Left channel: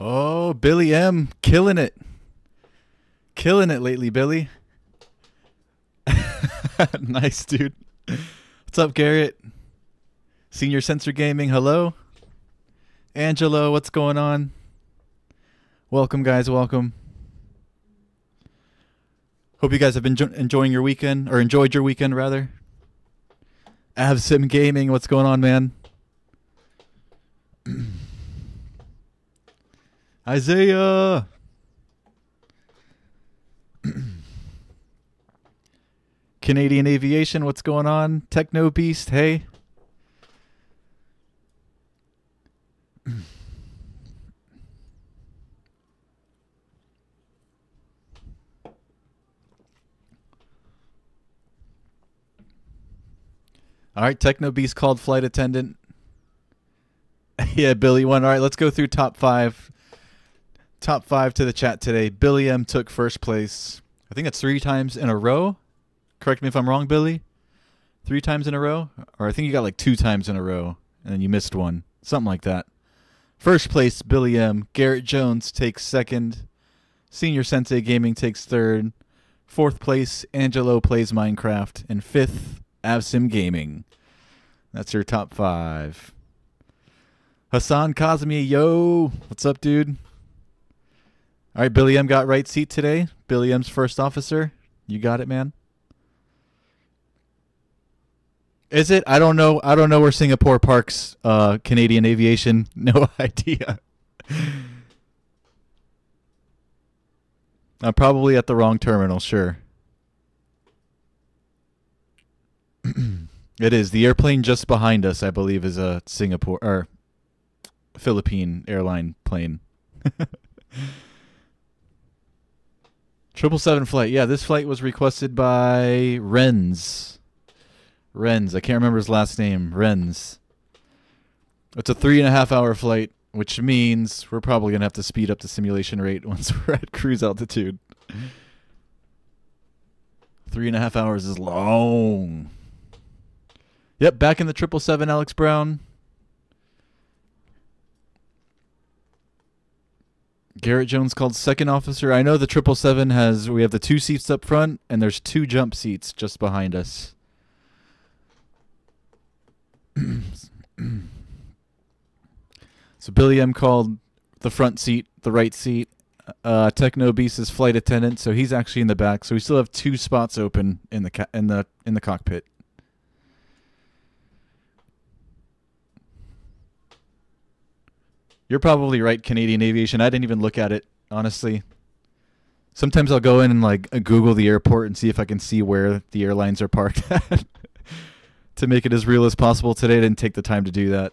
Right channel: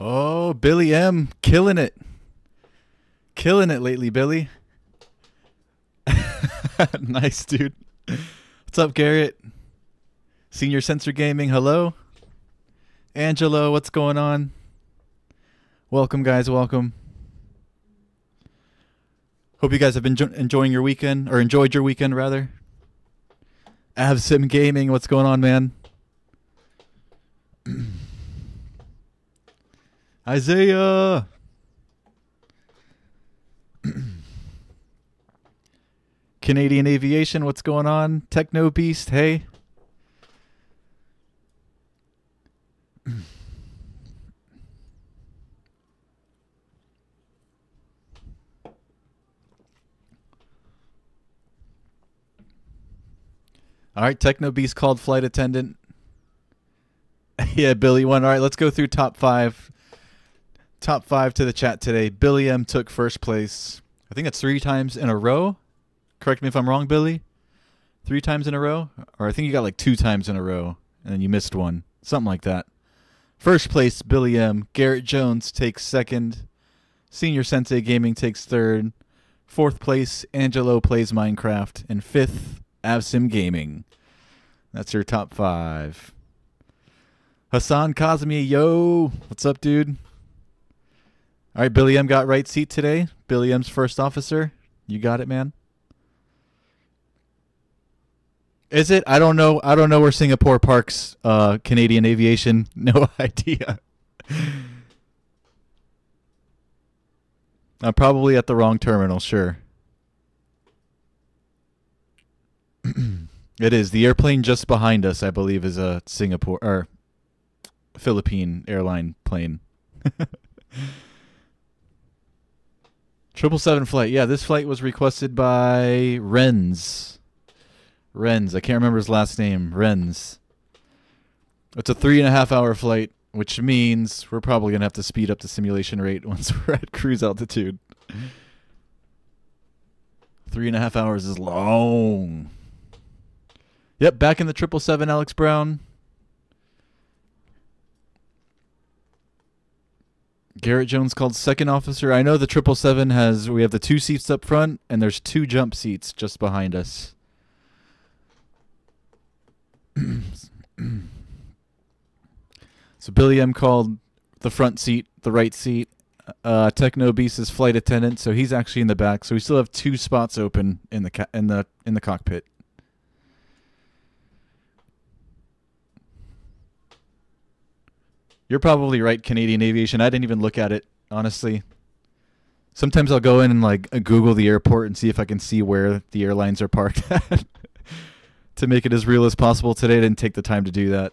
Oh, Billy M. Killing it. Killing it lately, Billy. Nice, dude. What's up, Garrett? Senior Sensor Gaming, hello. Angelo, what's going on? Welcome, guys, welcome. Hope you guys have been enjoying your weekend, or enjoyed your weekend, rather. Avsim Gaming, what's going on, man? Isaiah. Canadian Aviation, what's going on? Techno Beast, hey. All right, Techno Beast called flight attendant. Yeah, Billy won. All right, let's go through top five. Top five to the chat today. Billy M took first place. I think that's 3 times in a row. Correct me if I'm wrong, Billy. 3 times in a row? Or I think you got like 2 times in a row, and then you missed one. Something like that. First place, Billy M. Garrett Jones takes second. Senior Sensei Gaming takes third. Fourth place, Angelo Plays Minecraft. And fifth, Avsim Gaming. That's your top 5. Hassan Kazmi, yo. What's up, dude? All right, Billy M got right seat today. Billy M's first officer. You got it, man. Is it? I don't know. I don't know where Singapore parks Canadian Aviation. No idea. I'm probably at the wrong terminal, sure. It is. The airplane just behind us, I believe, is a Singapore or Philippine airline plane. 777 flight. Yeah, this flight was requested by Renz. Renz. I can't remember his last name. Renz. It's a 3.5-hour flight, which means we're probably going to have to speed up the simulation rate once we're at cruise altitude. 3.5 hours is long. Yep, back in the 777, Alex Brown. Garrett Jones called second officer. I know the 777 has, we have the 2 seats up front, and there's 2 jump seats just behind us. So Billy M called the front seat, the right seat. Techno Beast is flight attendant, so he's actually in the back. So we still have 2 spots open in the cockpit. You're probably right, Canadian Aviation. I didn't even look at it, honestly. Sometimes I'll go in and like Google the airport and see if I can see where the airlines are parked at to make it as real as possible. Today I didn't take the time to do that.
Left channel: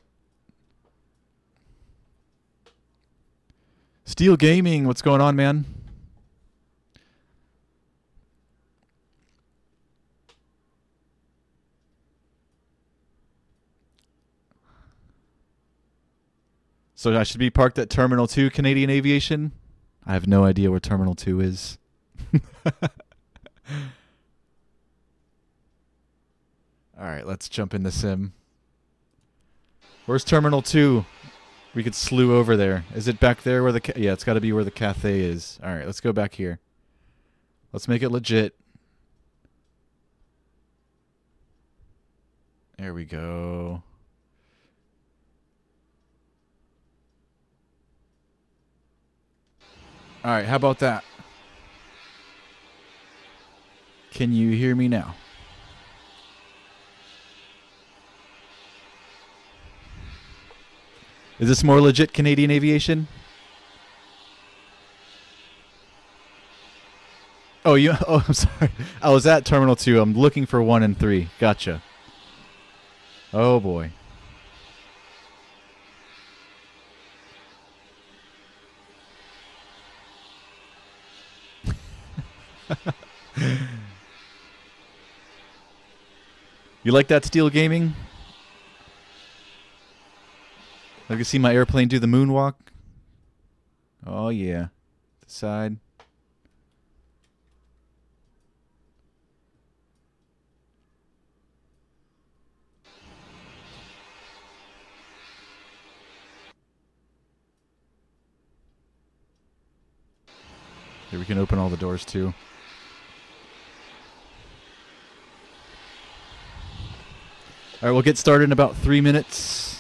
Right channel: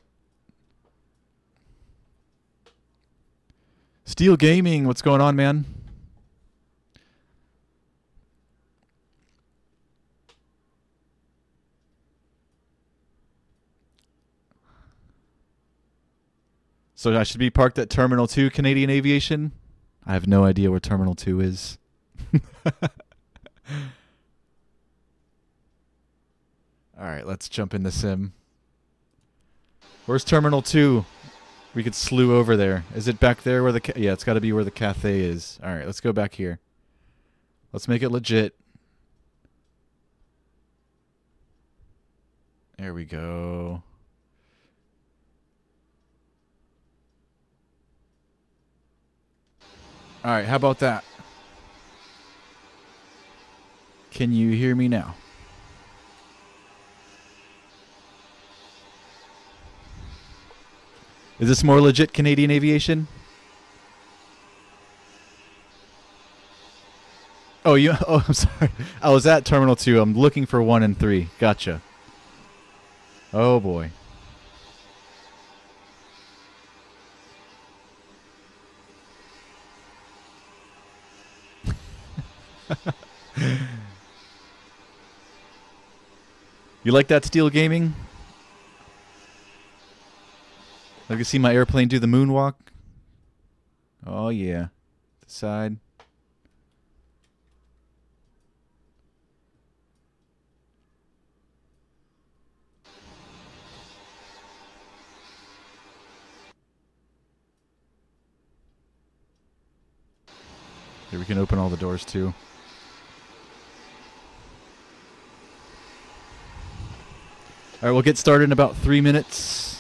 Steel Gaming, what's going on, man? So I should be parked at Terminal 2, Canadian Aviation? I have no idea where Terminal 2 is. Alright, let's jump into sim. Where's Terminal 2? We could slew over there. Is it back there where the... Yeah, it's got to be where the cafe is. Alright, let's go back here. Let's make it legit. There we go. All right, how about that? Can you hear me now? Is this more legit, Canadian Aviation? Oh, I'm sorry. I was at Terminal 2. I'm looking for 1 and 3. Gotcha. Oh, boy. You like that, Steel Gaming? I can see my airplane do the moonwalk. Oh yeah, the side. Here we can open all the doors too. All right, we'll get started in about 3 minutes.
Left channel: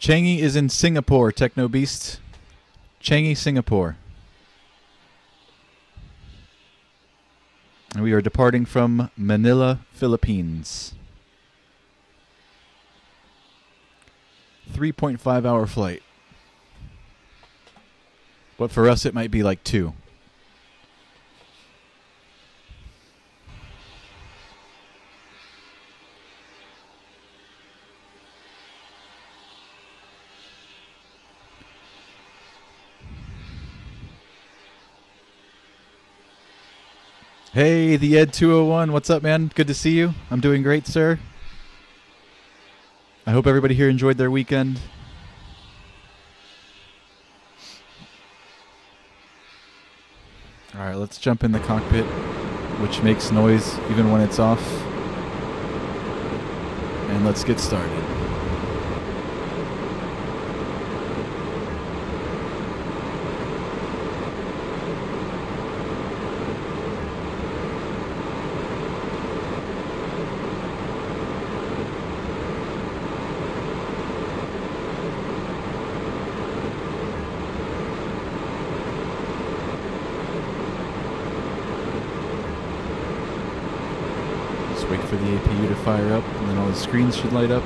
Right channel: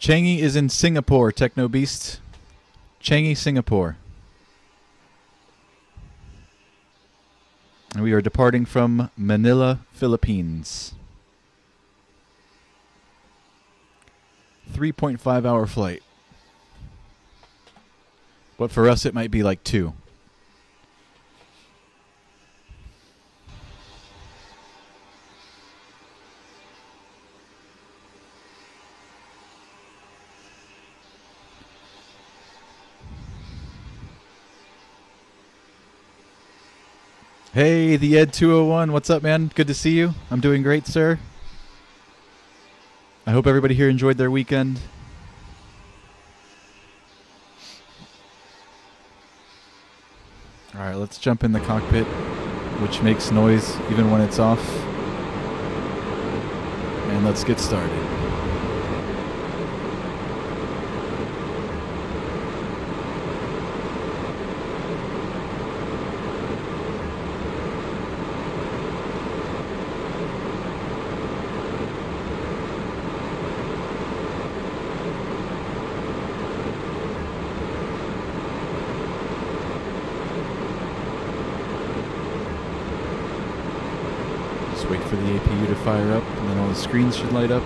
Changi is in Singapore, Techno Beast. Changi, Singapore. And we are departing from Manila, Philippines. 3.5-hour flight. But for us, it might be like 2. Hey, the Ed201. What's up, man? Good to see you. I'm doing great, sir. I hope everybody here enjoyed their weekend. All right, let's jump in the cockpit, which makes noise even when it's off. And let's get started. Wait for the APU to fire up, and then all the screens should light up.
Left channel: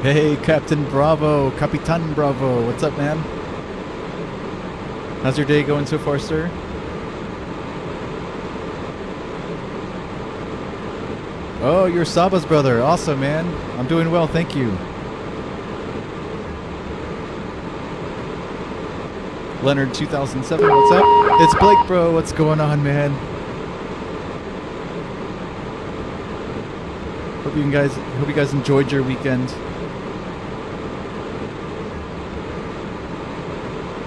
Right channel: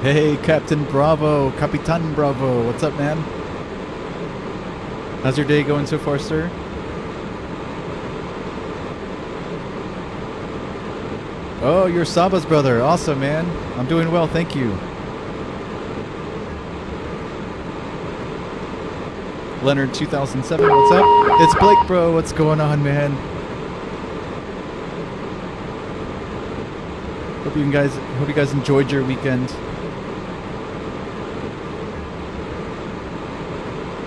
Hey, Captain Bravo, Capitan Bravo, what's up, man? How's your day going so far, sir? Oh, you're Saba's brother. Awesome, man. I'm doing well, thank you. Leonard 2007, what's up? It's Blake, bro. What's going on, man? Hope you guys enjoyed your weekend.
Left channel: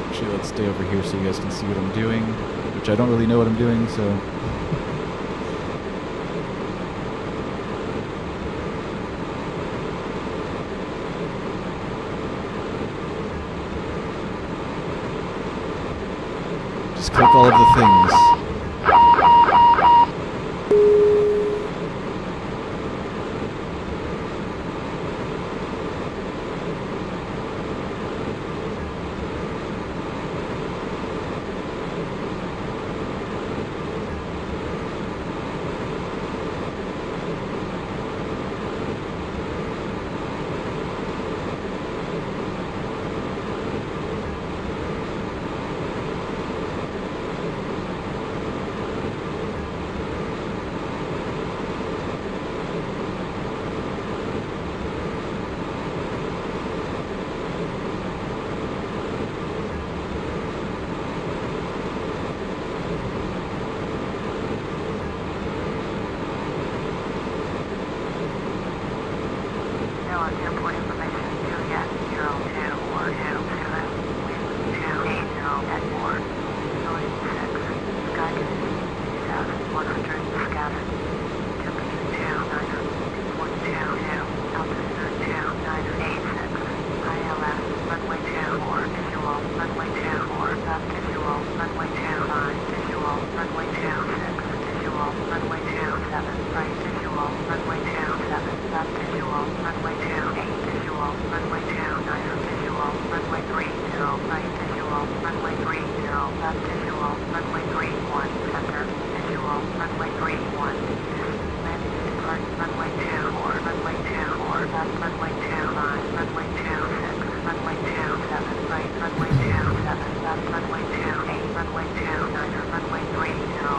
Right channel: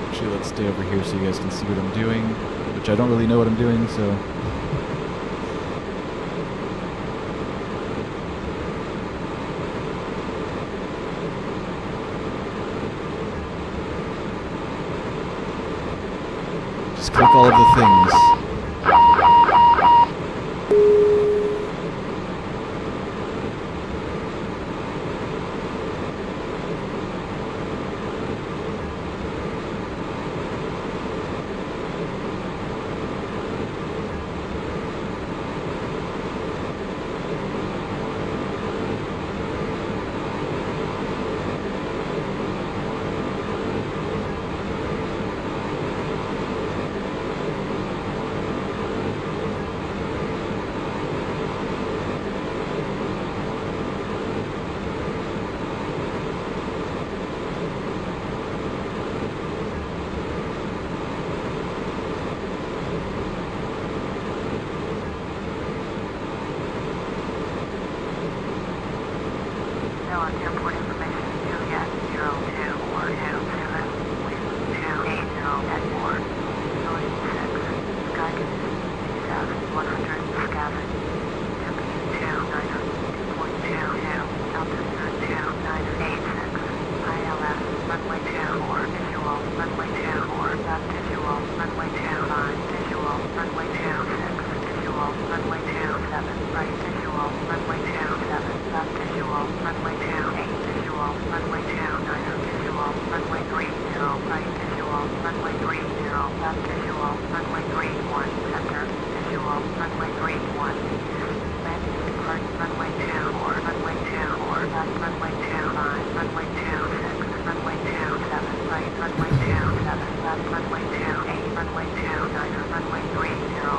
Actually, let's stay over here so you guys can see what I'm doing, which I don't really know what I'm doing, so just click all of the things. runway 24, left visual, runway 25, visual, runway 26, visual, runway 27, right visual, runway 27, left visual, runway 28, visual, runway 29, visual, runway 30, right visual, runway 30, left visual, runway 31, center, visual, runway 31, landing and departing runway 24, runway 24, left runway 25, runway 26, runway 27, right runway 27, left runway 28, runway 29, runway 30,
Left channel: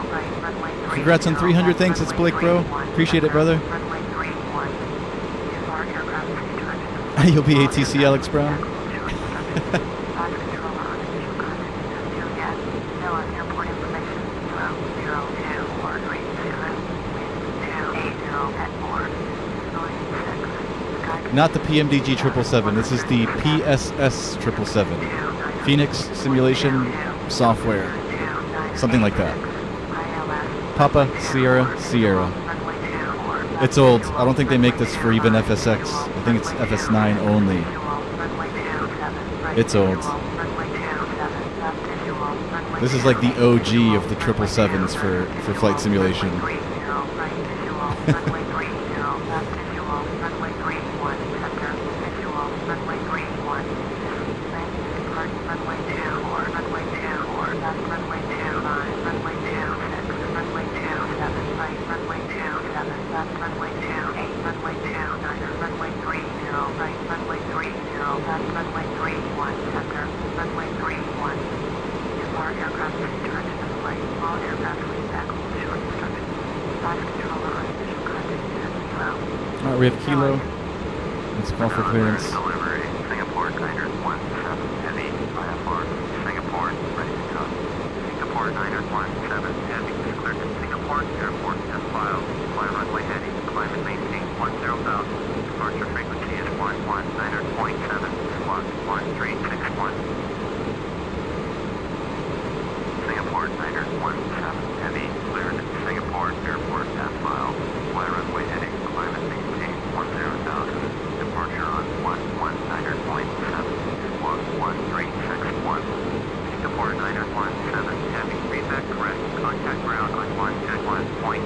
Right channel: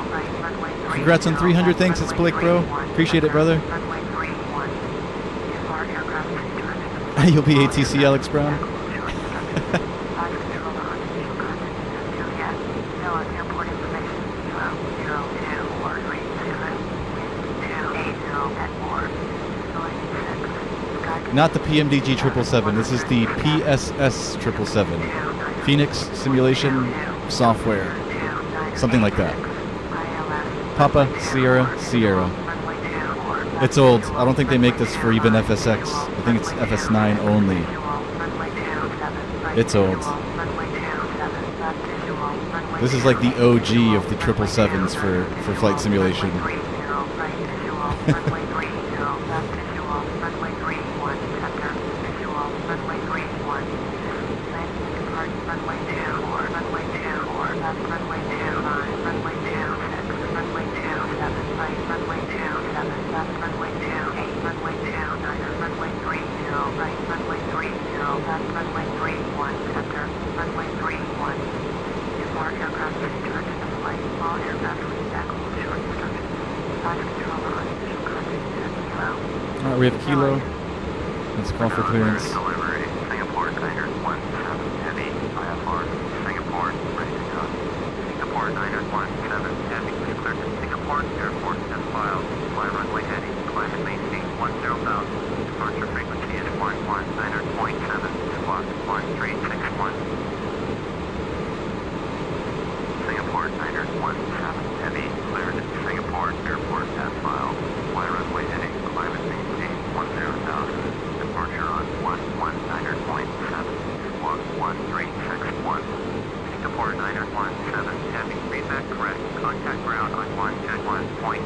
right runway 30. Congrats on 300. Thanks, it's Blake, bro. Appreciate it, brother. Runway 31. If our aircraft is in direction. You'll be ATC, Alex Brown. Launch controller on initial contact with Juliet. Still on airport information. 0024330. Wind 280 at board. Facility 6. Sky. Not the PMDG 777. This is the PSS 777. Phoenix Simulation Software. Something like that. Papa Sierra Sierra. It's old. I don't think they make this for even FSX. I think it's FS9 only. It's old. This is like the OG of the 777s for flight simulation. Alright, we have Kilo. Let's call for clearance. Delivery, Singapore, Niner 17 Heavy, IFR, Singapore, ready to cut. Singapore, Niner 17 Heavy, is cleared to Singapore, airport, as filed. Fly runway heading, climb and maintain 10,000. Departure frequency is 11.9.7, squawk 1361. Singapore, Niner 17 Heavy, cleared to Singapore, airport, as filed. Fly runway heading, climb and maintain 10,000. Departure on 119.7, squawk 1361. Singapore 917 Heavy, feedback correct. Contact ground on 121.9.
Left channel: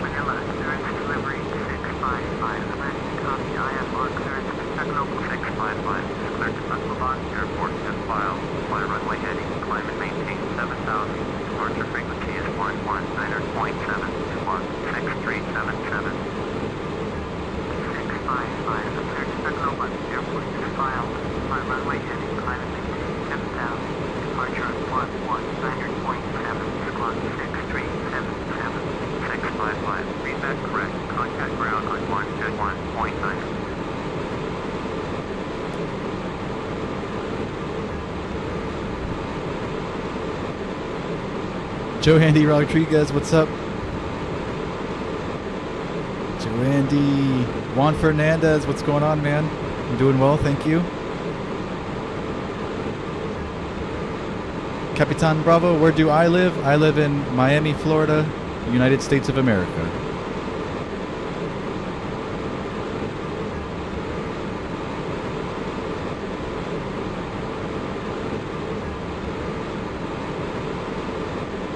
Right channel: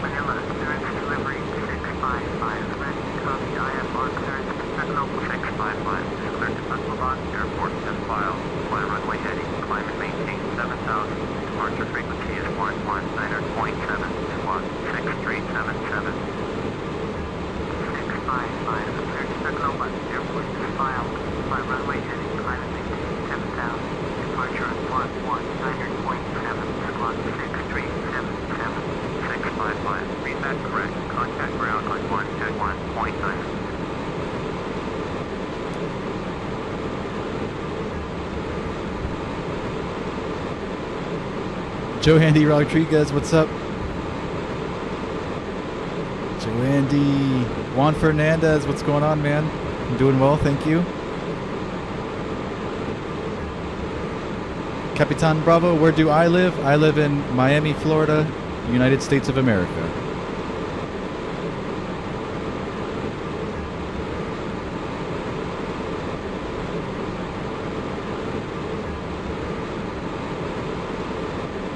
Manila, clearance delivery 655, ready to copy IFR clearance to Global 655, is cleared to Baklavan Airport as filed. Fly runway heading, climb and maintain 7,000. Departure frequency is 119.7, squawk 6377. 655, cleared to Baklavan Airport as filed. Fly runway heading, climb and maintain 7,000. Departure at 119.7, squawk 6377. 655, feedback correct. Contact ground on 121.9. Joe Andy Rodriguez, what's up? Joe Andy. Juan Fernandez, what's going on, man? I'm doing well, thank you. Capitan Bravo, where do I live? I live in Miami, Florida, United States of America.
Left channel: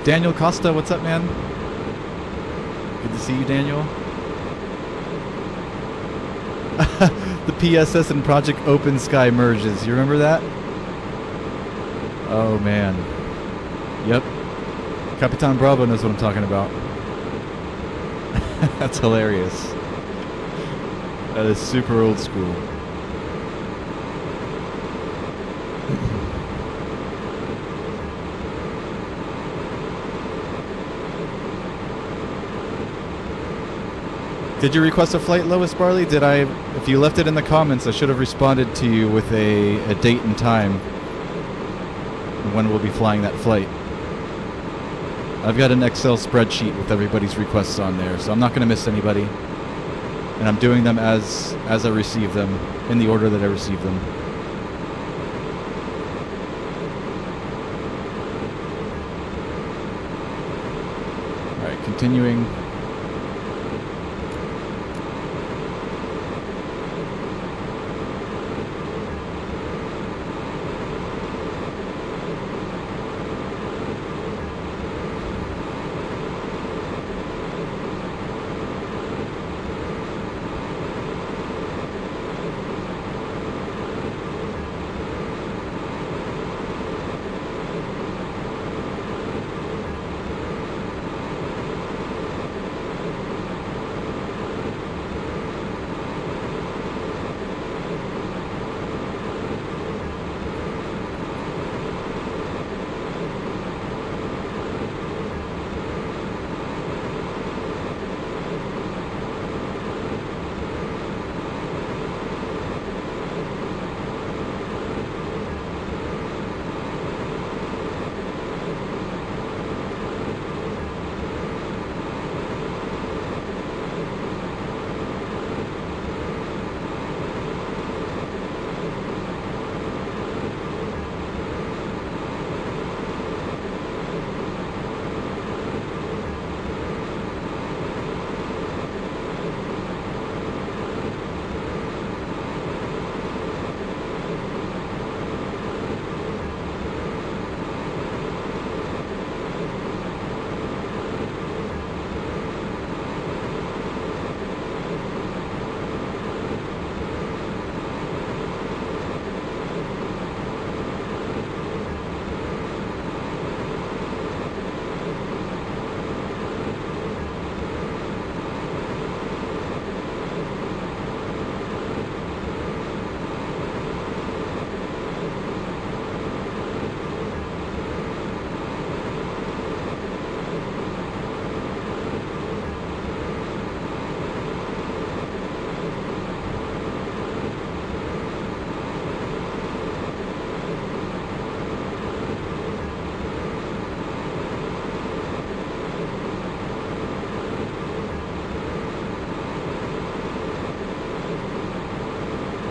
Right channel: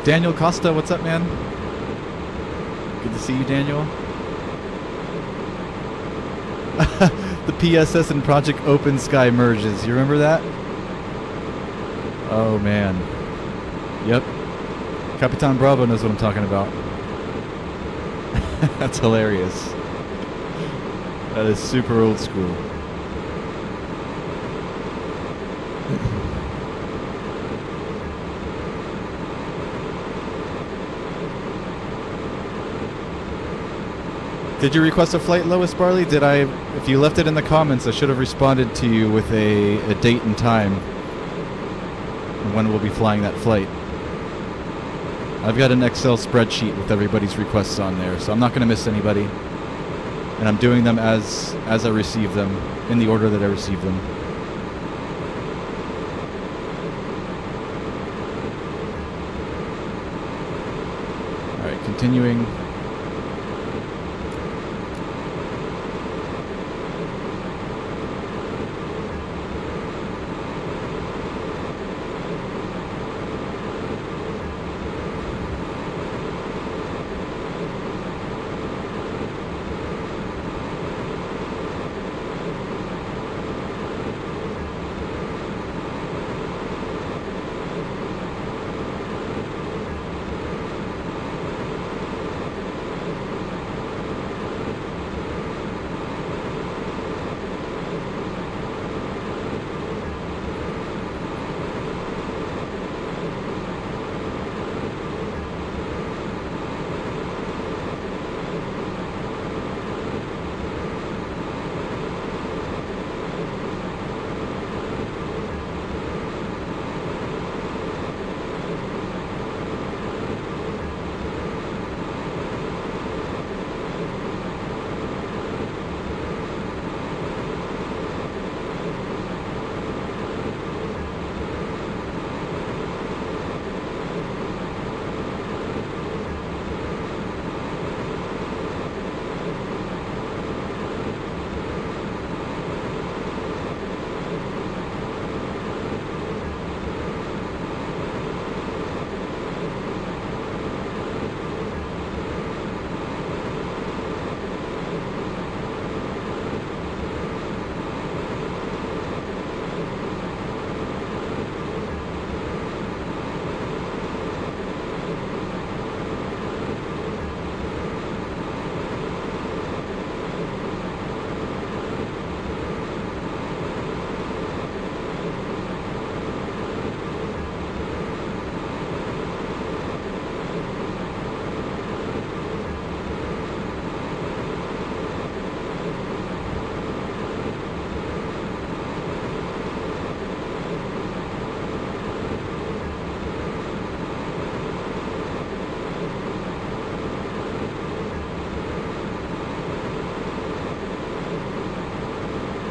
Daniel Costa, what's up, man? Good to see you, Daniel. The PSS and Project Open Sky merges. You remember that? Oh, man. Yep. Capitan Bravo knows what I'm talking about. That's hilarious. That is super old school. Did you request a flight, Lois Barley? Did I? If you left it in the comments, I should have responded to you with a date and time and when we'll be flying that flight. I've got an Excel spreadsheet with everybody's requests on there, so I'm not going to miss anybody. And I'm doing them as I receive them, in the order that I receive them. Alright, continuing.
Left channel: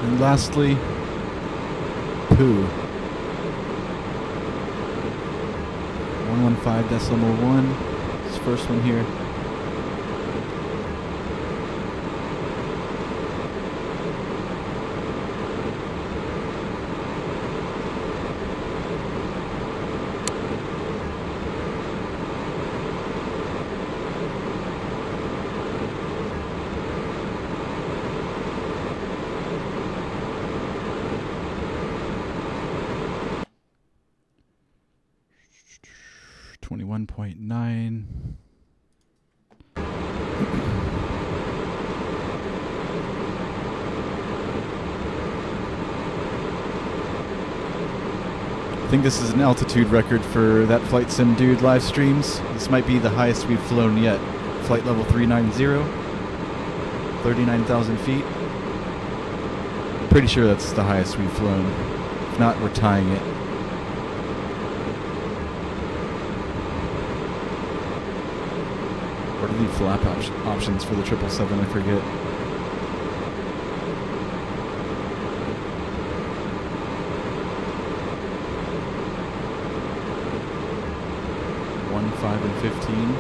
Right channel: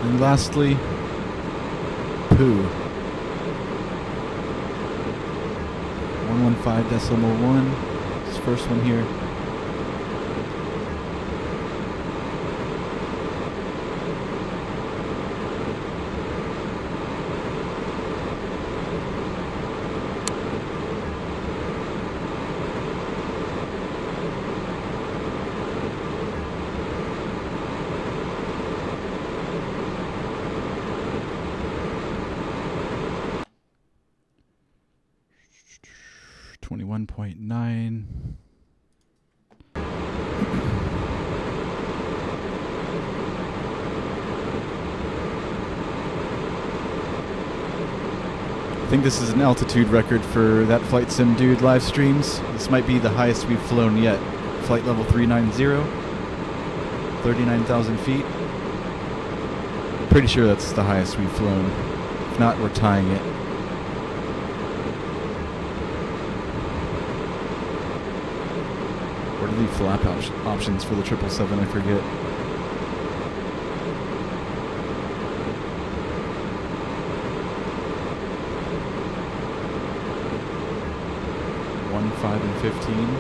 And lastly, poo. 115.1. This first one here. .9. I think this is an altitude record for that Flight Sim Dude live streams. This might be the highest we've flown yet. Flight level 390, 39,000 feet. Pretty sure that's the highest we've flown. If not, we're tying it. What are the flap options for the 777? I forget. One, 5, and 15.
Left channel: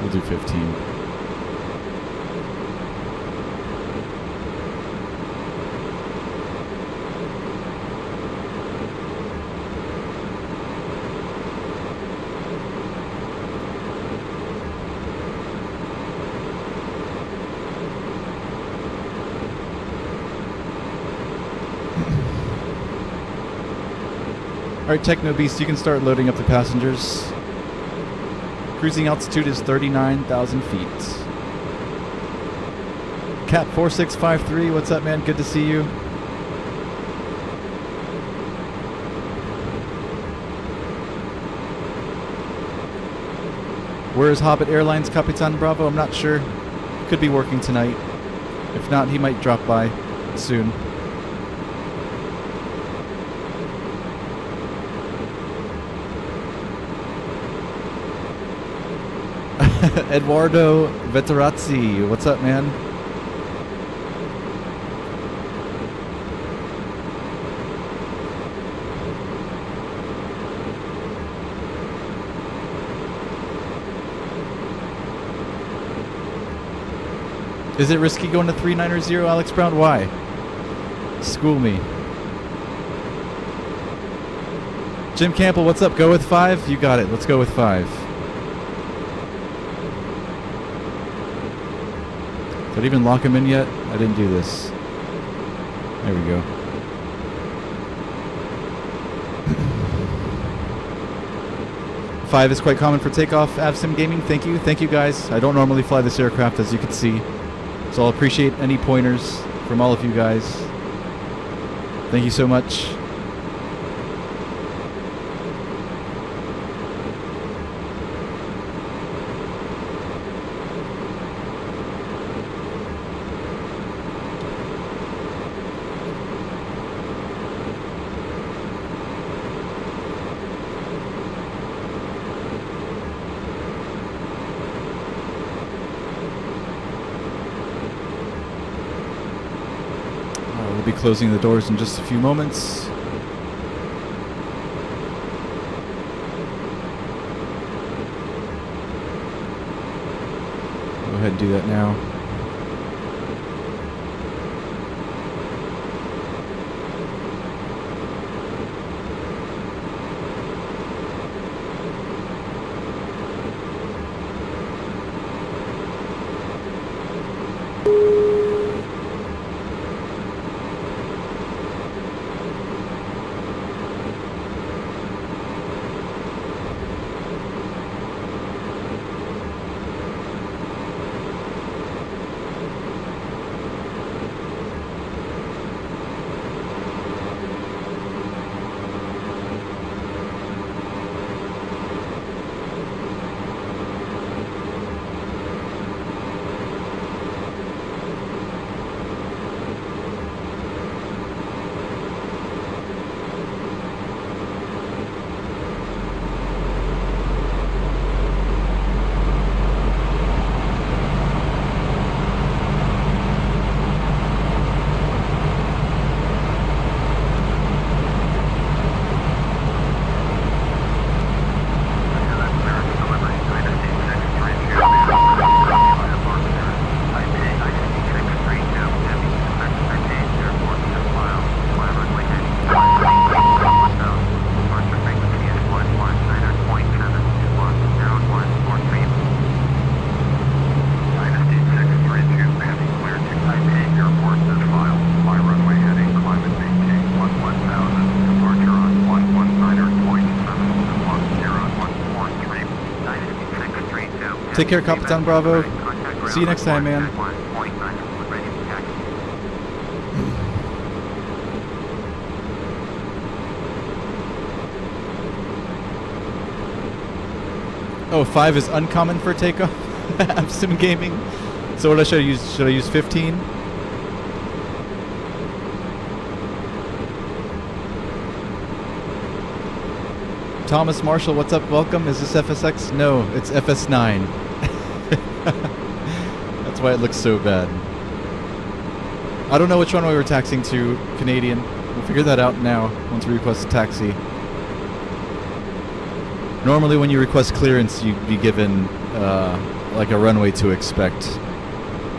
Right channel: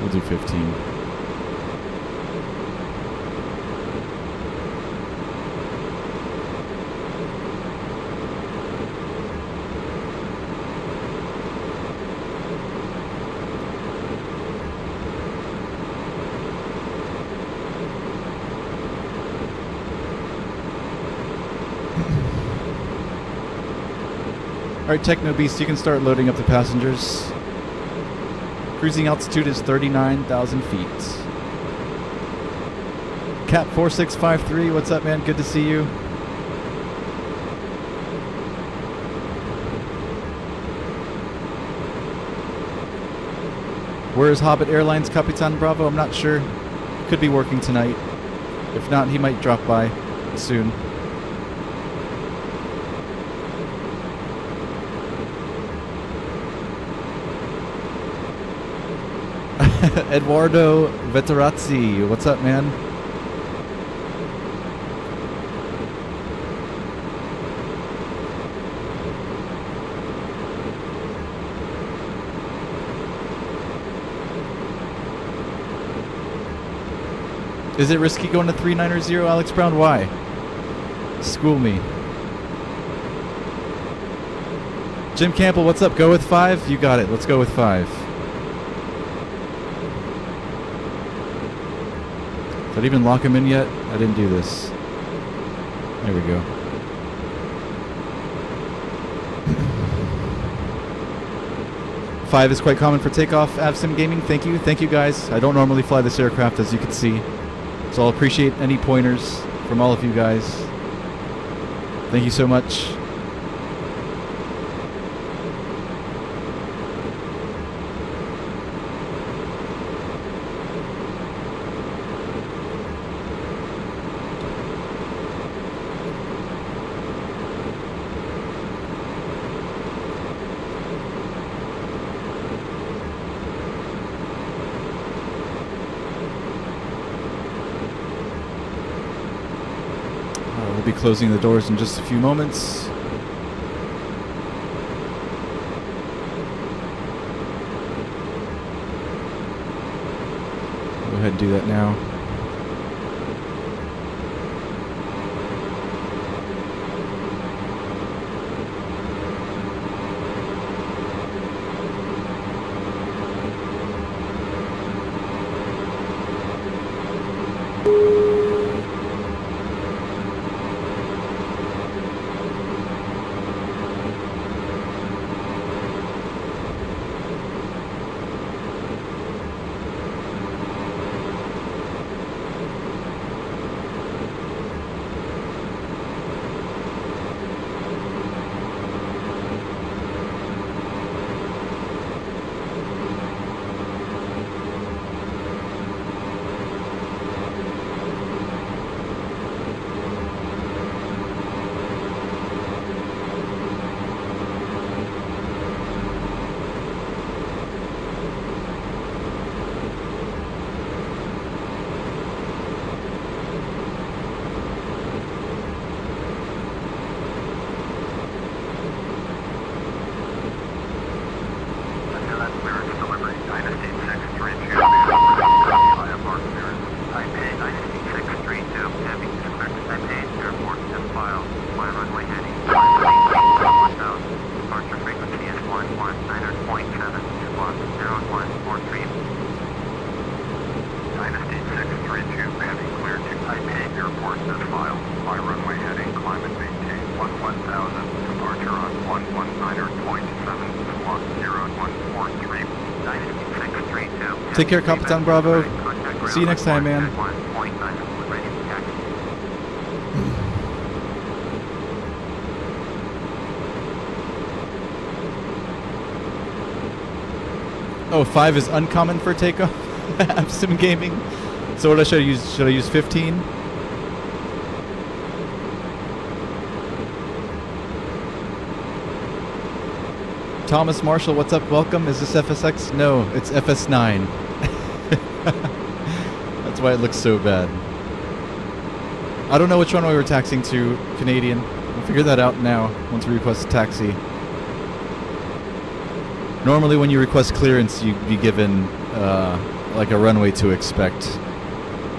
We'll do 15. Alright, Techno Beast, you can start loading up the passengers. Cruising altitude is 39,000 feet. Cat 4653, what's up, man? Good to see you. Where is Hobbit Airlines Capitan Bravo? I'm not sure. Could be working tonight. If not, he might drop by soon. Eduardo Veterazzi, what's up, man? Is it risky going to 390, Alex Brown? Why? School me. Jim Campbell, what's up? Go with 5? You got it. Let's go with 5. Did I even lock him in yet? I didn't do this. There we go. Five is quite common for takeoff. Avsim Gaming, thank you. Thank you, guys. I don't normally fly this aircraft, as you can see. So I'll appreciate any pointers from all of you guys. Thank you so much. We'll be closing the doors in just a few moments. Go ahead and do that now. Take care, Capitan Bravo. See you next time, man. Oh, 5 is uncommon for takeoff. Sim Gaming. So what should I use? Should I use 15? Thomas Marshall, what's up? Welcome. Is this FSX? No, it's FS9. That's why it looks so bad. I don't know which runway we're taxiing to, Canadian. We'll figure that out now once we request a taxi. Normally when you request clearance, you'd be given like a runway to expect.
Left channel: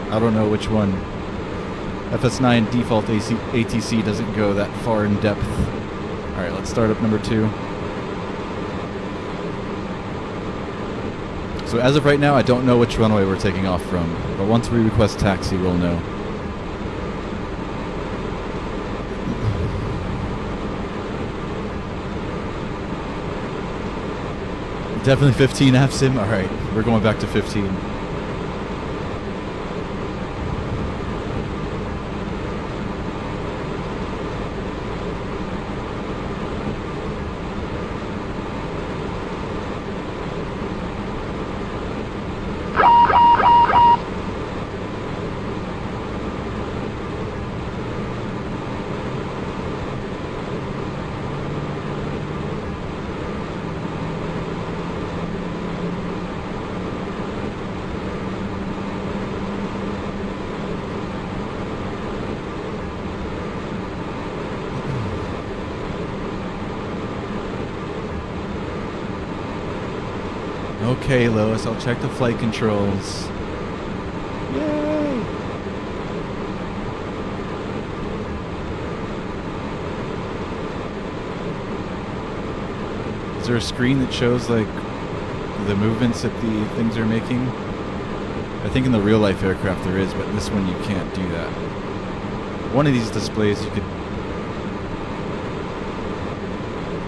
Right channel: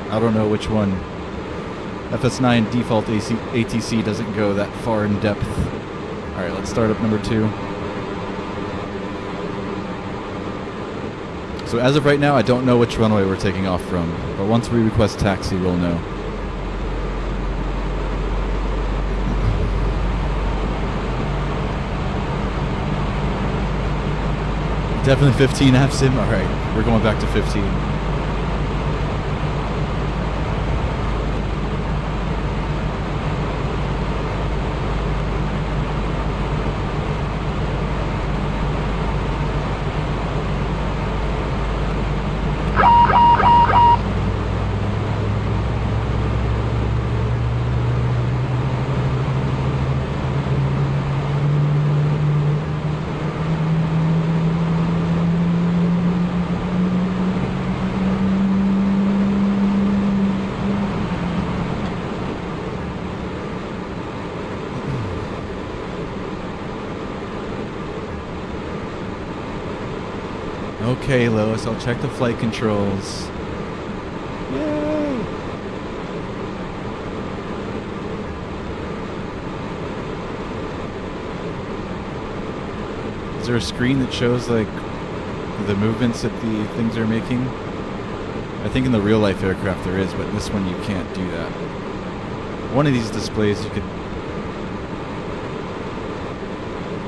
I don't know which one. FS9 default ATC doesn't go that far in depth. Alright, let's start up number 2. So as of right now, I don't know which runway we're taking off from, but once we request taxi, we'll know. Definitely 15 AFSIM. Alright, we're going back to 15. Okay, Lois, I'll check the flight controls. Yay! Is there a screen that shows, like, the movements that the things are making? I think in the real-life aircraft there is, but in this one you can't do that. One of these displays you could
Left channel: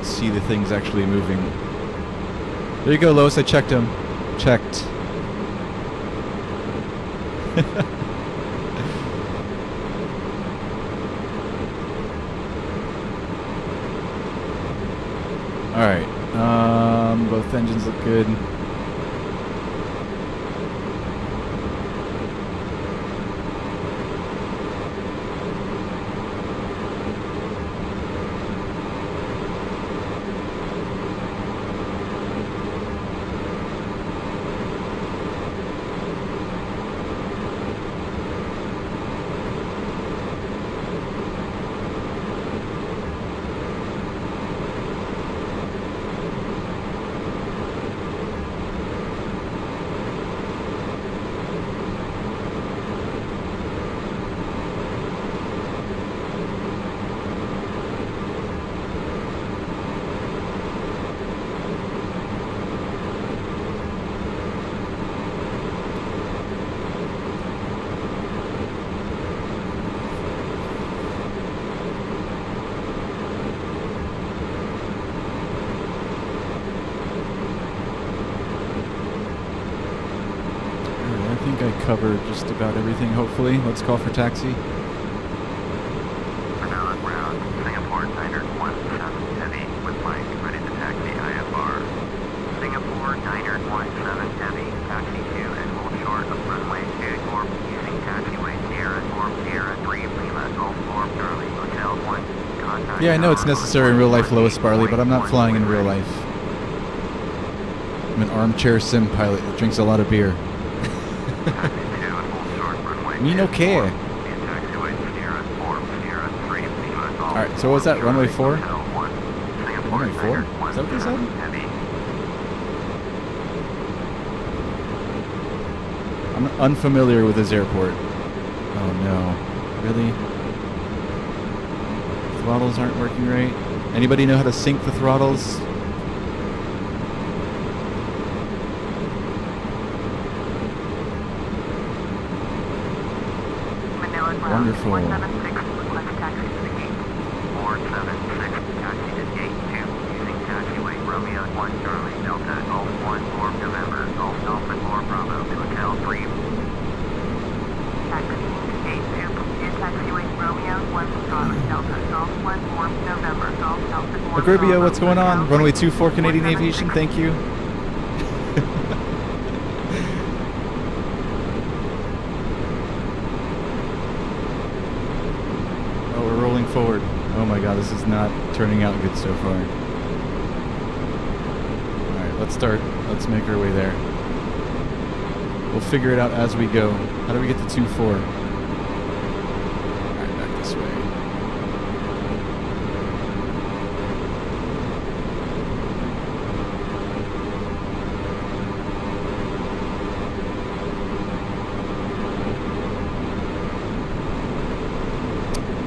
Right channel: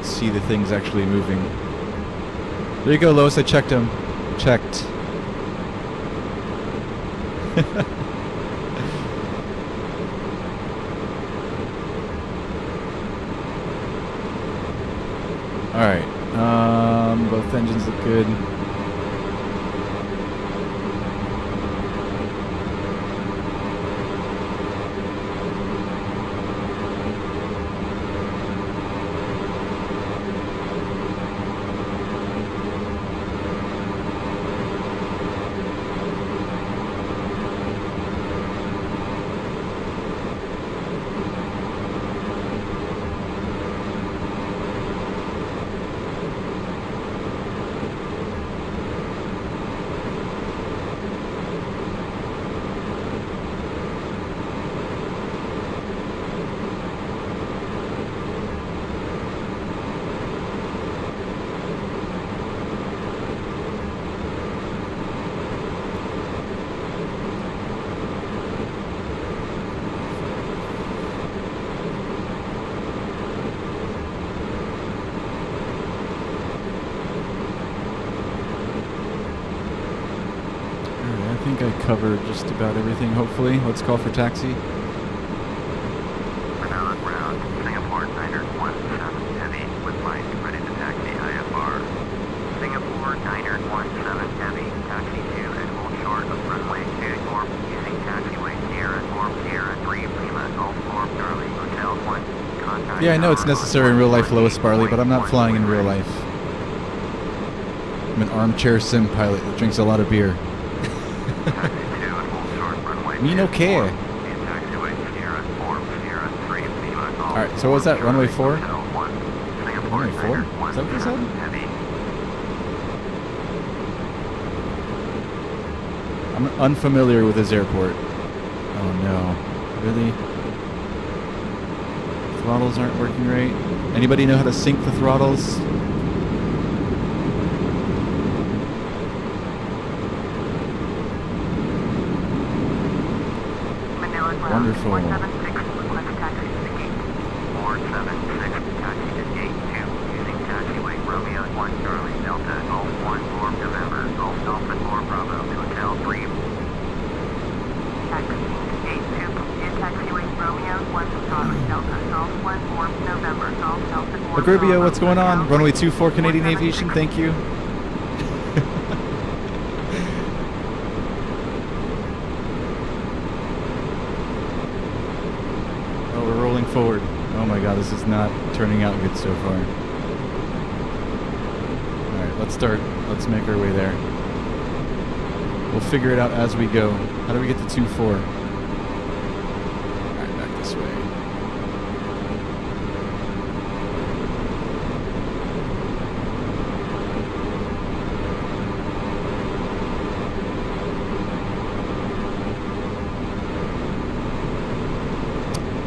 see the things actually moving. There you go, Lois. I checked them. Checked. Alright. Both engines look good. I think I covered just about everything, hopefully. Let's call for taxi. Manila ground, Singapore 917 heavy with Mike, ready to taxi IFR. Singapore 917 heavy, taxi 2 and hold short of runway 24 using taxiway Sierra 4 Sierra 3 Lima Golf 4 Charlie Hotel 1. Contact Yeah, I know it's necessary in real life, Lois Barley, but I'm not flying in real life. I'm an armchair sim pilot that drinks a lot of beer. Me no care. Alright, so what was that? Runway 4? Runway 4? Is that what they said? I'm unfamiliar with this airport. Oh no. Really? Throttles aren't working right? Anybody know how to sync the throttles? Wonderful. 476, request taxi to the gate. 476, taxi to gate 2, using taxiway Romeo 1 Charlie Delta Golf 1 4 November Golf Alpha 4 Bravo Hotel 3. Taxiing to gate 2, via taxiway Romeo 1 Charlie Delta Golf 1 4 November Golf Alpha 4 Agribio, Bravo what's going on? Hotel Runway 3. 24 Canadian Aviation, thank you. Oh, we're rolling forward. Oh my god, this is not turning out good so far. Alright, let's start. Let's make our way there. We'll figure it out as we go. How do we get to 2-4? Alright, back this way.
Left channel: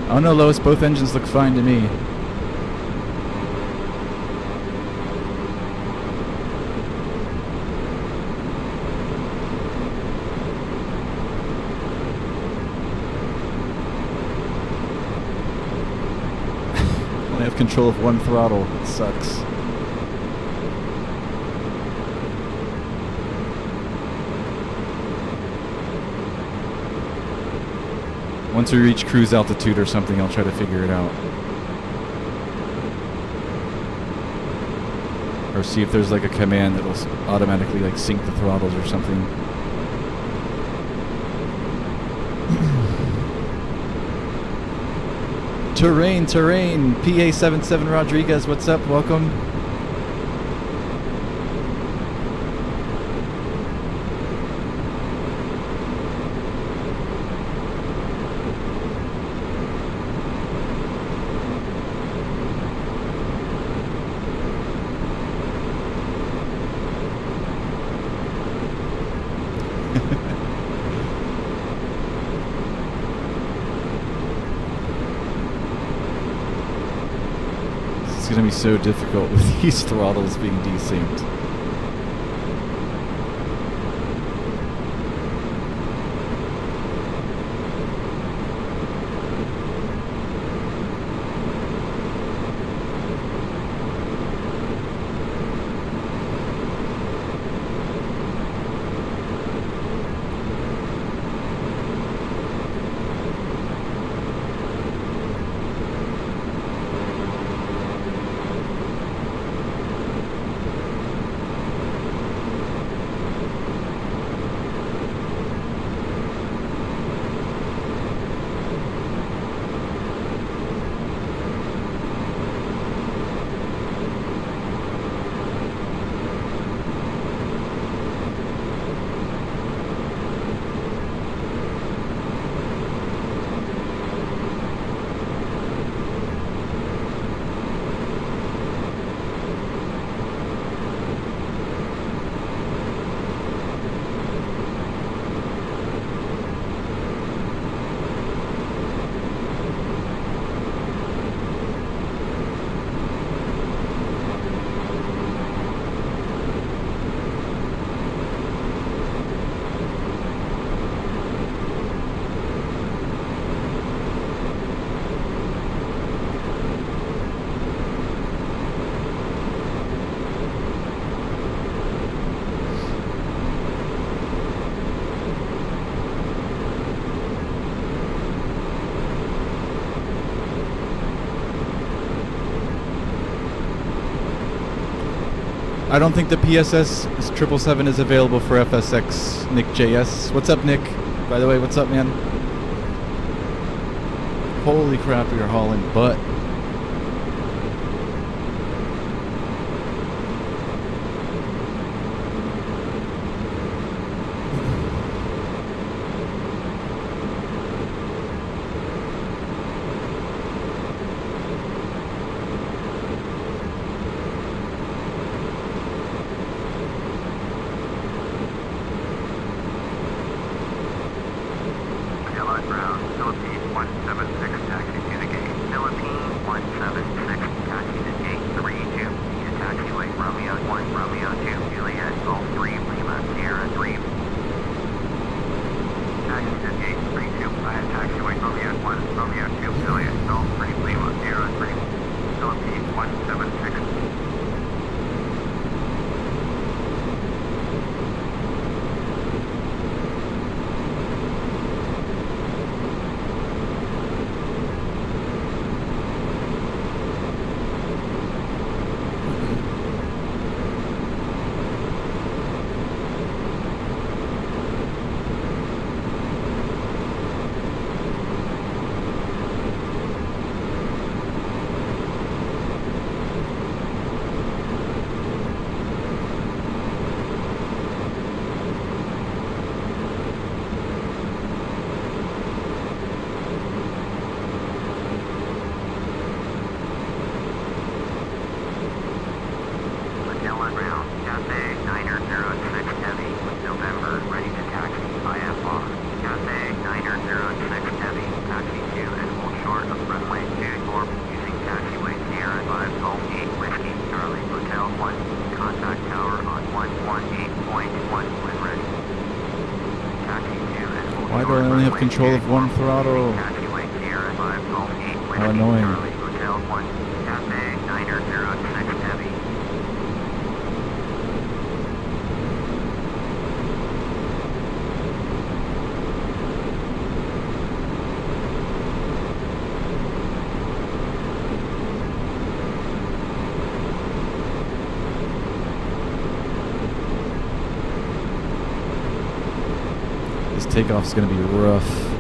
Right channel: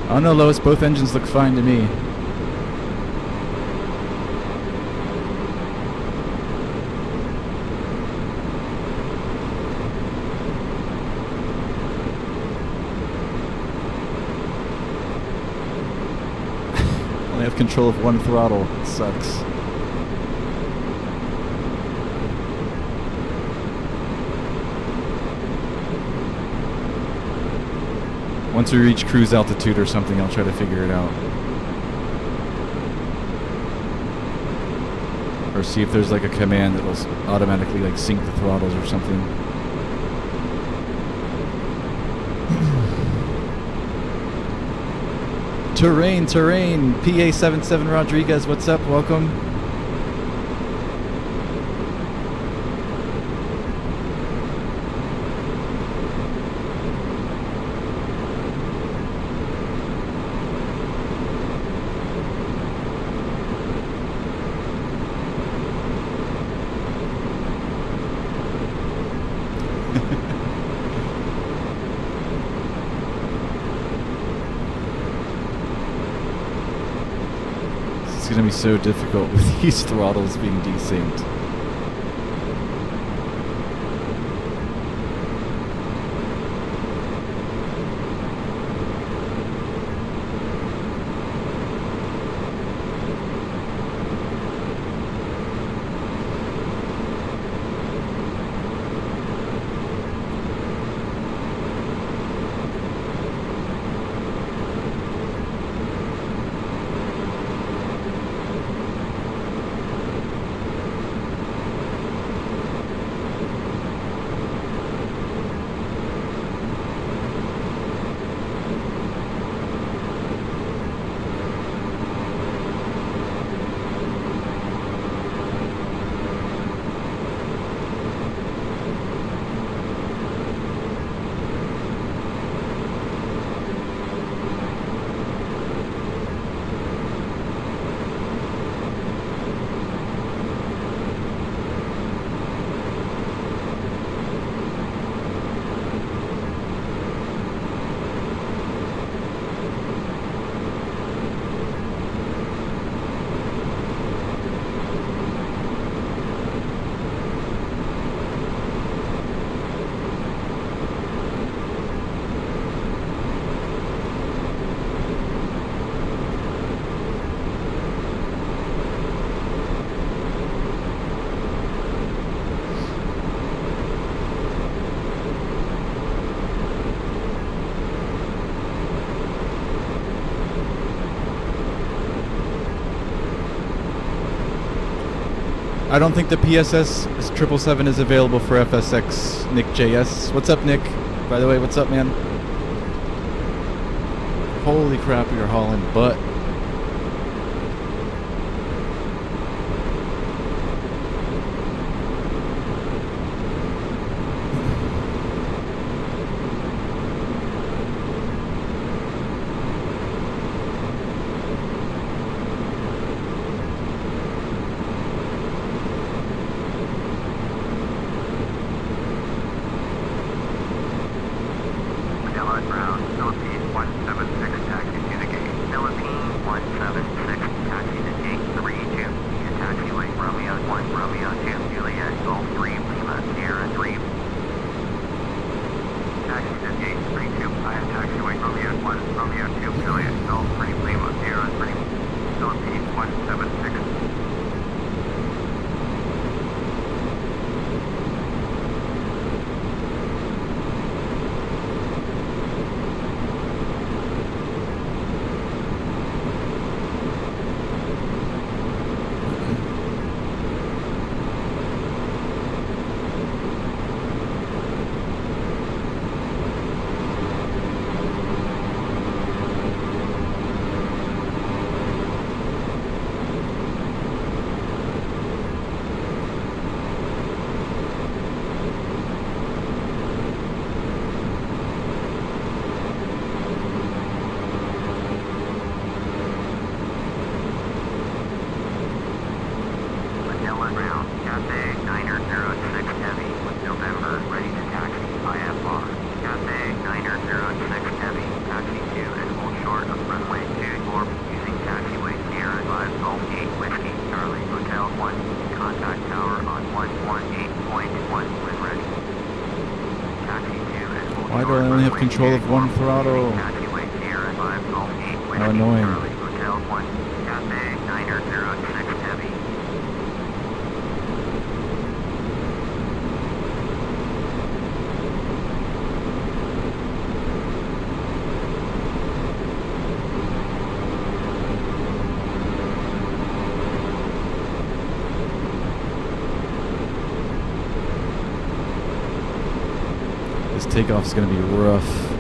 Oh no, Lois, both engines look fine to me. Only have control of one throttle. It sucks. Once we reach cruise altitude or something, I'll try to figure it out. Or see if there's like a command that'll automatically like sync the throttles or something. Terrain, terrain. PA77 Rodriguez, what's up? Welcome. It's going to be so difficult with these throttles being desynced. I don't think the PSS 777 is available for FSX. Nick JS. What's up, Nick? By the way, what's up, man? Holy crap, you're hauling butt. Why do I only have control of one throttle? How annoying. This takeoff's gonna be rough.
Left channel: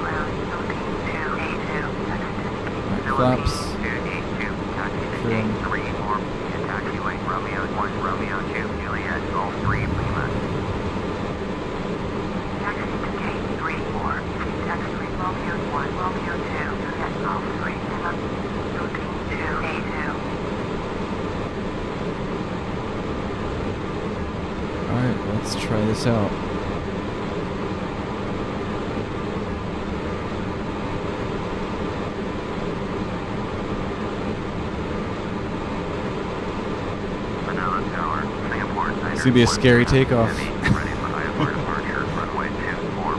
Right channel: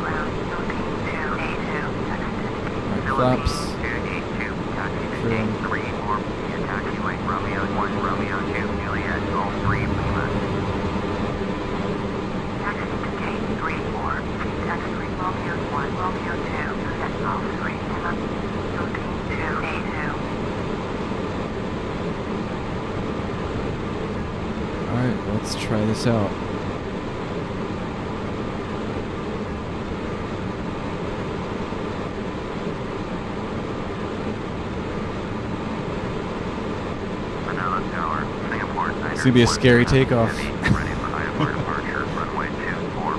Ground, Philippines 282, text 1 Romeo 2 Juliet, Golf 3 Lima. Taxi to gate 34, taxi Romeo 1, Romeo 2, Juliet, Golf 3 Lima, 15282. Alright, let's try this out. Manila Tower, Singapore Niner It's gonna be a scary 17 takeoff. Heavy, ready for IFR departure, runway 24.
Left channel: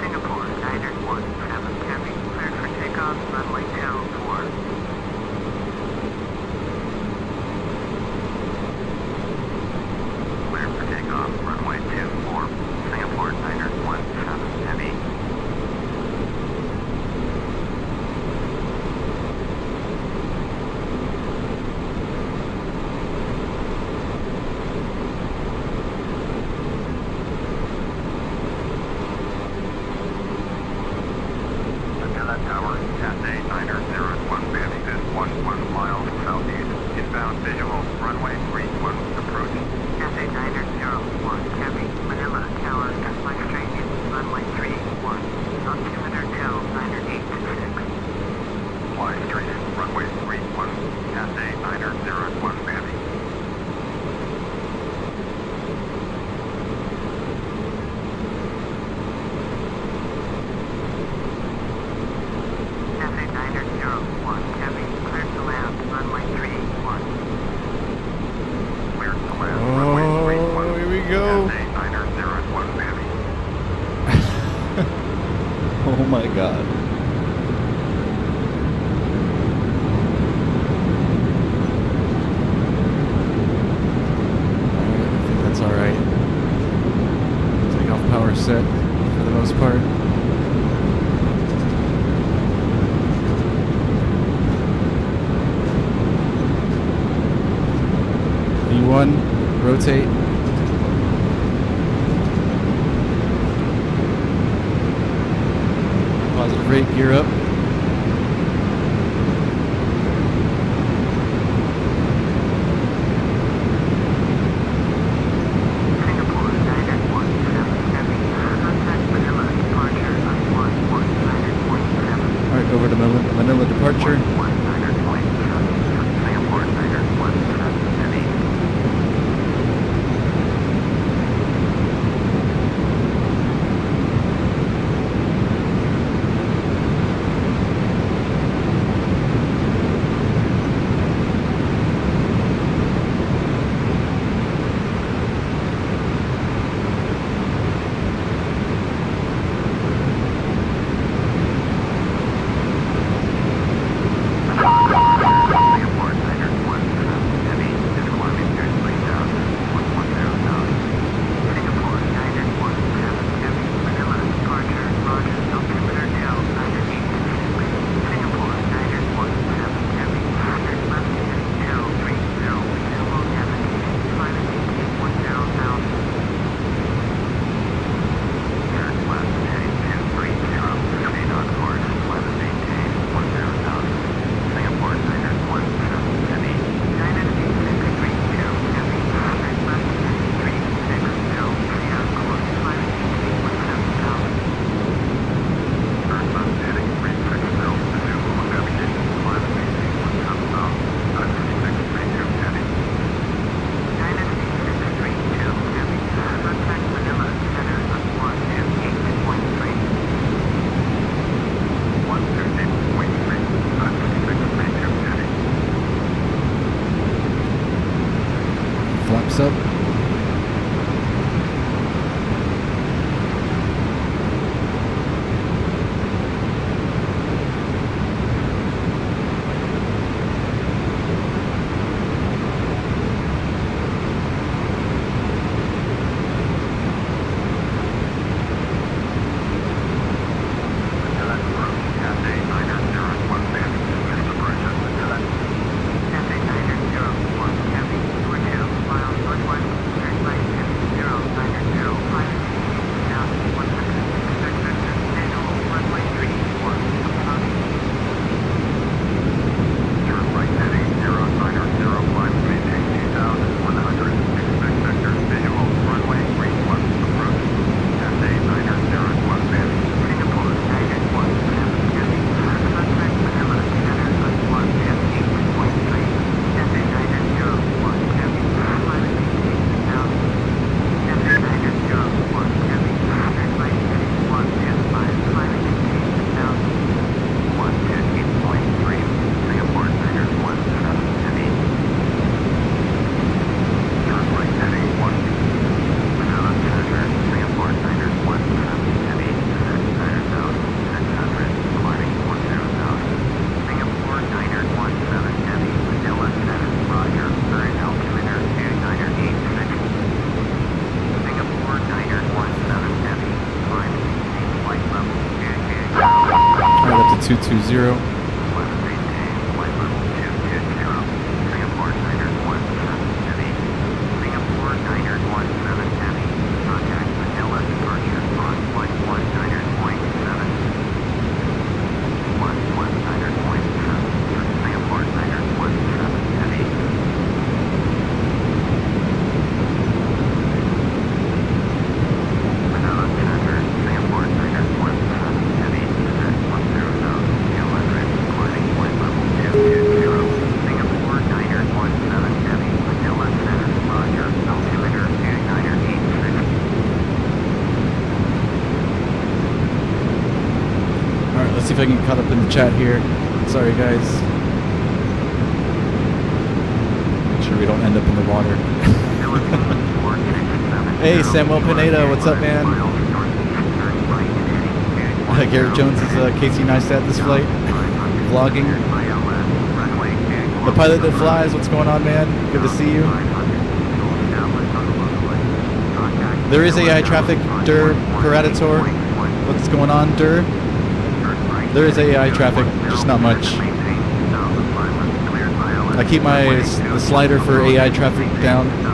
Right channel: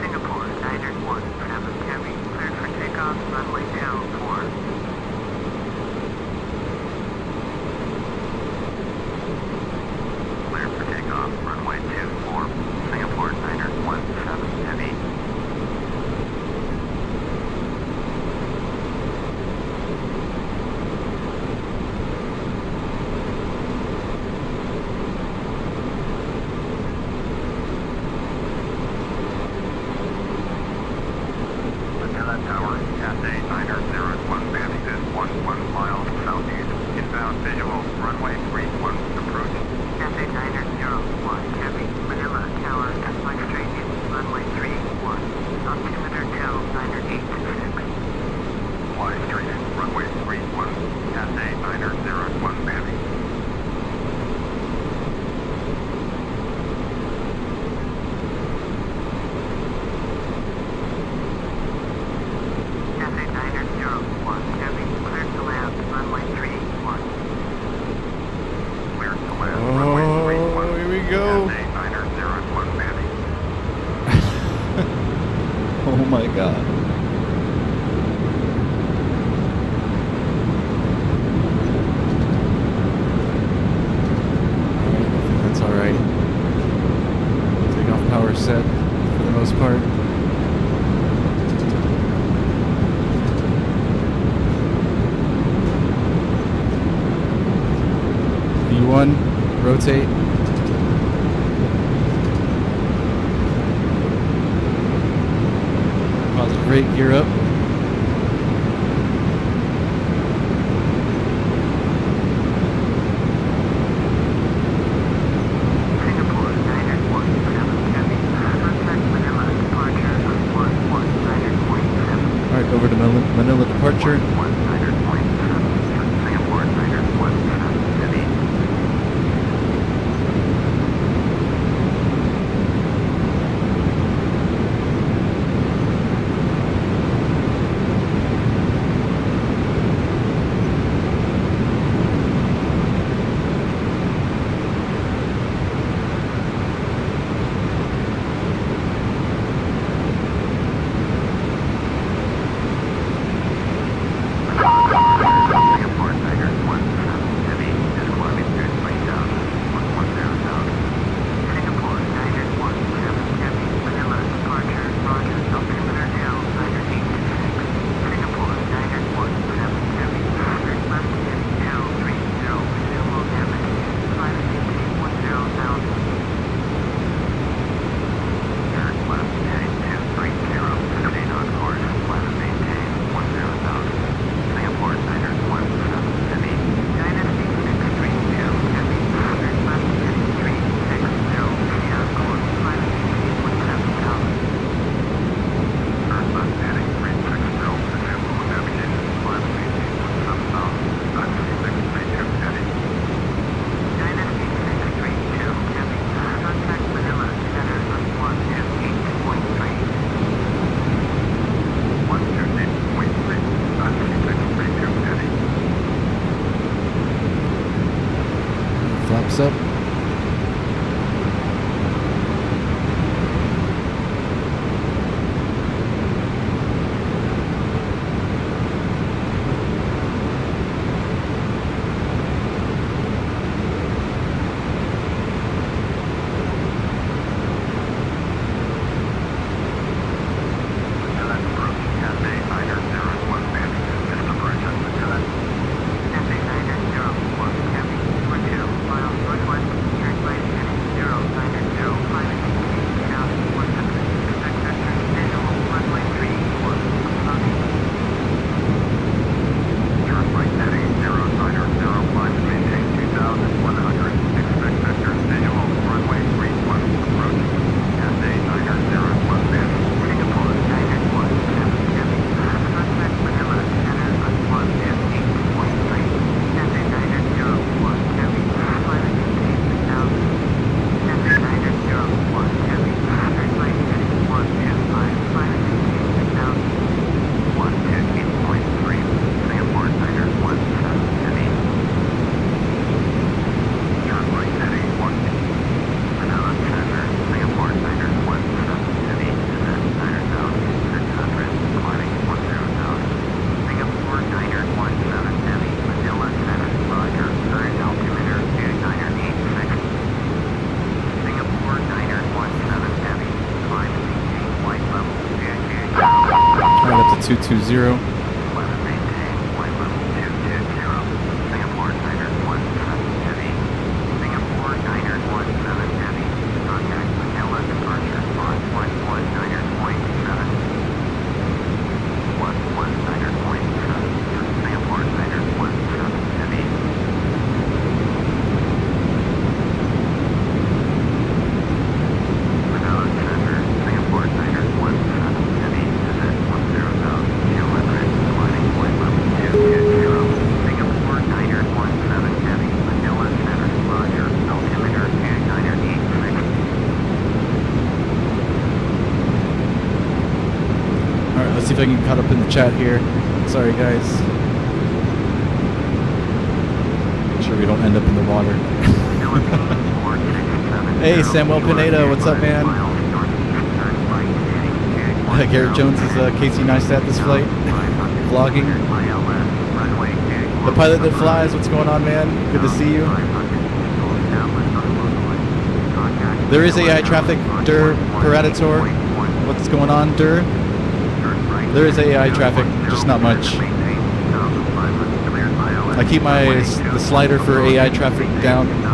Singapore Niner 17 Heavy, cleared for takeoff, runway 24. Cleared for takeoff, runway 24. Singapore Niner 17 Heavy. Manila Tower, Cathay Niner 01 Heavy is 11 miles southeast. Inbound visual, runway 31, approach. Cathay Niner 01 Heavy, Manila Tower, fly straight in, runway 31. Altimeter tell, Niner 826. Fly straight in, runway 31, Cathay Niner 01 Heavy. Cathay Niner 01 Heavy, cleared to land, runway 31. Cleared to land, runway 31. Oh, here we go. Cathay Niner 01 Heavy. Oh my god. Alright, I think that's alright. Takeoff power set for the most part. V1, rotate. Positive rate, gear up. Singapore Niner 17 Heavy, contact Manila departure on 11 Niner 27. Alright, over to Manila departure. 11 Niner 27, Singapore Niner 17 Heavy. Singapore Niner 17 Heavy is climbing through 20,000, 110,000. Singapore Niner 17 Heavy, Manila departure, roger, altimeter tell, Niner 826. Singapore Niner 17 Heavy, cleared left heading 230, resume on navigation, climb and maintain 10,000. Cleared left heading 230, proceed on course, climb and maintain 10,000. Singapore Niner 17 Heavy, Dynasty 632 Heavy, cleared left heading 360, proceed on course, climb and maintain 17,000. Turn left heading 360, resume on navigation, climb and maintain 17,000. Dynasty 632 Heavy. Dynasty 632 Heavy, contact Manila center on 128.3. 128.3, Dynasty 632 Heavy. Flaps up. Manila approach, Cathay Niner 01 Heavy, missed approach at Manila. Cathay Niner 01 Heavy, you are 2 miles northwest of 220. Maintain flight level 220. Singapore Niner 17 Heavy. Singapore Niner 17 Heavy. Contact Manila departure on 11 Niner.7. 11 Niner.7. Singapore Niner 17 Heavy. Without center, Singapore Niner 17 Heavy is at 10,200, climbing flight level 220. Singapore Niner 17 Heavy, Manila Center, Roger, altimeter 2986. Alright, let's see if I can get caught up in the chat here. Sorry, guys. Make sure we don't end up in the water. Hey, Samuel Pineda, what's up, man? Garrett Jones is Casey Neistat this flight. Vlogging. The pilot that flies, what's going on, man? Good to see you. There is AI traffic, Dur Paradator. What's going on, Dur? There is AI traffic, just not much. I keep the slider for AI traffic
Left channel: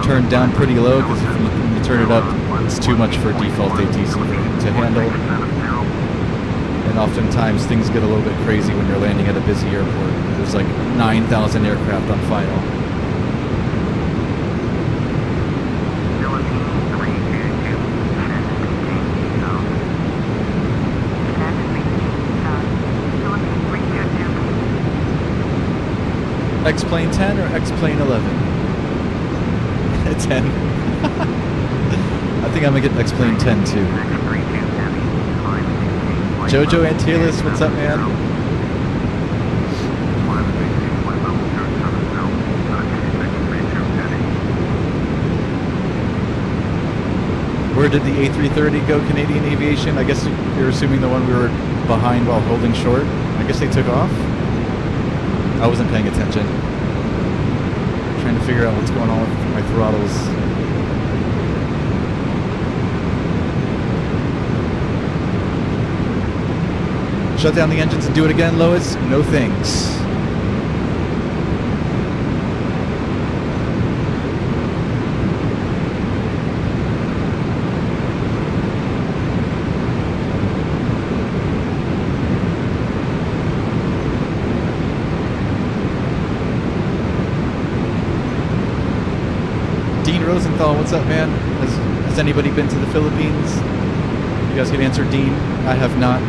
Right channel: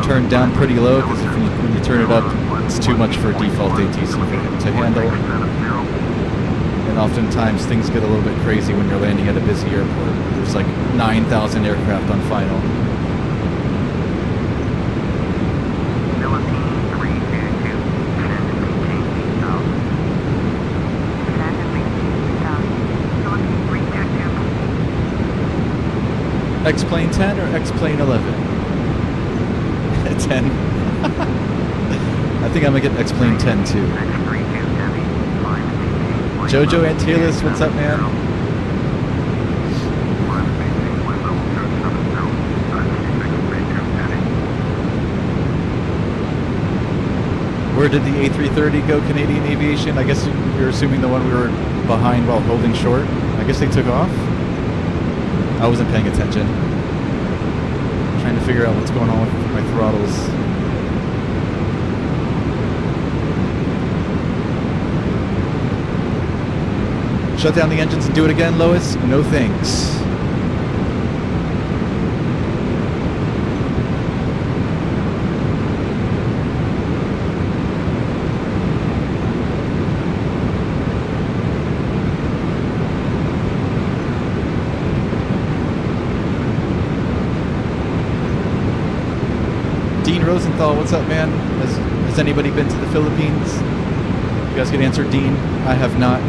turned down pretty low, because when you turn it up, it's too much for default ATC to handle. And oftentimes things get a little bit crazy when you're landing at a busy airport. There's like 9,000 aircraft on final. X-Plane 10 or X-Plane 11? 10. I think I'm going to get X-Plane 10 too. Jojo Antilles, what's up, man? Where did the A330 go, Canadian Aviation? I guess you're assuming the one we were behind while holding short. I guess they took off? I wasn't paying attention. Trying to figure out what's going on with my throttles. Shut down the engines and do it again, Lois? No thanks. Dean Rosenthal, what's up, man? Has anybody been to the Philippines? You guys can answer, Dean. I have not.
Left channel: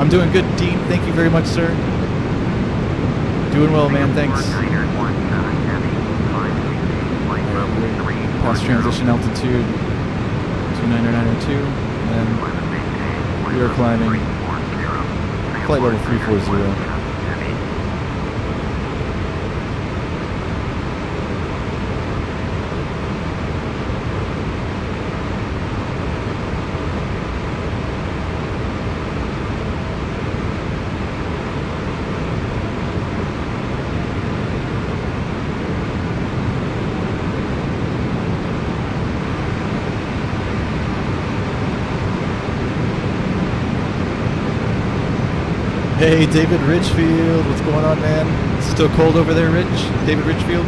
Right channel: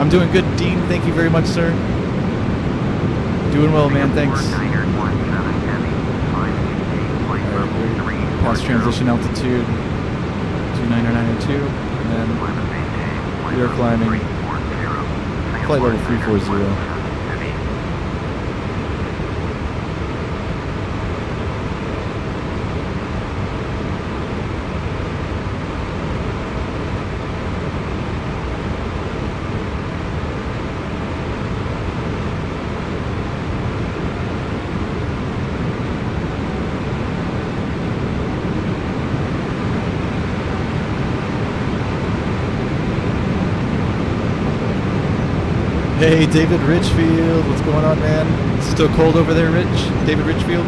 I'm doing good, Dean. Thank you very much, sir. Doing well, man. Thanks. Alright, we're past transition altitude. 29902, and then we are climbing flight level 340. Hey, David Richfield, what's going on, man? It's still cold over there, Rich? David Richfield?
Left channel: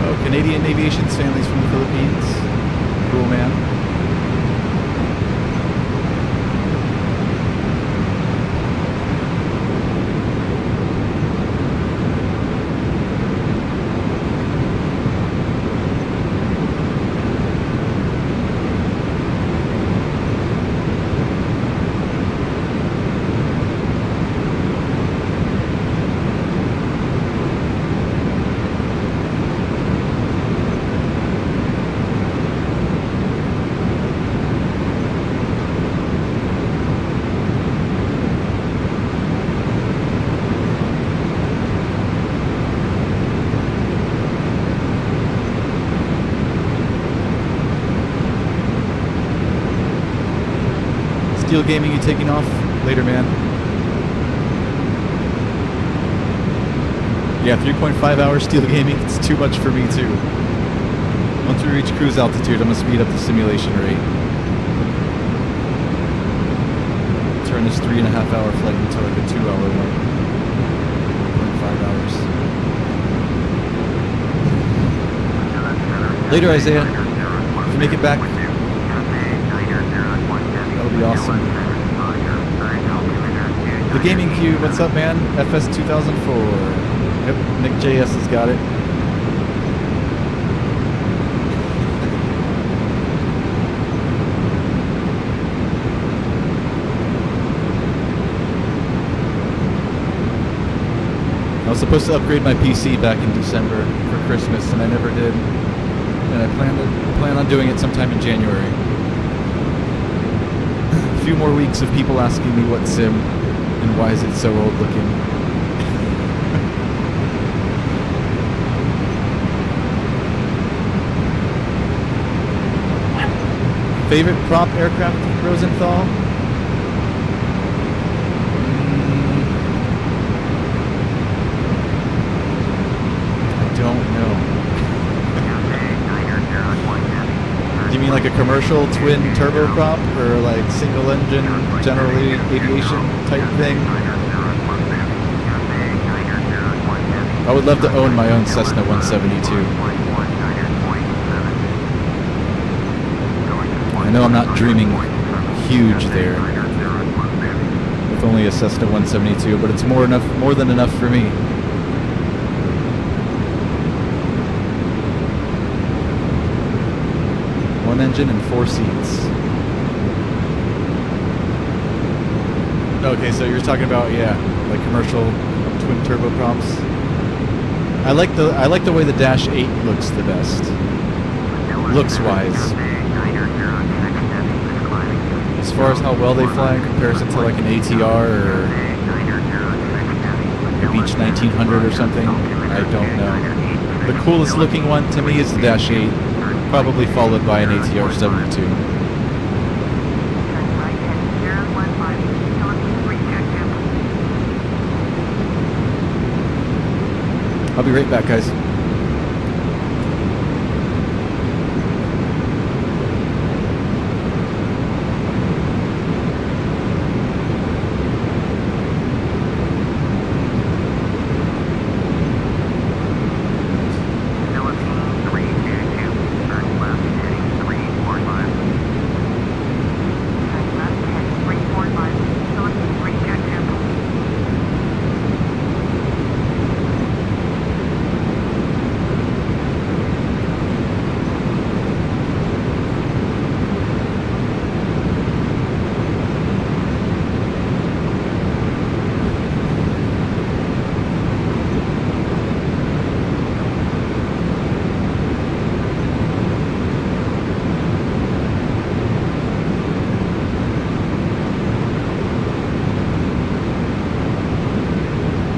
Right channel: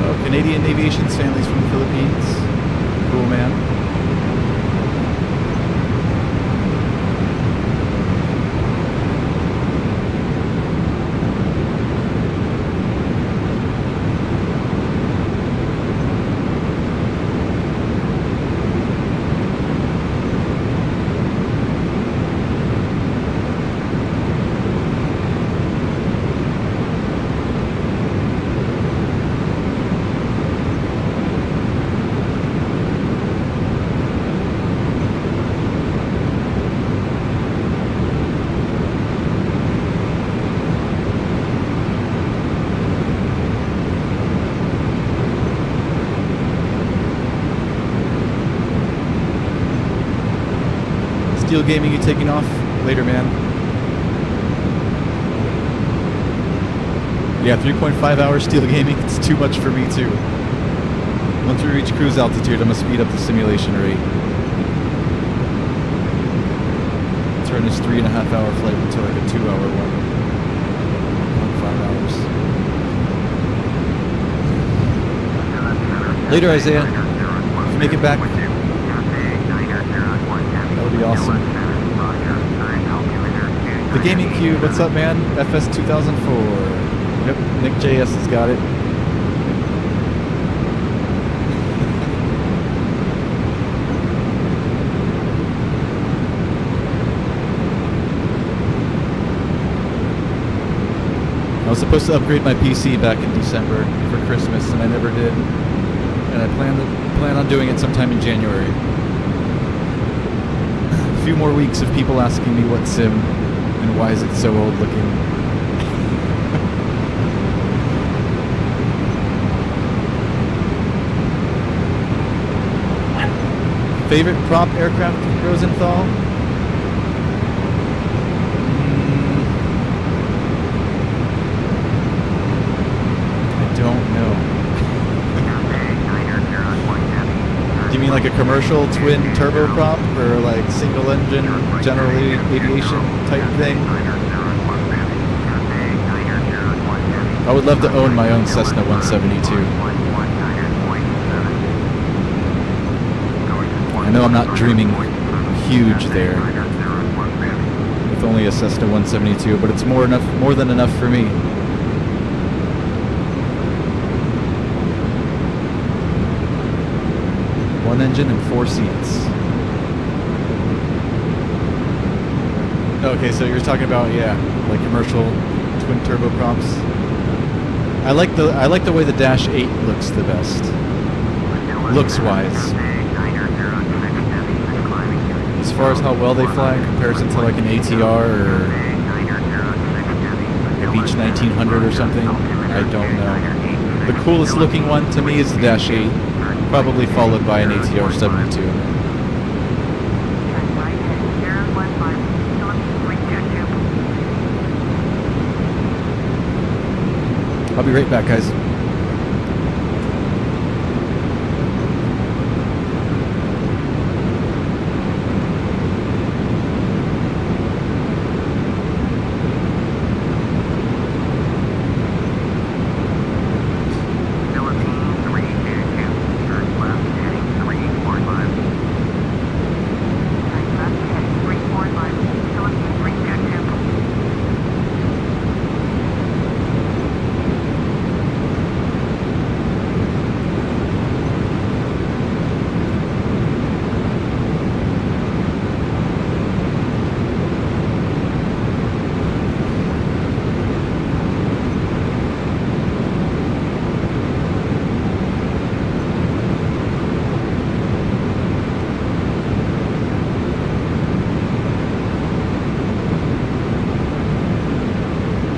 Oh, Canadian Aviation's families from the Philippines. Cool, man. Steel Gaming, you taking off? Later, man. Yeah, 3.5 hours Steel Gaming. It's too much for me, too. Once we reach cruise altitude, I'm going to speed up the simulation rate. Turn this 3.5 hour flight into like a 2-hour one. 1.5 hours. Later, Isaiah. If you make it back, that'll be awesome. The Gaming Cube, what's up, man? FS 2004. Yep, Nick JS has got it. I was supposed to upgrade my PC back in December for Christmas, and I never did. And I plan on doing it sometime in January. A few more weeks of people asking me what sim and why is it so old looking. Favorite prop aircraft, Rosenthal? I don't know. Do you mean like a commercial twin turboprop or like single engine, generally aviation type thing? I would love to own my own Cessna 172. I know I'm not dreaming huge there with only a Cessna 172, but it's more than enough for me. One engine and 4 seats. Okay, so you're talking about, yeah, like commercial twin turboprops. I like the way the Dash 8 looks the best. Looks wise. As far as how well they fly in comparison to like an ATR or a Beech 1900 or something, I don't know. The coolest looking one to me is the Dash 8, probably followed by an ATR 72. I'll be right back, guys.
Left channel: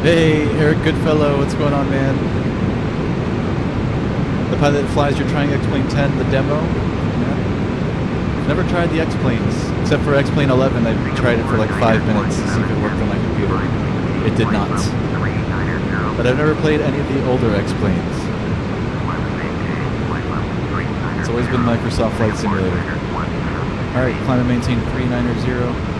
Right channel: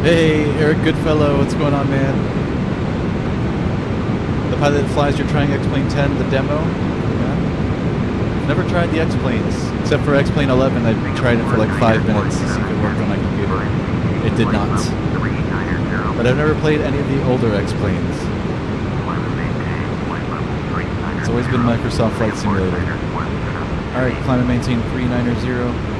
Hey, Eric Goodfellow, what's going on, man? The pilot that flies your trying X-Plane 10, the demo? Hey, man. I've never tried the X-Planes, except for X-Plane 11. I tried it for like 5 minutes to see if it worked on my computer. It did not. But I've never played any of the older X-Planes. It's always been Microsoft Flight Simulator. Alright, climb and maintain 390.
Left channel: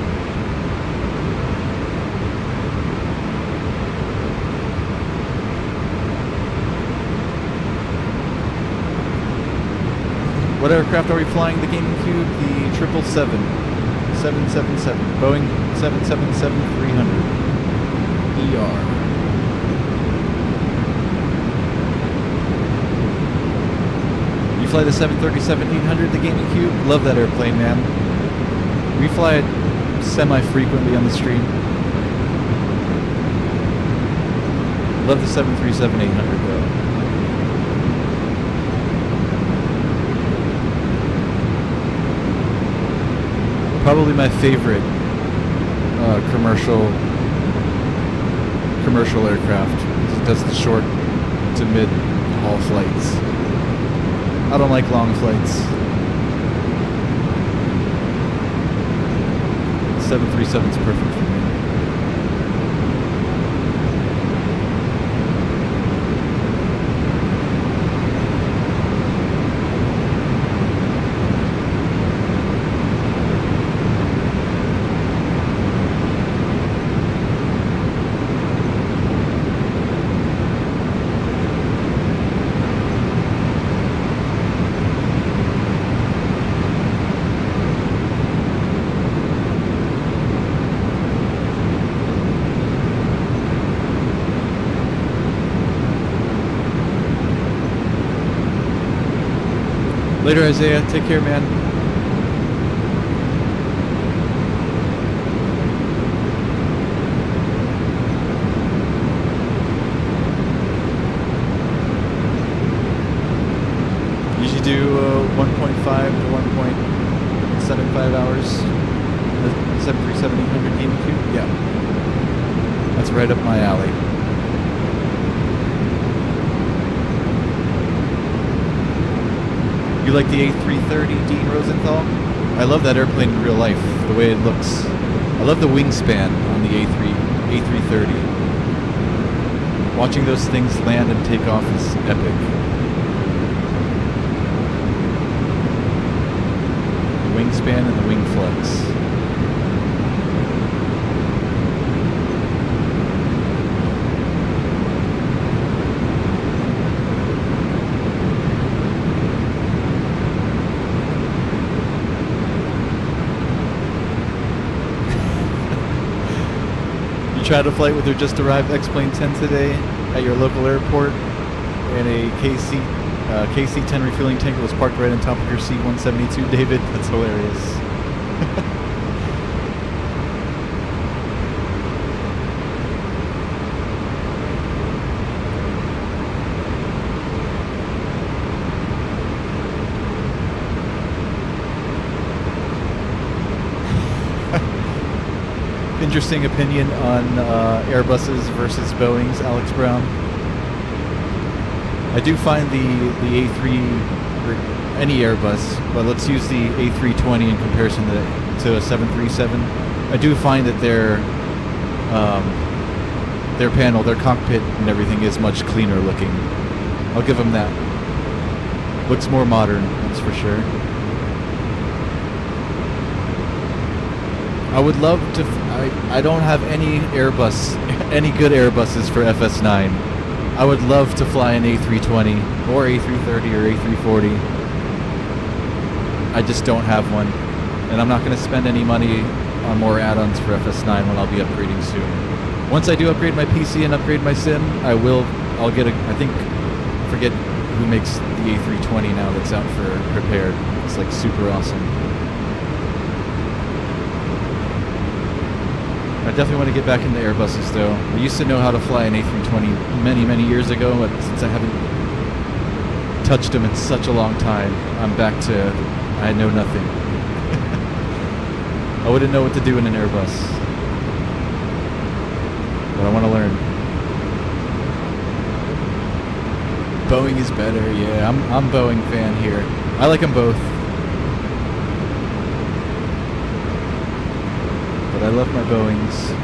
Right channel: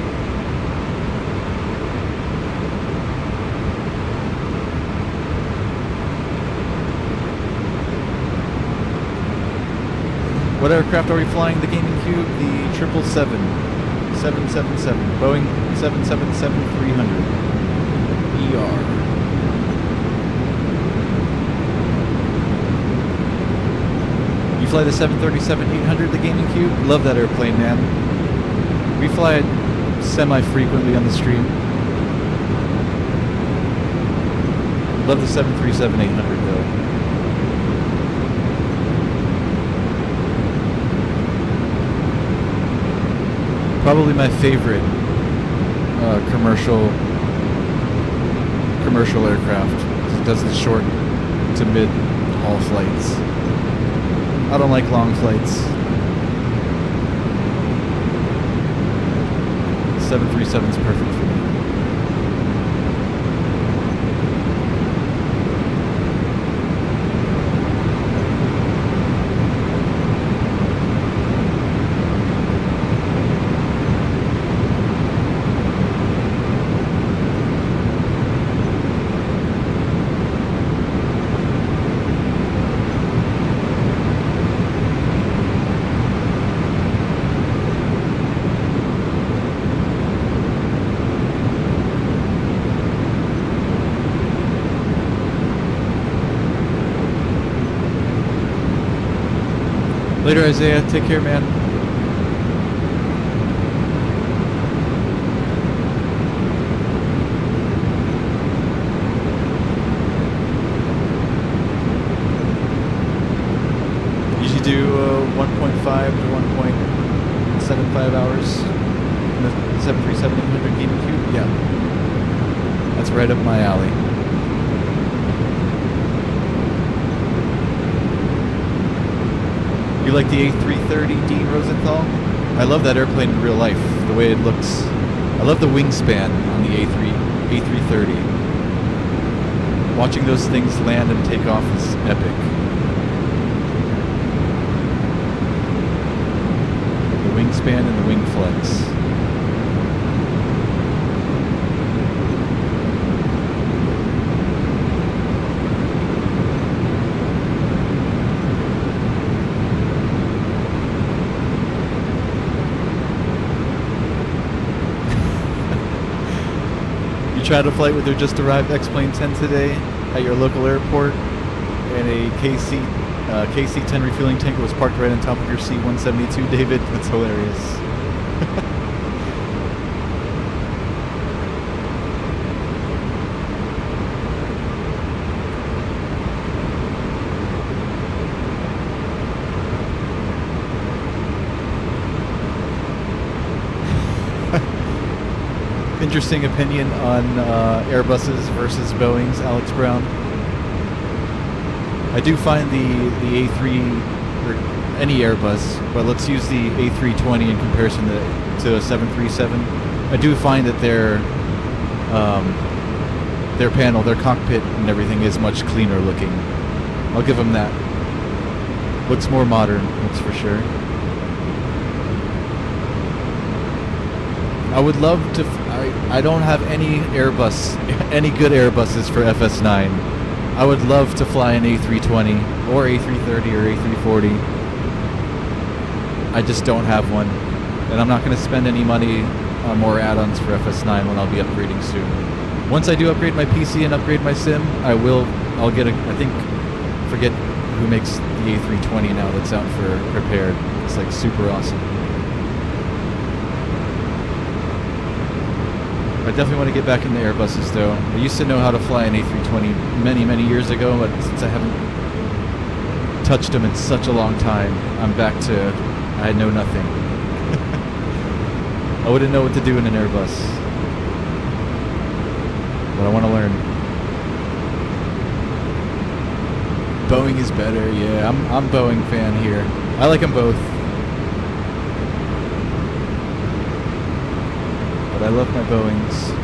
What aircraft are we flying? The Gaming Cube, the 777, Boeing 777-300 ER. You fly the 737-800, the Gaming Cube? Love that airplane, man. We fly it semi-frequently on the stream. Love the 737-800 though. Probably my favorite commercial aircraft, because it does the short to mid haul flights. I don't like long flights. 737 is perfect for me. Later, Isaiah. Take care, man. Usually do 1.5 to 1.75 hours in the 737-800 gaming cube. Yeah, that's right up my alley. You like the A330, Dean Rosenthal? I love that airplane in real life, the way it looks. I love the wingspan on the A330. Watching those things land and take off is epic. The wingspan and the wing flex. Tried a flight with their just arrived X-Plane 10 today at your local airport, and a KC-10 refueling tanker was parked right on top of your C-172, David. That's hilarious. Interesting opinion on Airbuses versus Boeings, Alex Brown. I do find the A3, or any Airbus, but let's use the A320 in comparison to a 737. I do find that their panel, their cockpit and everything is much cleaner looking. I'll give them that. Looks more modern, that's for sure. I would love to. I don't have any Airbus, any good Airbuses for FS9. I would love to fly an A320 or A330 or A340. I just don't have one, and I'm not going to spend any money on more add-ons for FS9 when I'll be upgrading soon. Once I do upgrade my PC and upgrade my sim, I'll get a. I think, I forget who makes the A320 now that's out for prepared. It's like super awesome. I definitely want to get back into Airbuses, though. I used to know how to fly an A320 many, many years ago, but since I haven't touched them in such a long time, I'm back to I know nothing. I wouldn't know what to do in an Airbus, but I want to learn. Boeing is better, yeah. I'm Boeing fan here. I like them both. But I love my Boeings.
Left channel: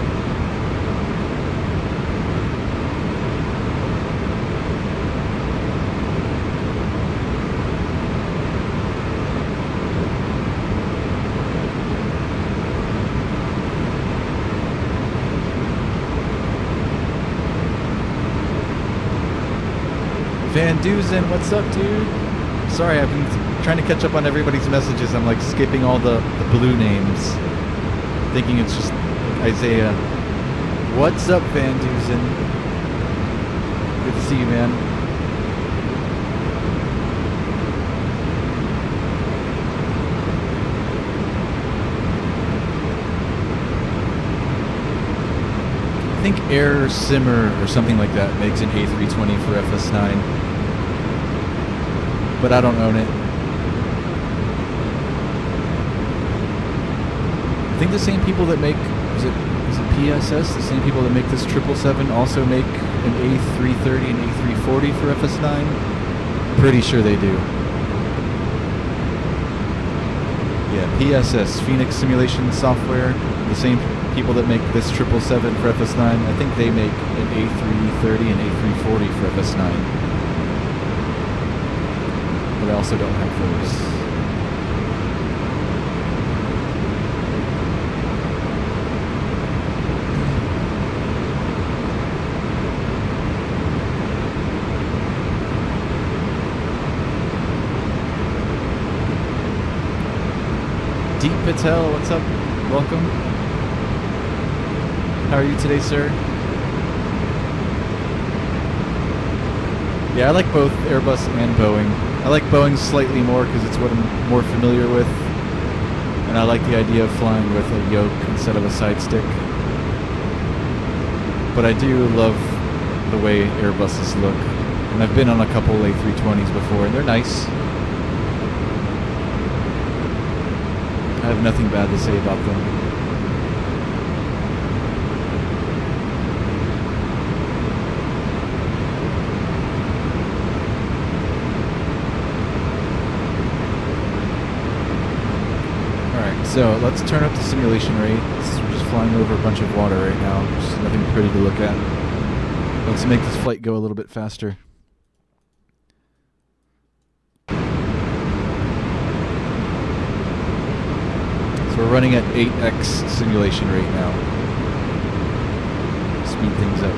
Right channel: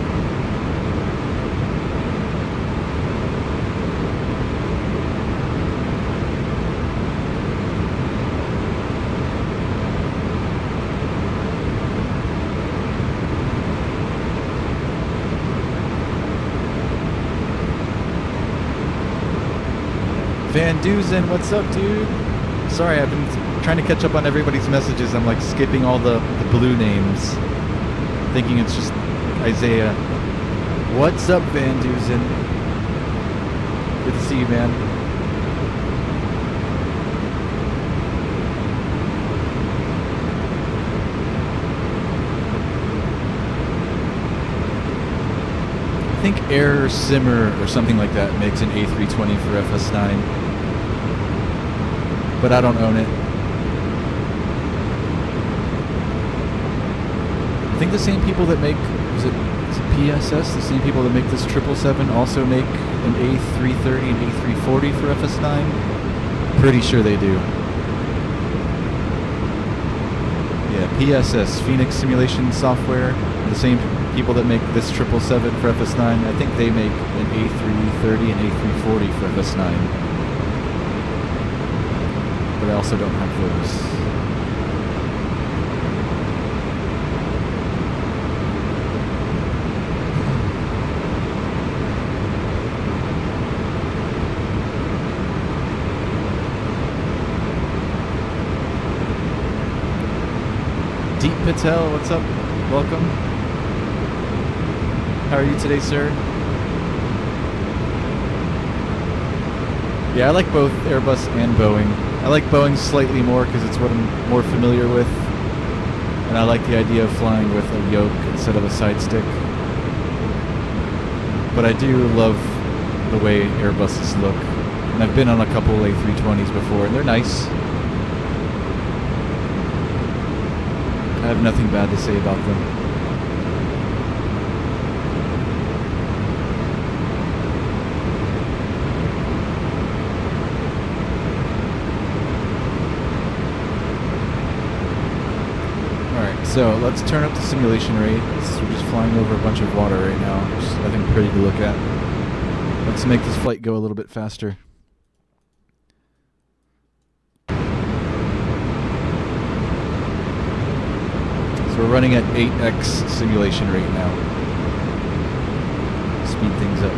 Van Dusen, what's up, dude? Sorry, I've been trying to catch up on everybody's messages. I'm like skipping all the blue names, thinking it's just like Isaiah. What's up, Van Dusen? Good to see you, man. I think Air Simmer or something like that makes an A320 for FS9, but I don't own it. I think the same people that make, is it PSS? The same people that make this 777 also make an A330 and A340 for FS9? Pretty sure they do. Yeah, PSS, Phoenix Simulation Software. The same people that make this 777 for FS9, I think they make an A330 and A340 for FS9. But I also don't have those. Deep Patel, what's up? Welcome. How are you today, sir? Yeah, I like both Airbus and Boeing. I like Boeing slightly more because it's what I'm more familiar with. And I like the idea of flying with a yoke instead of a side stick. But I do love the way Airbuses look. And I've been on a couple A320s before, and they're nice. I have nothing bad to say about them. Alright, so let's turn up the simulation rates. We're just flying over a bunch of water right now. Just nothing pretty to look at. Let's make this flight go a little bit faster. So we're running at 8x simulation rate now. Speed things up.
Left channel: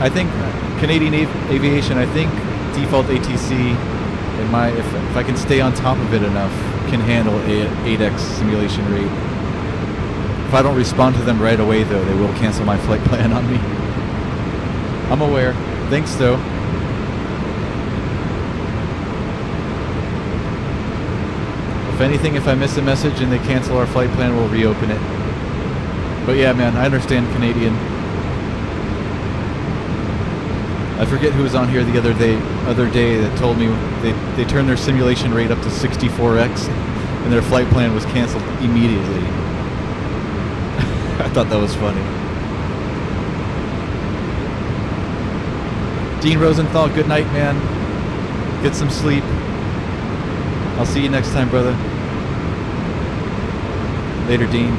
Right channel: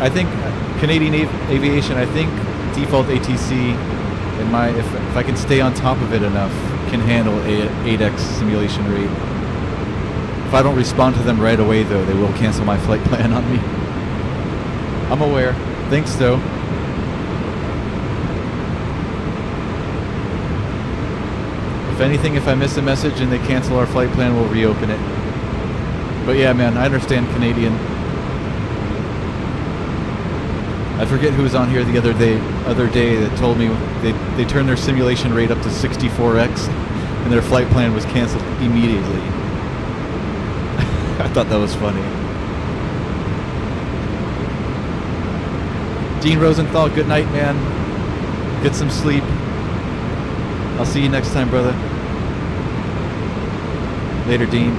I think Canadian Aviation, I think default ATC, if I can stay on top of it enough, can handle 8x simulation rate. If I don't respond to them right away, though, they will cancel my flight plan on me. I'm aware. Thanks, though. If anything, if I miss a message and they cancel our flight plan, we'll reopen it. But yeah, man, I understand Canadian. I forget who was on here the other day that told me they turned their simulation rate up to 64x and their flight plan was canceled immediately. I thought that was funny. Dean Rosenthal, good night, man. Get some sleep. I'll see you next time, brother. Later, Dean.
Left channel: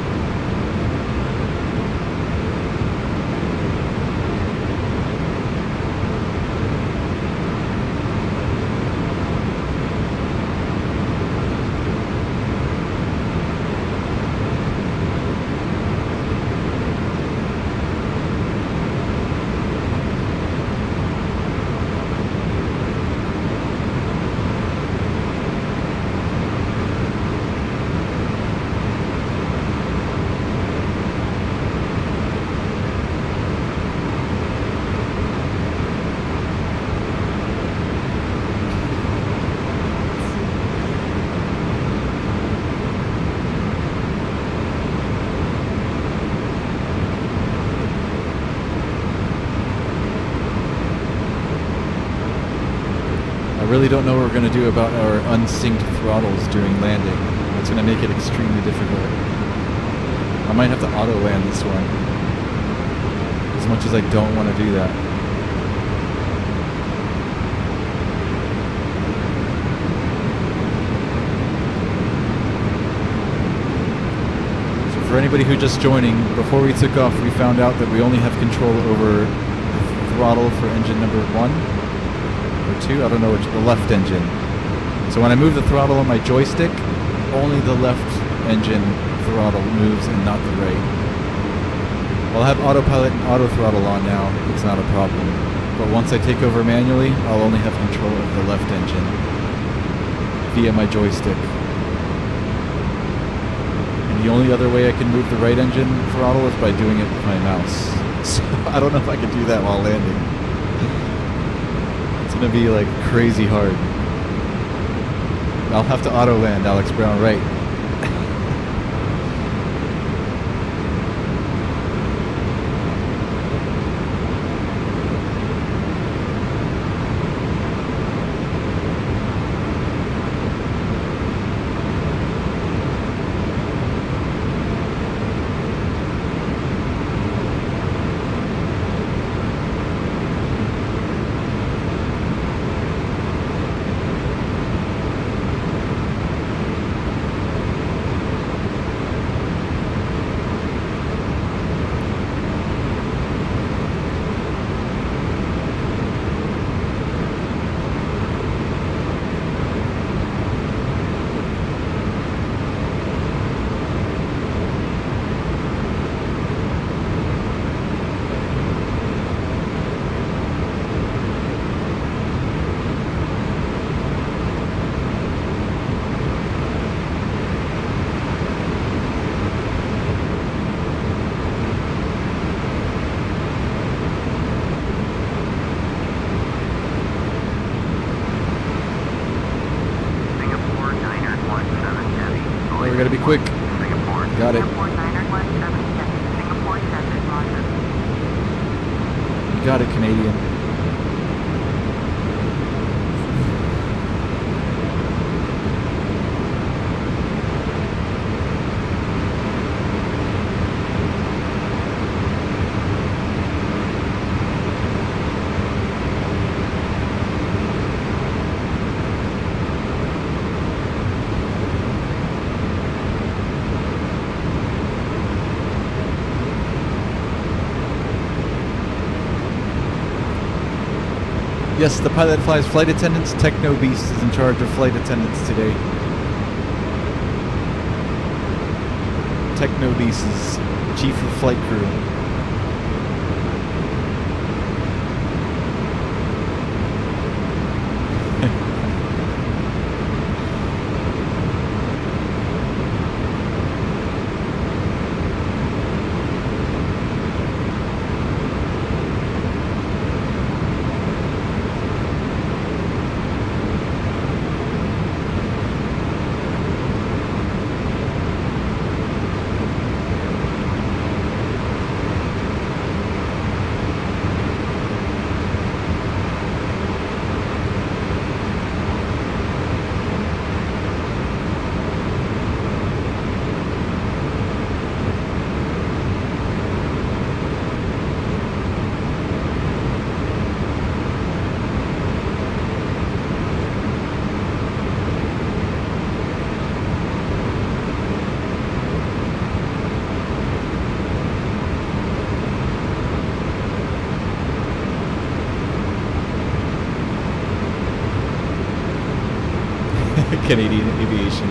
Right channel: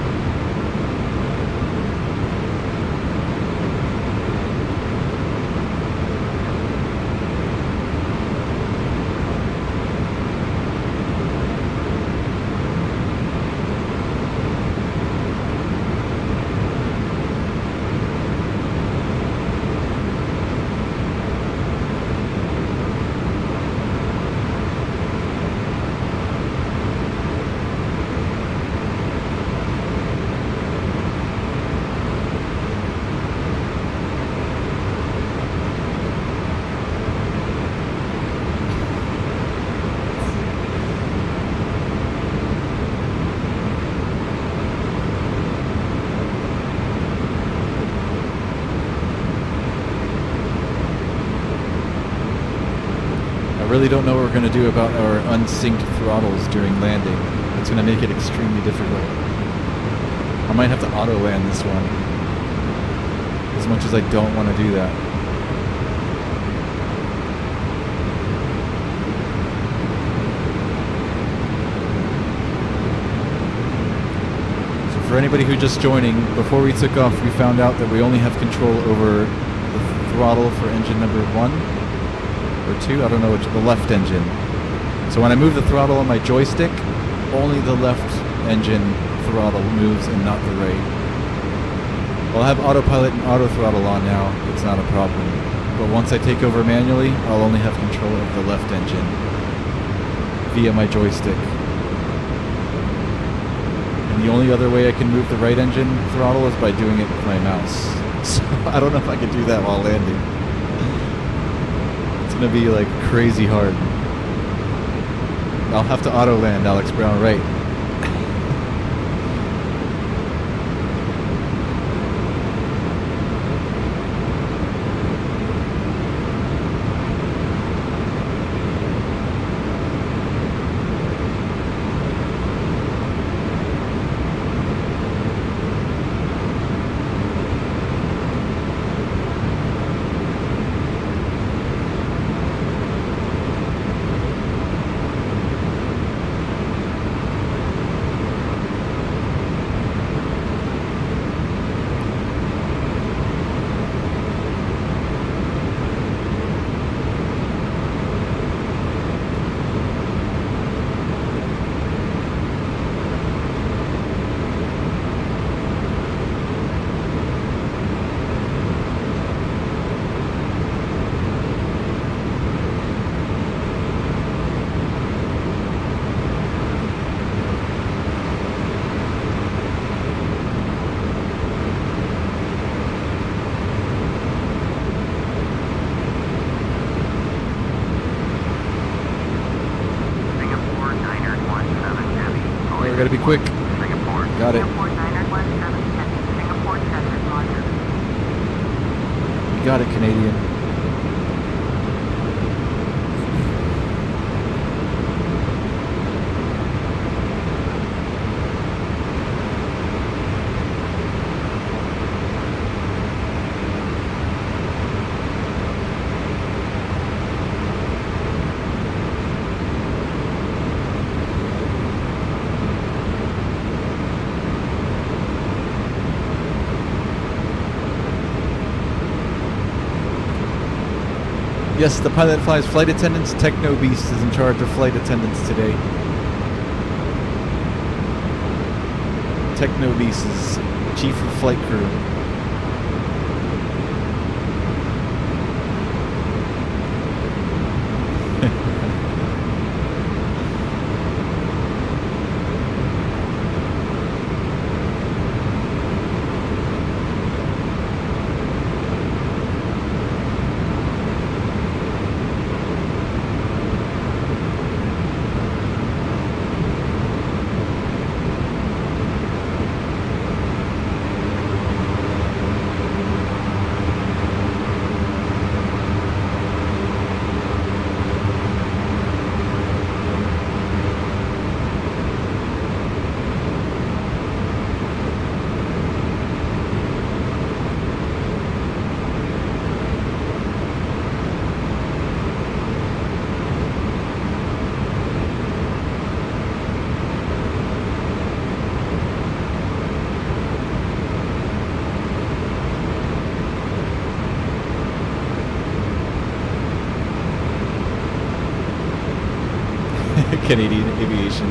I really don't know what we're going to do about our unsynced throttles during landing. That's going to make it extremely difficult. I might have to auto land this one, as much as I don't want to do that. So for anybody who just joining, before we took off, we found out that we only have control over the throttle for engine number 1. Or 2, I don't know which, the left engine. So when I move the throttle on my joystick, only the left engine throttle moves and not the right. I'll have autopilot and auto throttle on now, it's not a problem. But once I take over manually, I'll only have control of the left engine via my joystick. And the only other way I can move the right engine throttle is by doing it with my mouse. So I don't know if I can do that while landing. It's gonna be like crazy hard. I'll have to auto land, Alex Brown, right? We gotta be quick. Singapore. Got it. Singapore 917 Heavy. Singapore 7, roger. You got it, Canadian. Yes, the pilot flies flight attendants. Techno Beast is in charge of flight attendants today. Techno Beast is chief of flight crew. Canadian aviation.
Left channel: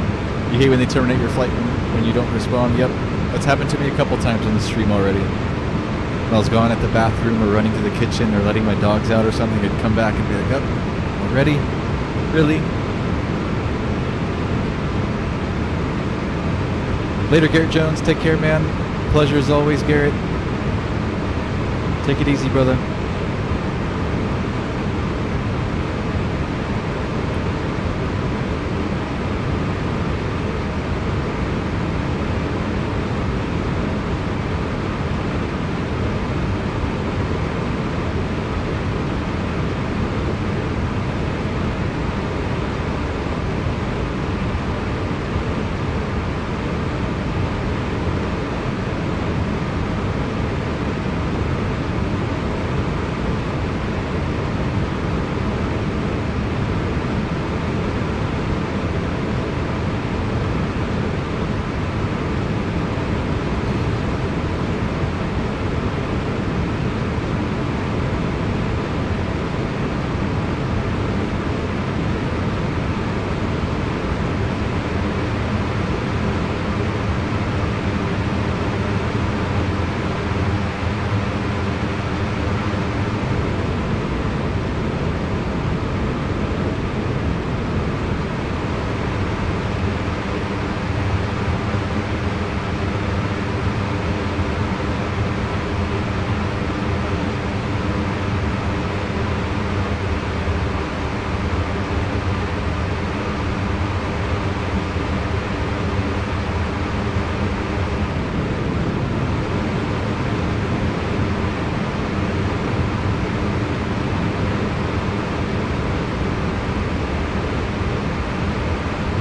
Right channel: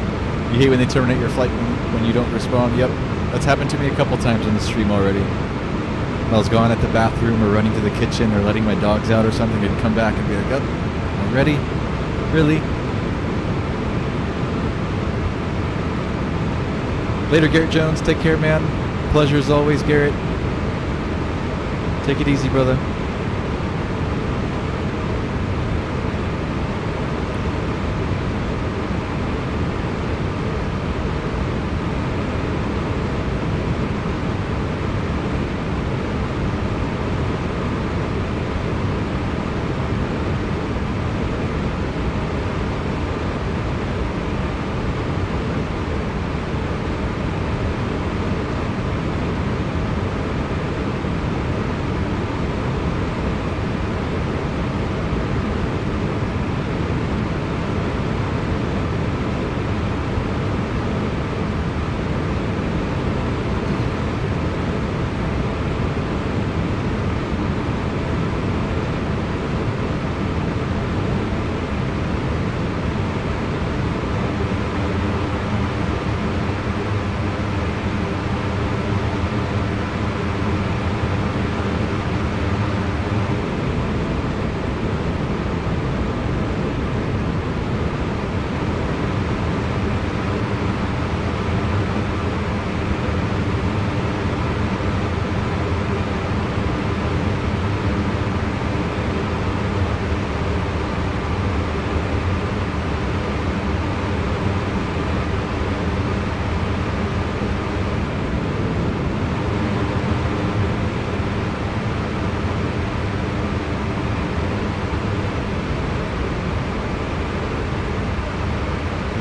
You hate when they terminate your flight when you don't respond. Yep, that's happened to me a couple times on the stream already. When I was gone at the bathroom or running to the kitchen or letting my dogs out or something, I'd come back and be like, oh, already? Really? Later, Garrett Jones. Take care, man. Pleasure as always, Garrett. Take it easy, brother.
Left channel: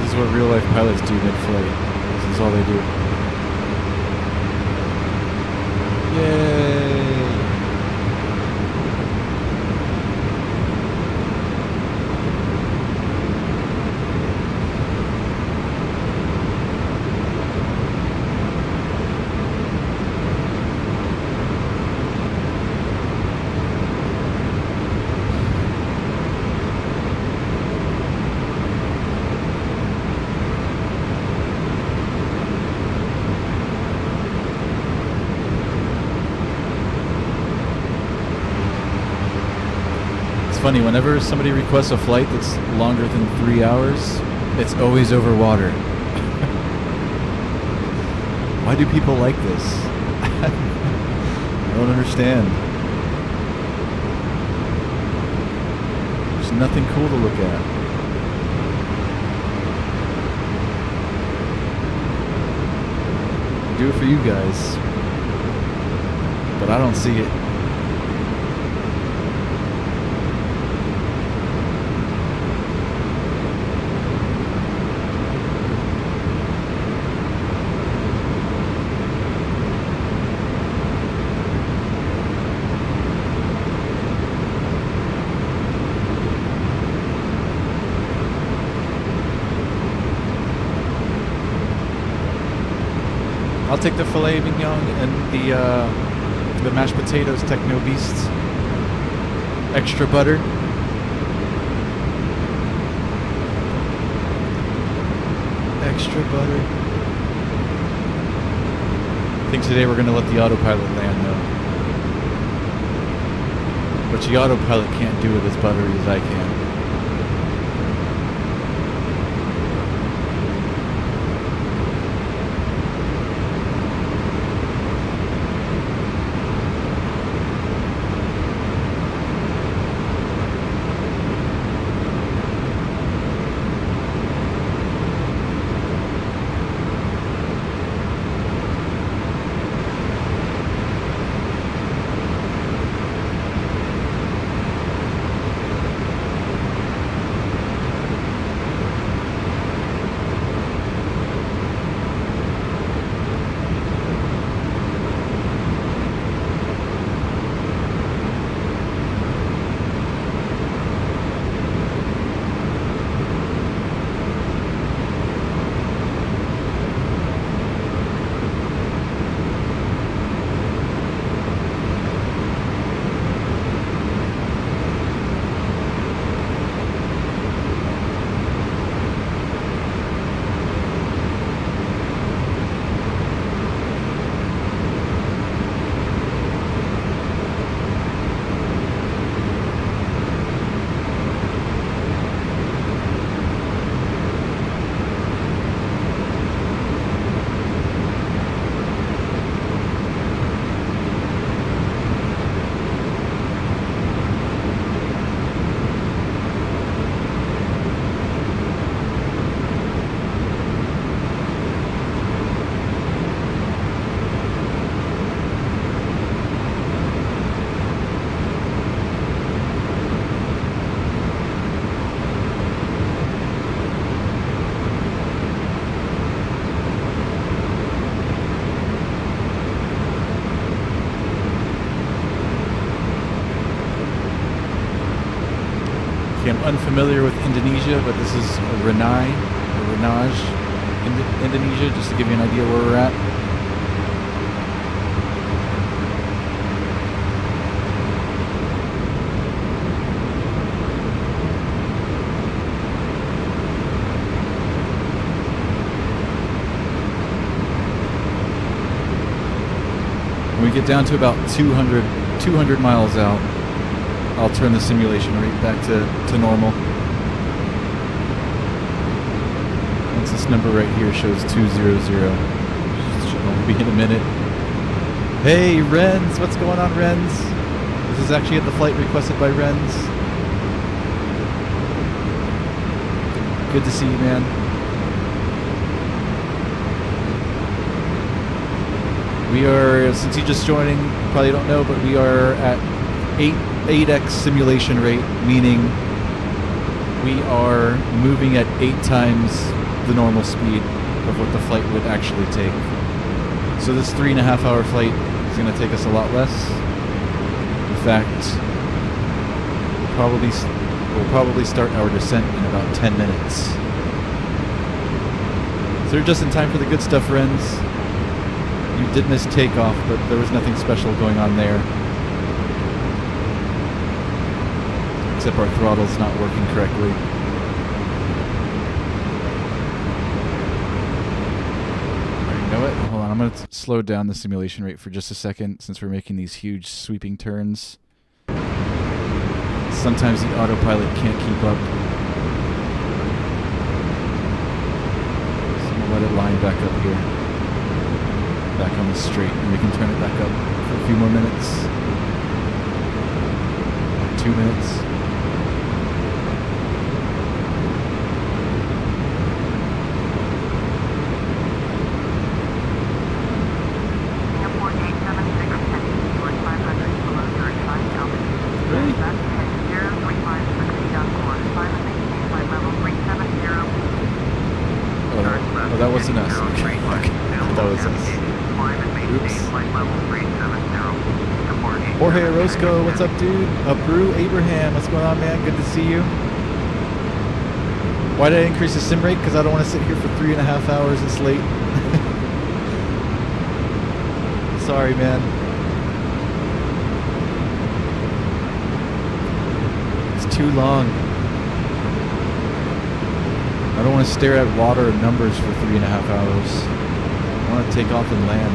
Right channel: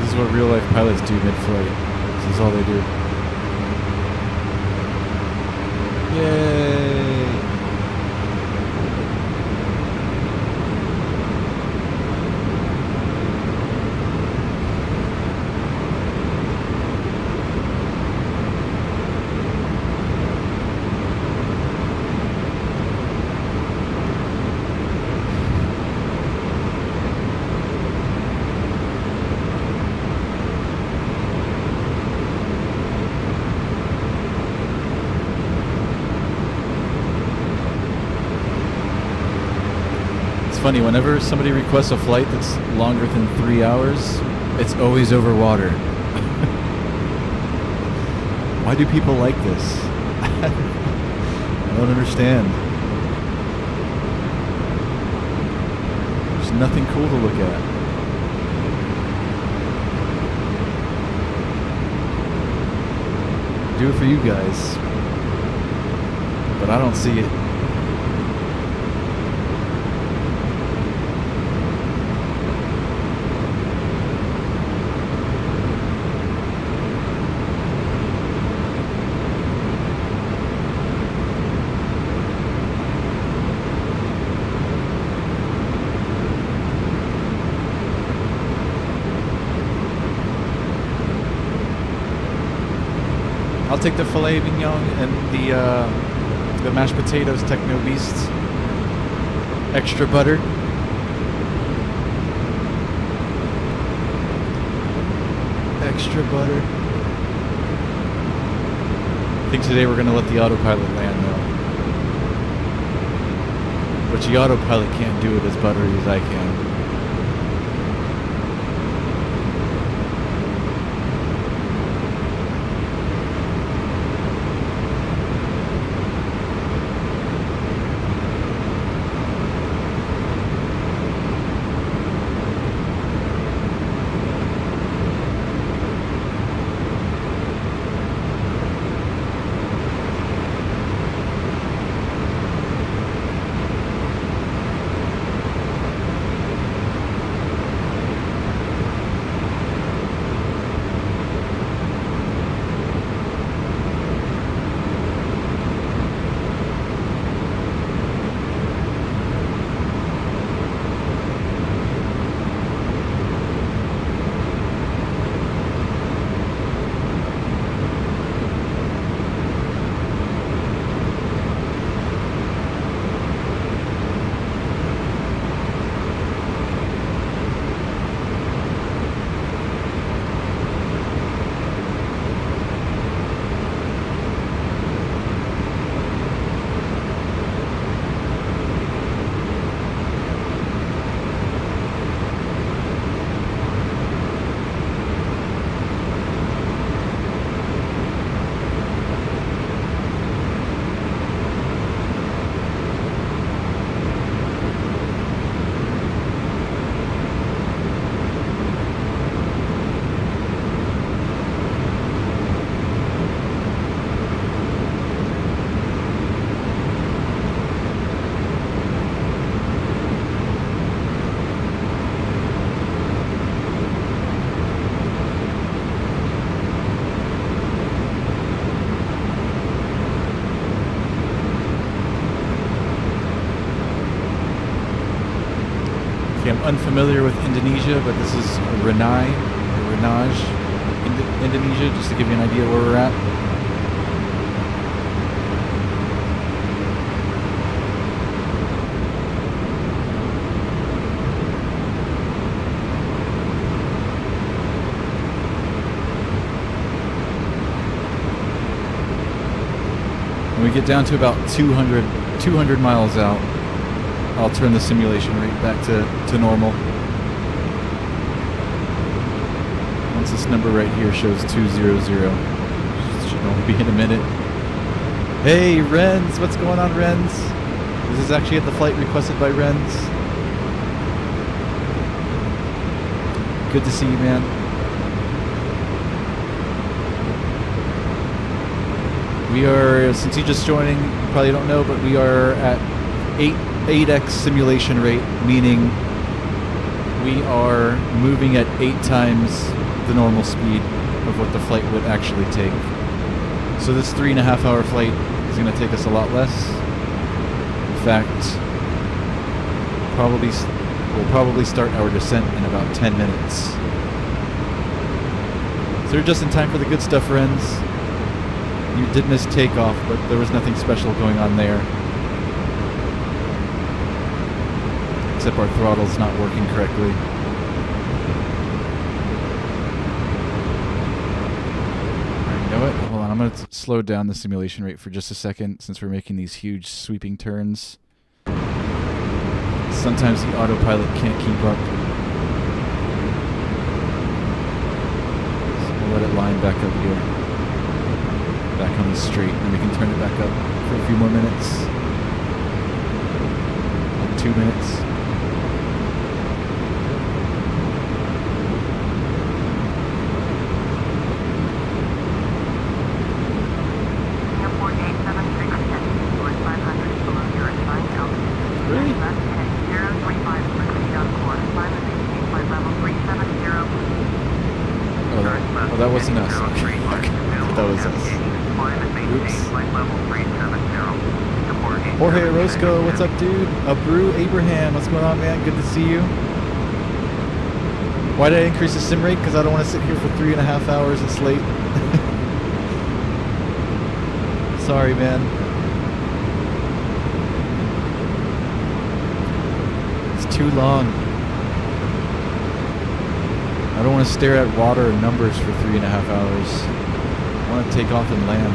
This is what real life pilots do mid-flight. This is all they do. Yay! Funny, whenever somebody requests a flight that's longer than 3 hours, it's always over water. Why do people like this? I don't understand. There's nothing cool to look at. Do it for you guys, but I don't see it. I'll take the filet mignon and the mashed potatoes Techno Beasts. Extra butter. Extra butter. I think today we're going to let the autopilot land though. But the autopilot can't do it as buttery as I can. Okay, I'm unfamiliar with Indonesia, but this is Renai, or Renaj, Indonesia, just to give you an idea where we're at. When we get down to about 200 miles out, I'll turn the simulation rate back to normal. Once this number right here shows 200, should only be in a minute. Hey, Renz, what's going on, Renz? This is actually at the flight requested by Renz. Good to see you, man. We are, since you're just joining, you probably don't know, but we are at 8x simulation rate, meaning we are moving at 8 times the normal speed of what the flight would actually take. So this 3.5 hour flight is going to take us a lot less. In fact, we'll probably start our descent in about 10 minutes. So you're just in time for the good stuff, friends. You did miss takeoff, but there was nothing special going on there. Except our throttle's not working correctly. Alright, you know what? Hold on, I'm going to slow down the simulation rate for just a second since we're making these huge sweeping turns. Sometimes the autopilot can't keep up. So I'm going to let it line back up here. Back on the straight, and we can turn it back up for a few more minutes. Like 2 minutes. Singapore 876 heading towards 500 below your assigned altitude. Really? Left heading 035 proceed on course. Climb and maintain flight level 370. Oh, that wasn't us. Okay. I thought that was us. Oops. Jorge Orozco, what's up, dude? Brew Abraham, what's going on, man? Good to see you. Why did I increase the sim rate? Because I don't want to sit here for 3.5 hours. It's late. Sorry, man. It's too long. I don't want to stare at water and numbers for 3.5 hours. I want to take off and land.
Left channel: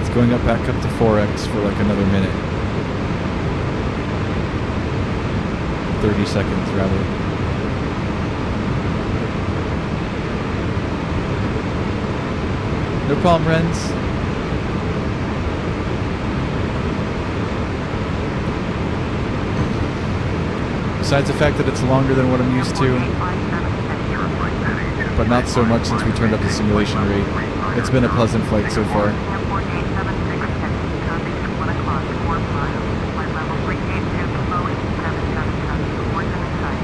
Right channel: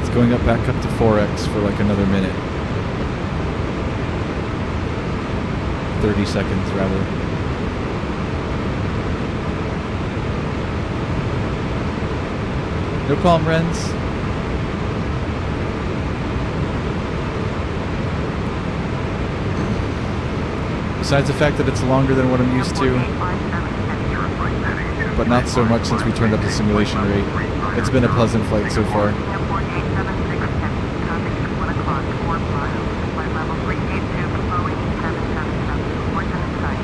It's going up back up to 4x for like another minute. 30 seconds rather. No problem, Renz. Besides the fact that it's longer than what I'm used to, but not so much since we turned up the simulation rate. It's been a pleasant flight so far. Singapore 876 heading traffic at 1 o'clock, 4 miles. Flight level 382 Boeing 777. Reports in sight.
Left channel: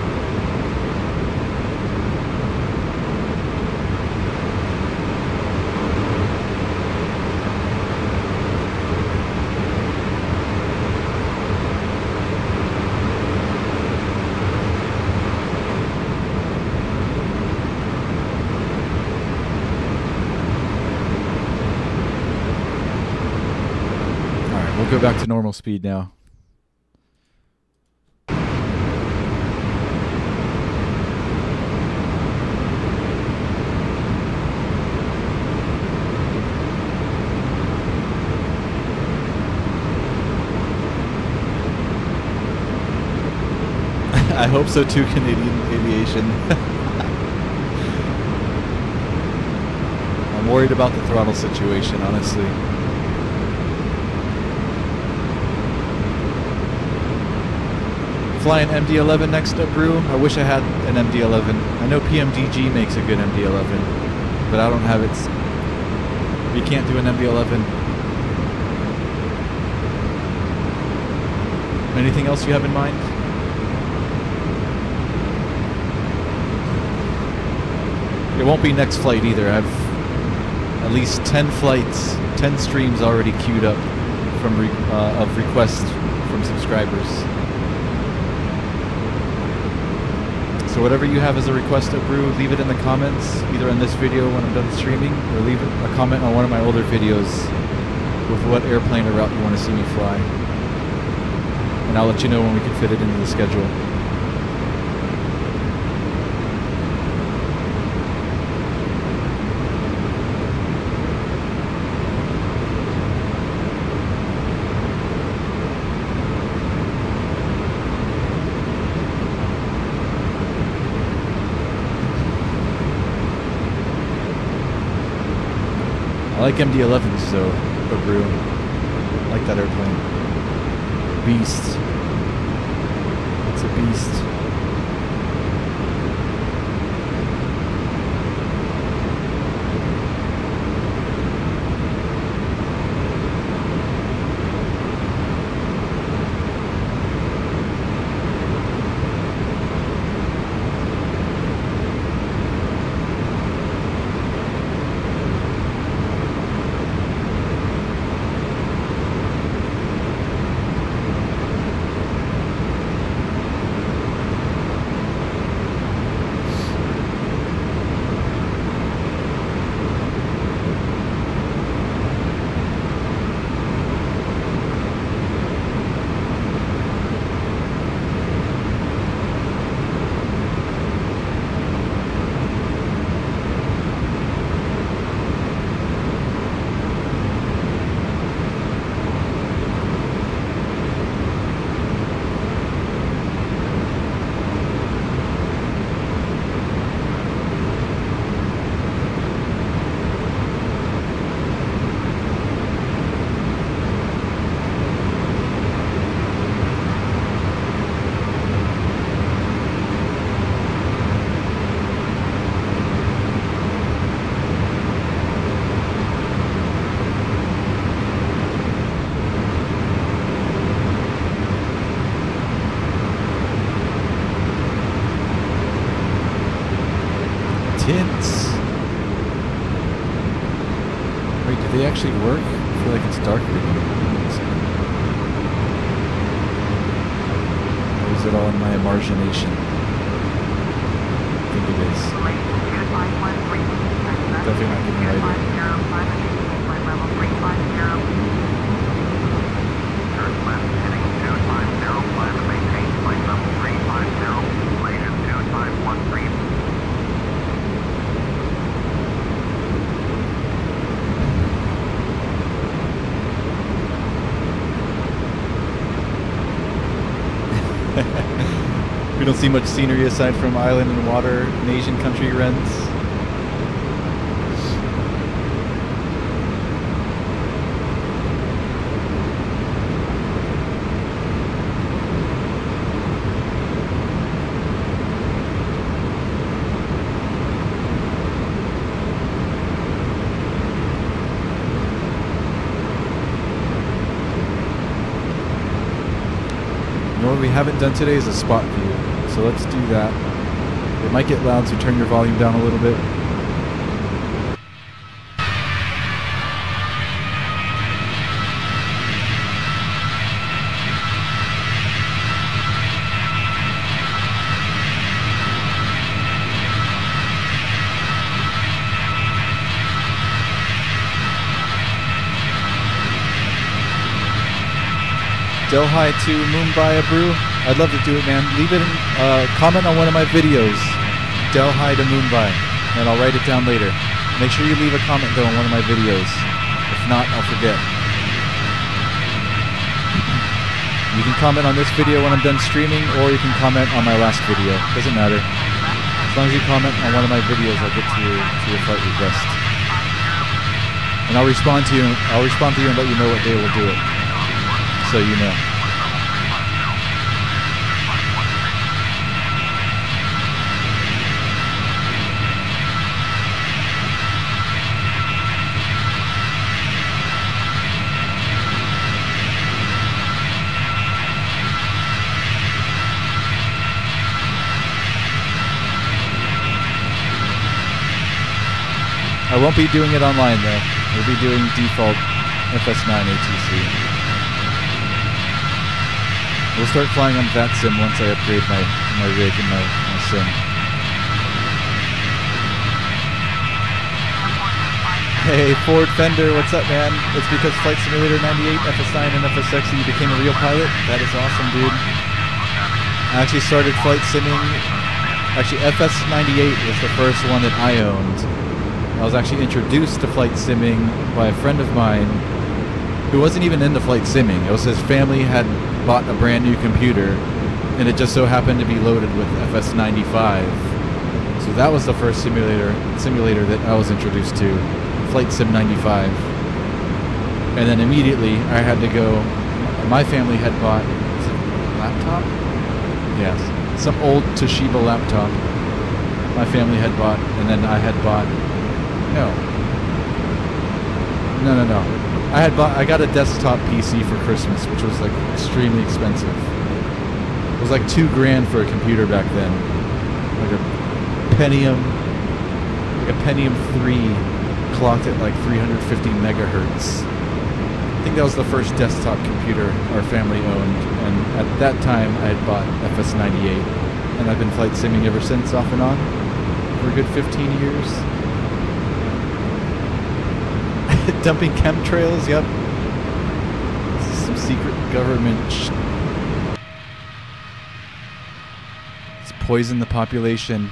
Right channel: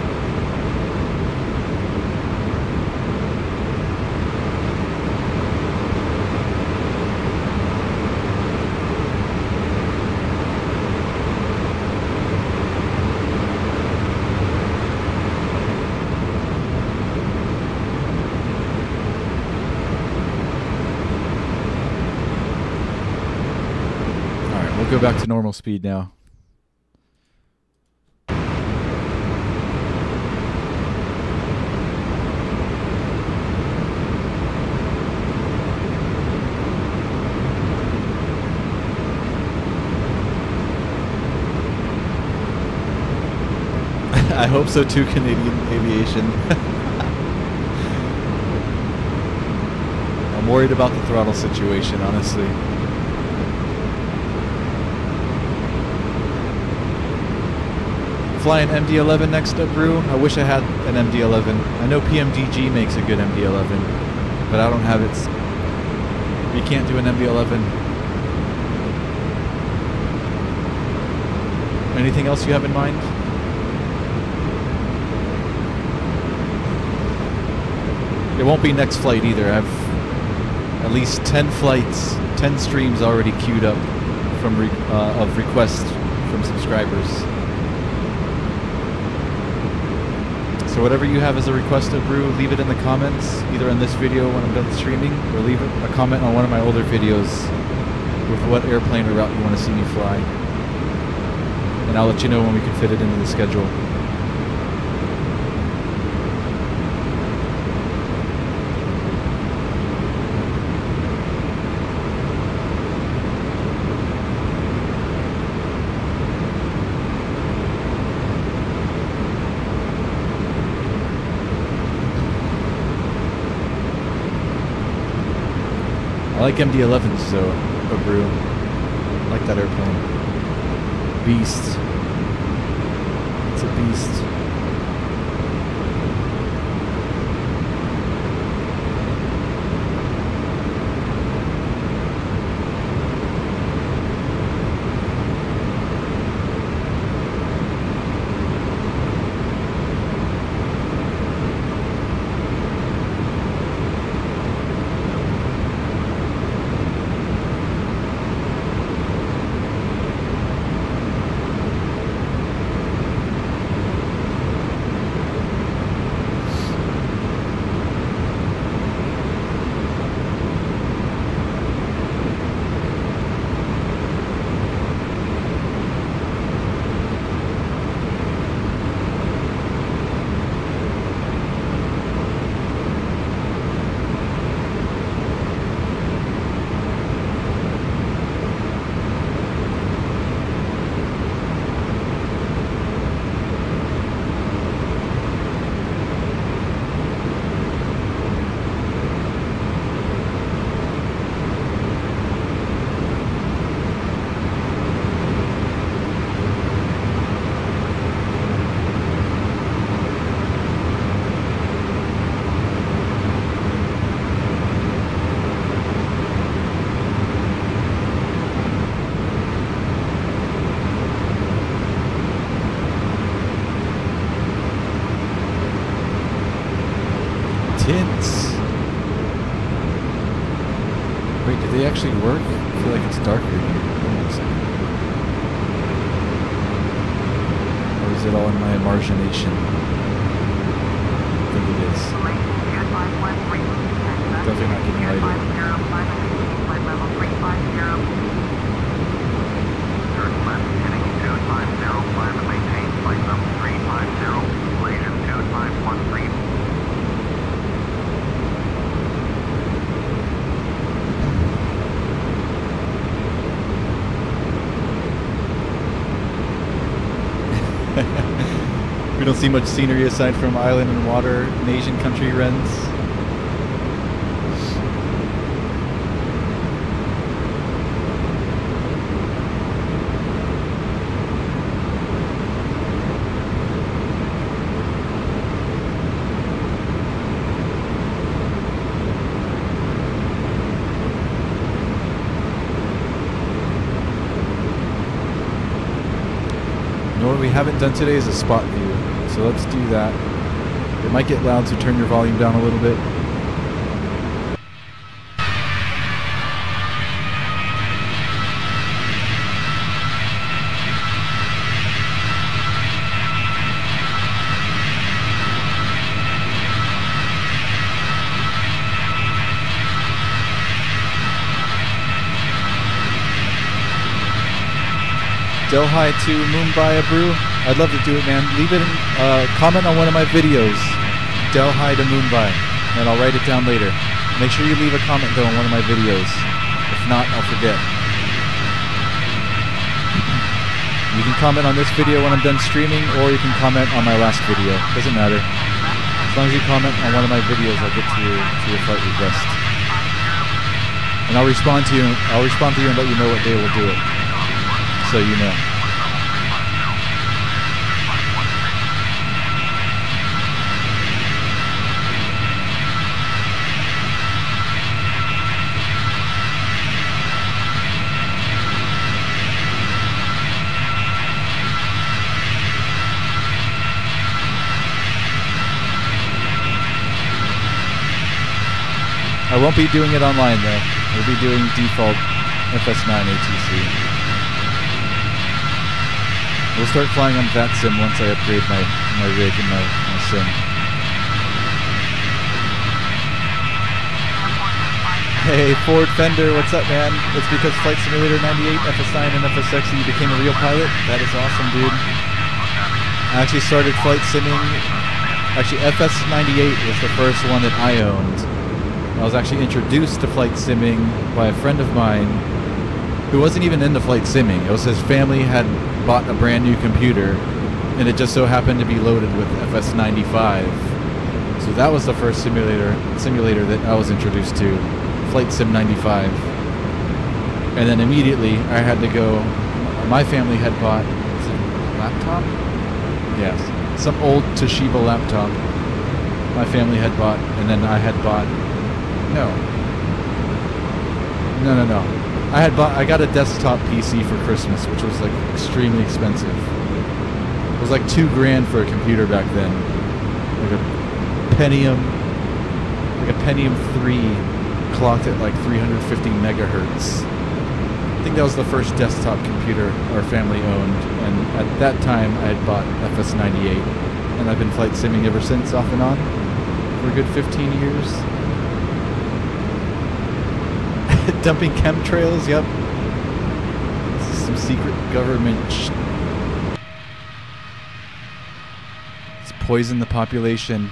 We'll go back to normal speed now. I hope so too, Canadian Aviation. I'm worried about the throttle situation, honestly. Flying MD-11 next up, Brew. I wish I had an MD-11. I know PMDG makes a good MD-11, but I don't have it. We can't do an MD-11. Anything else you have in mind? It won't be next flight either. I have at least 10 flights, 10 streams already queued up from of requests from subscribers. So whatever you have as a request of Brew, leave it in the comments, either on this video when I'm done streaming, or leave a comment on one of my older videos with what airplane or route you want to see me fly. And I'll let you know when we can fit it into the schedule. I like MD-11s though, Brew. I like that airplane. Beast. It's a beast. tints. Wait, do they actually work? I feel like it's darker in here. Hold on a second. Or is it all in my imagination? I think it is. Definitely not getting lighter. Turn left, heading 2505 and maintain flight level 350, Malaysian 2513. We don't see much scenery aside from island and water in Asian country runs. You know what we haven't done today is a spot view, so let's do that. It might get loud, so turn your volume down a little bit. Delhi to Mumbai, Brew. I'd love to do it, man. Leave it in, comment on one of my videos. Delhi to Mumbai, and I'll write it down later. Make sure you leave a comment though on one of my videos. If not, I'll forget. You can comment on this video when I'm done streaming, or you can comment on my last video. Doesn't matter. As long as you comment on one of my videos, I'll get to your flight request. And I'll respond to you. I'll respond to you and let you know what day we'll do it. So you know. I won't be doing it online though. We'll be doing default FS9 ATC. We'll start flying on VATSIM once I upgrade my rig and my sim. Hey, Ford Fender, what's up, man? It's because Flight Simulator 98, FS9, and FSX you became a real pilot? That is awesome, dude. I actually started flight simming. Actually, FS98 was the first one that I owned. I was actually introduced to flight simming by a friend of mine who wasn't even into flight simming. It was his family had bought a brand new computer, and it just so happened to be loaded with FS95. So that was the first simulator that I was introduced to, Flight Sim 95. And then immediately I had to go. My family had bought, is it a laptop? Yes, some old Toshiba laptop. My family had bought, and then I had bought. No. I got a desktop PC for Christmas, which was like extremely expensive. It was like $2,000 for a computer back then. Like a Pentium 3 clocked at like 350 megahertz. I think that was the first desktop computer our family owned, and at that time I had bought FS98, and I've been flight simming ever since, off and on, for a good 15 years. Dumping chemtrails, yep. This is some secret government It's poisoned the population.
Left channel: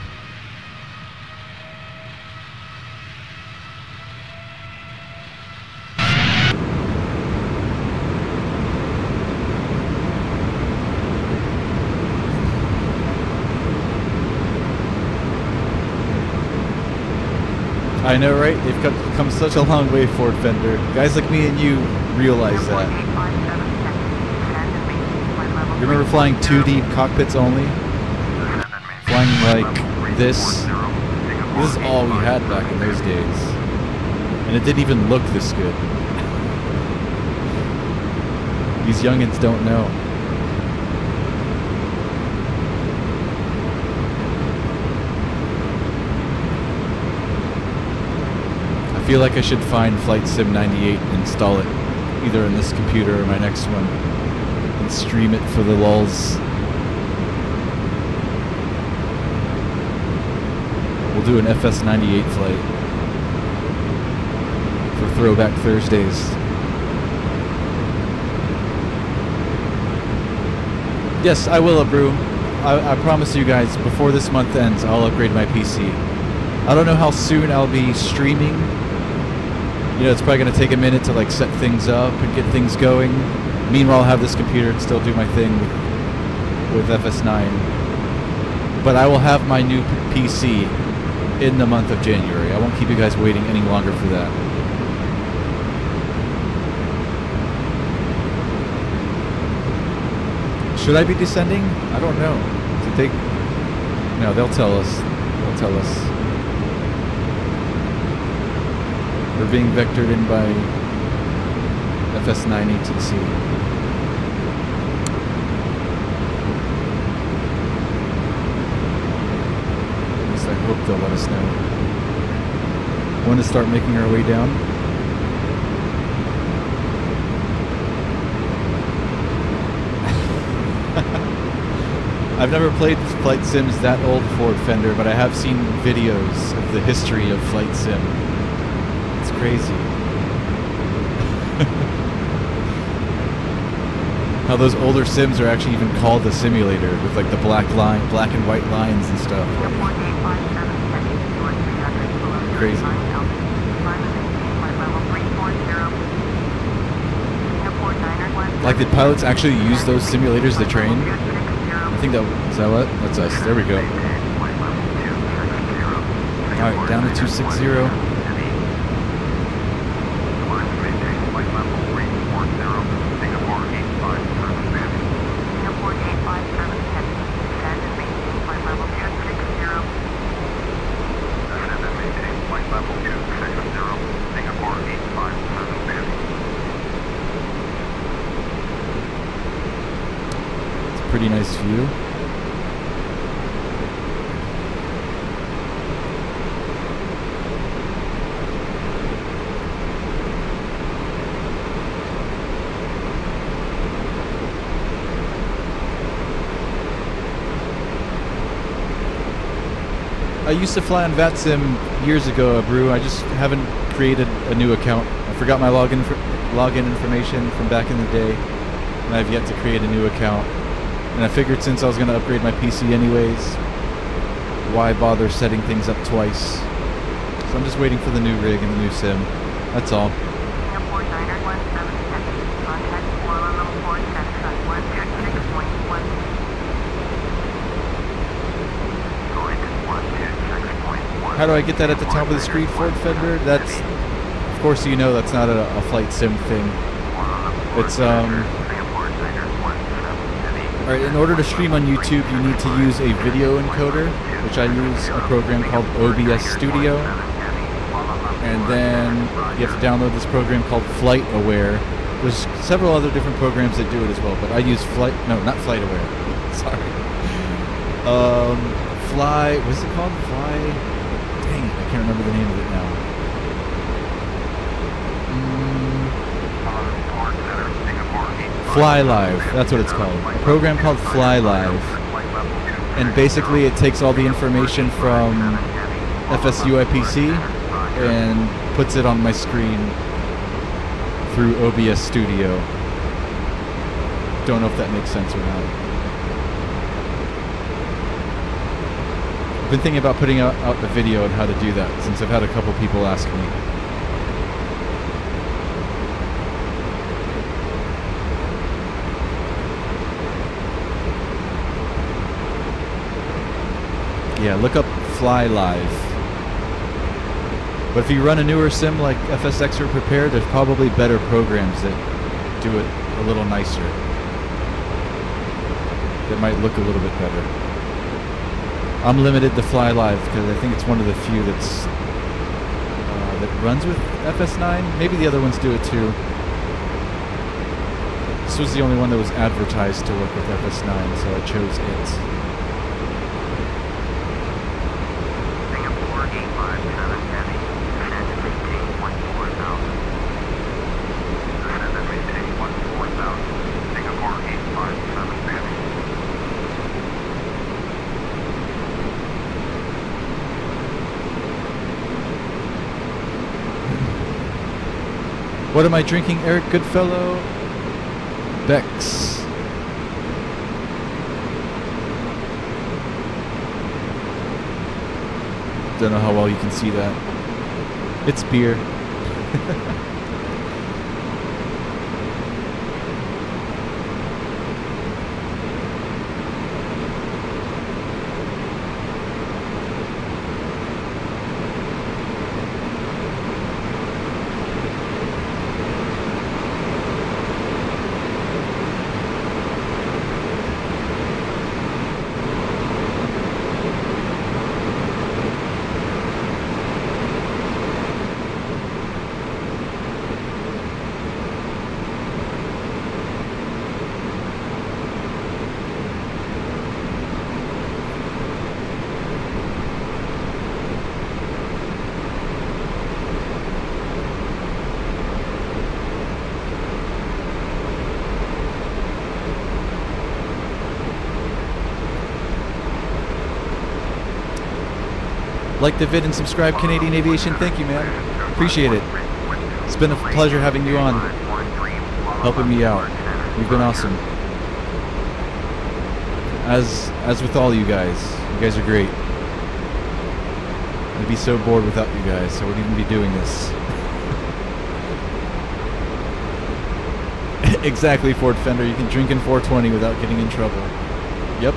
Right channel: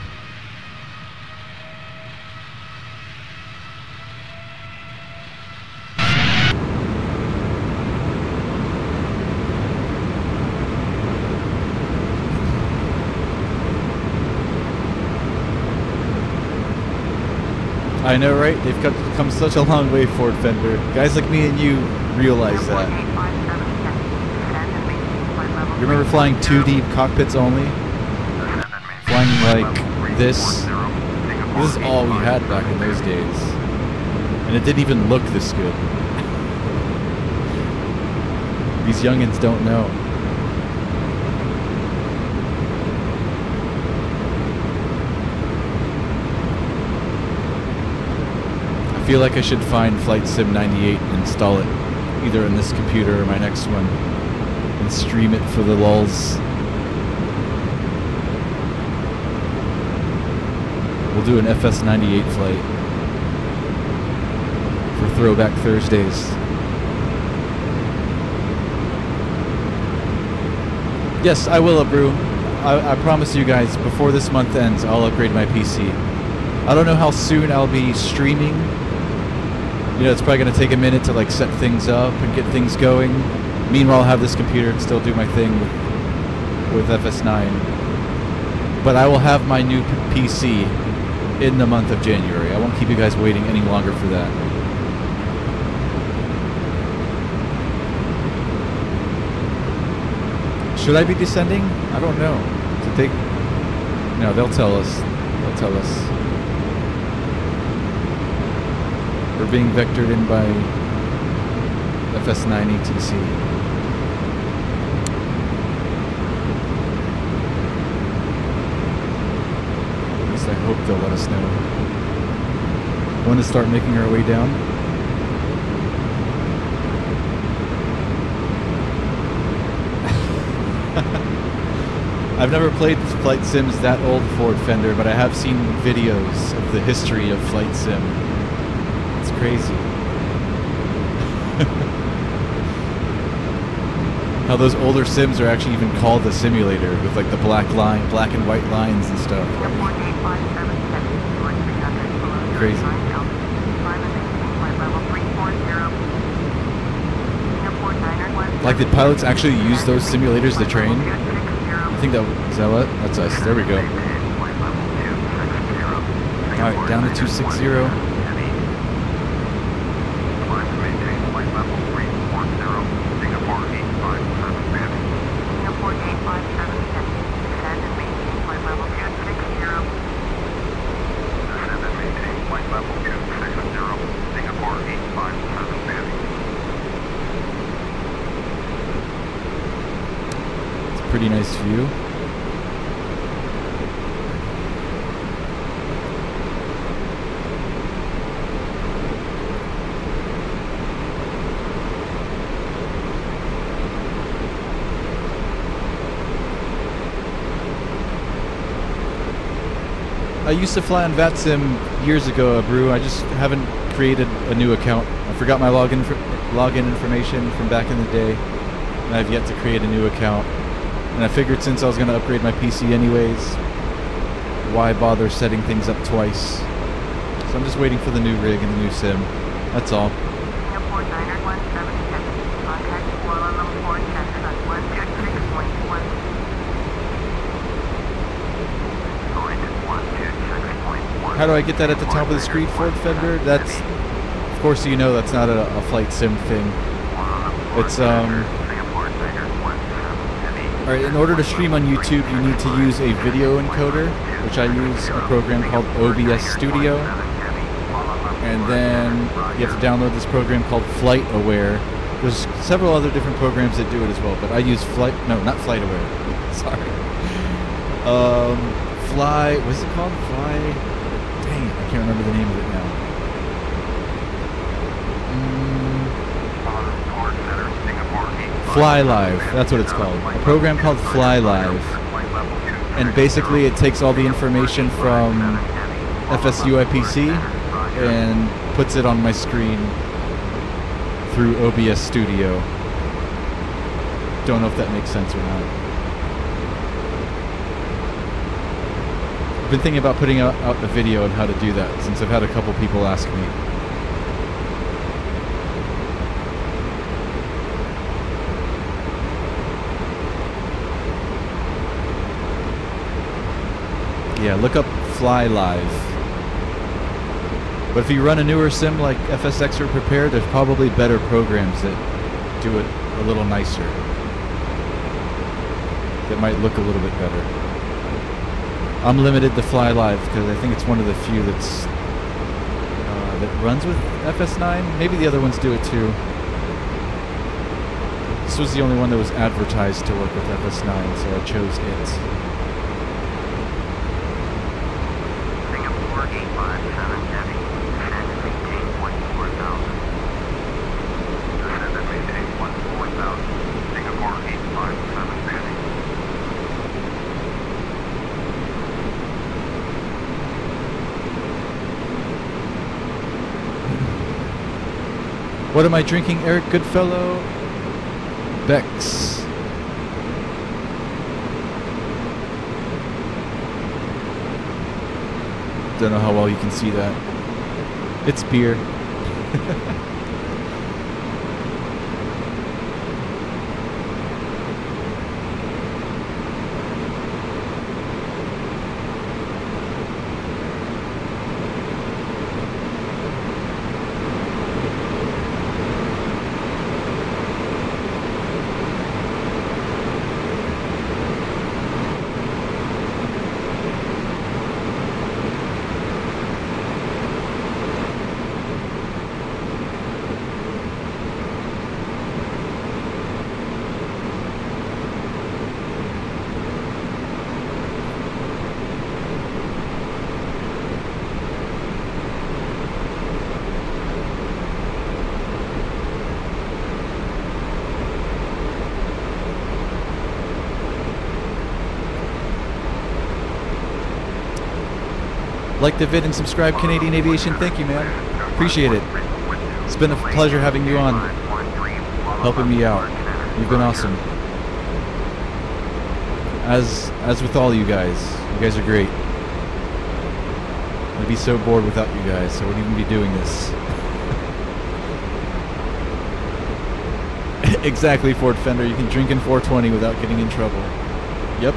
I know, right? They've come such a long way, Ford Fender. Guys like me and you realize that. You remember flying 2D cockpits only? Flying like this? This is all we had back in those days. And it didn't even look this good. These youngins don't know. feel like I should find Flight Sim 98 and install it either in this computer or my next one and stream it for the lulz. We'll do an FS98 flight for Throwback Thursdays. Yes, I will, Abru. I promise you guys, before this month ends, I'll upgrade my PC. I don't know how soon I'll be streaming. You know, it's probably going to take a minute to like set things up and get things going. Meanwhile, I'll have this computer and still do my thing with FS9. But I will have my new PC in the month of January. I won't keep you guys waiting any longer for that. Should I be descending? I don't know. Did they? No, they'll tell us. They'll tell us. We're being vectored in by FS9 ATC. At least I hope they'll let us know when to start making our way down. I've never played flight sims that old Ford Fender, but I have seen videos of the history of flight sim. It's crazy. How those older sims are actually even called a simulator with like the black and white lines and stuff. Crazy. Like, did pilots actually use those simulators to train? I think that is that what? That's us. There we go. Alright, down to 260. Pretty nice view. I used to fly on VATSIM years ago, Brew. I just haven't created a new account. I forgot my login information from back in the day, and I've yet to create a new account. And I figured since I was going to upgrade my PC anyways, why bother setting things up twice? So I'm just waiting for the new rig and the new sim. That's all. How do I get that at the top of the screen, Ford Fender? That's, of course, you know that's not a flight sim thing. It's Alright, in order to stream on YouTube, you need to use a video encoder, which I use a program called OBS Studio. And then you have to download this program called Flight Aware. There's several other different programs that do it as well, but I use not Flight Aware. Sorry. What's it called? Dang it, I can't remember the name of it now. Fly Live, that's what it's called. A program called Fly Live. And basically it takes all the information from FSUIPC and puts it on my screen through OBS Studio. Don't know if that makes sense or not. I've been thinking about putting out the video on how to do that since I've had a couple people ask me. Yeah, look up Fly Live. But if you run a newer sim like FSX or Prepare, there's probably better programs that do it a little nicer. That might look a little bit better. I'm limited to Fly Live because I think it's one of the few that's that runs with FS9. Maybe the other ones do it too. This was the only one that was advertised to work with FS9, so I chose it. What am I drinking, Eric Goodfellow? Bex. Don't know how well you can see that. It's beer. Like the vid and subscribe, Canadian Aviation. Thank you, man. Appreciate it. It's been a pleasure having you on, helping me out. You've been awesome. As with all you guys are great. I'd be so bored without you guys. I wouldn't even be doing this. Exactly, Ford Fender. You can drink in 420 without getting in trouble. Yep.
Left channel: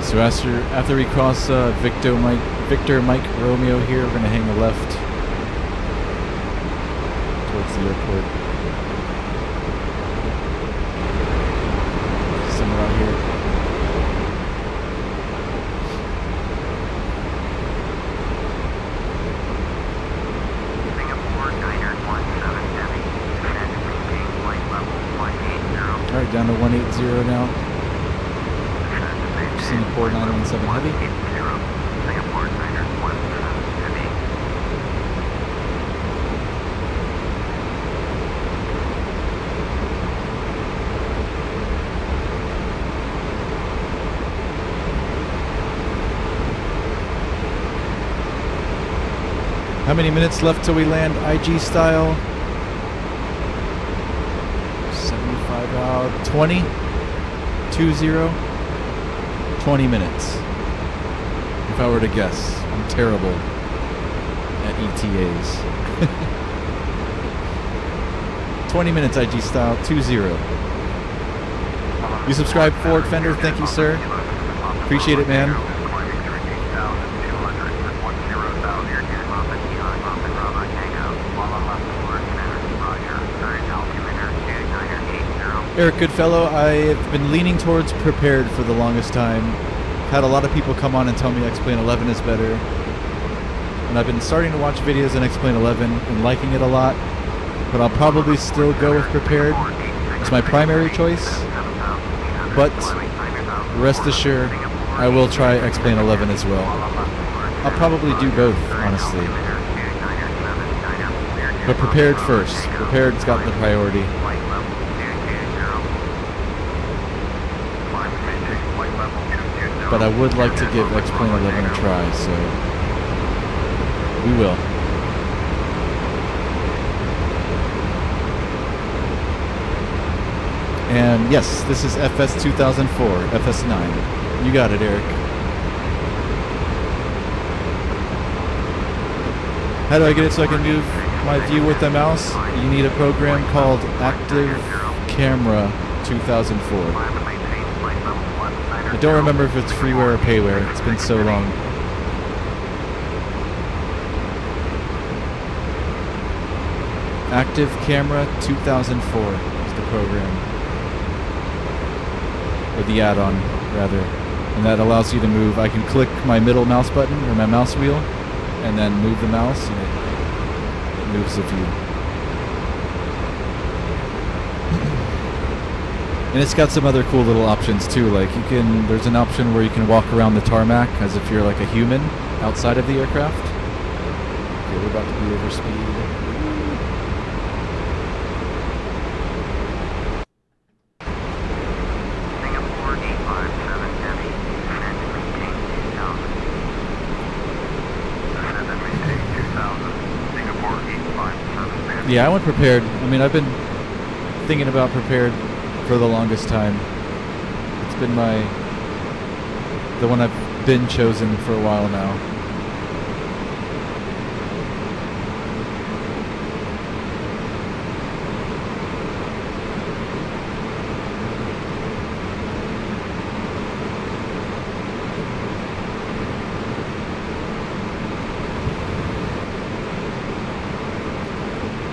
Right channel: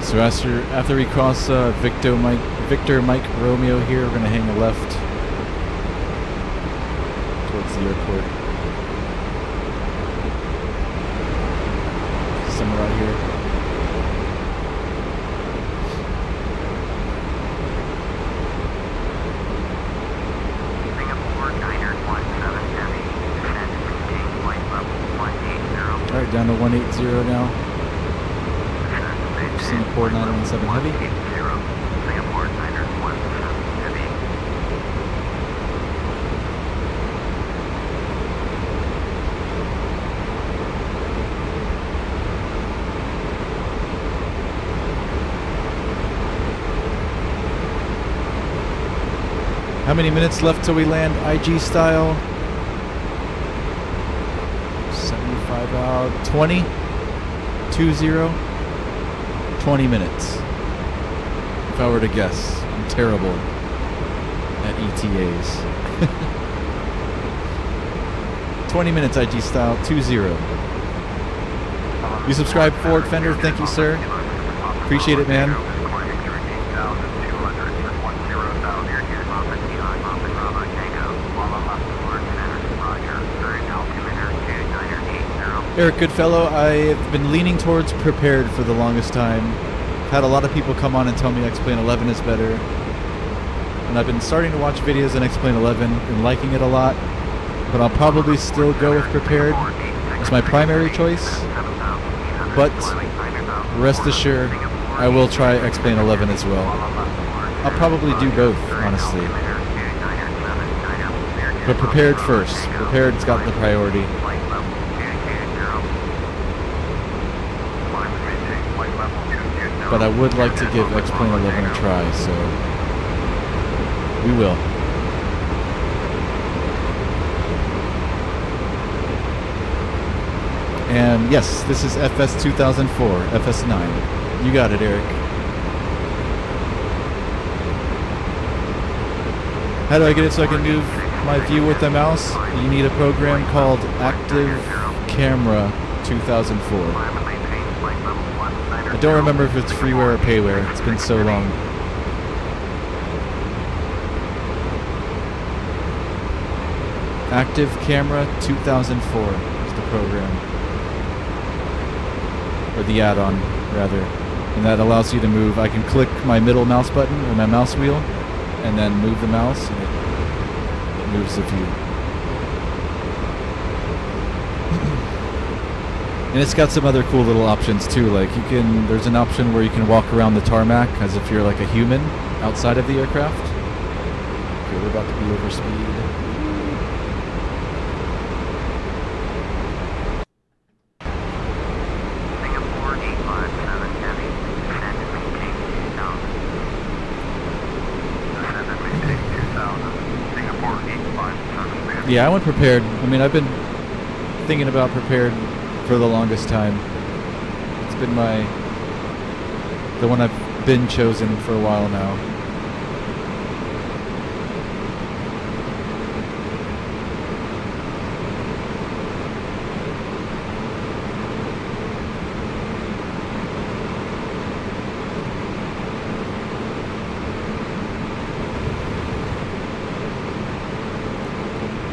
So after we cross Victor Mike Romeo here, we're going to hang a left towards the airport. Somewhere out here. Singapore 917 Heavy, descend and maintain flight level 180. Alright, down to 180 now. Singapore 917 Heavy. Singapore 917 Heavy. How many minutes left till we land IG style? 75 out. 20? 20? 20 minutes. If I were to guess. I'm terrible at ETAs. 20 minutes IG style, 2-0. You subscribe, Ford Fender. Thank you, sir. Appreciate it, man. Eric Goodfellow, I've been leaning towards prepared for the longest time. Had a lot of people come on and tell me X-Plane 11 is better. And I've been starting to watch videos on X-Plane 11 and liking it a lot. But I'll probably still go with prepared as my primary choice. But rest assured, I will try X-Plane 11 as well. I'll probably do both, honestly. But prepared first. Prepared's got the priority. But I would like to give X-Plane 11 a try, so we will. And yes, this is FS 2004, FS9. You got it, Eric. How do I get it so I can move my view with the mouse? You need a program called Active Camera 2004. I don't remember if it's freeware or payware. It's been so long. Active Camera 2004 is the program. Or the add-on, rather. And that allows you to move. I can click my middle mouse button, or my mouse wheel, and then move the mouse, and it moves the view. And it's got some other cool little options too. Like there's an option where you can walk around the tarmac as if you're like a human outside of the aircraft. Okay, we're about to be over speed. Singapore 857 Heavy, descend and maintain 2000. Descend and maintain 2000. Singapore 857 Heavy. Yeah, I went prepared. I mean, I've been thinking about prepared for the longest time. It's been the one I've been chosen for a while now.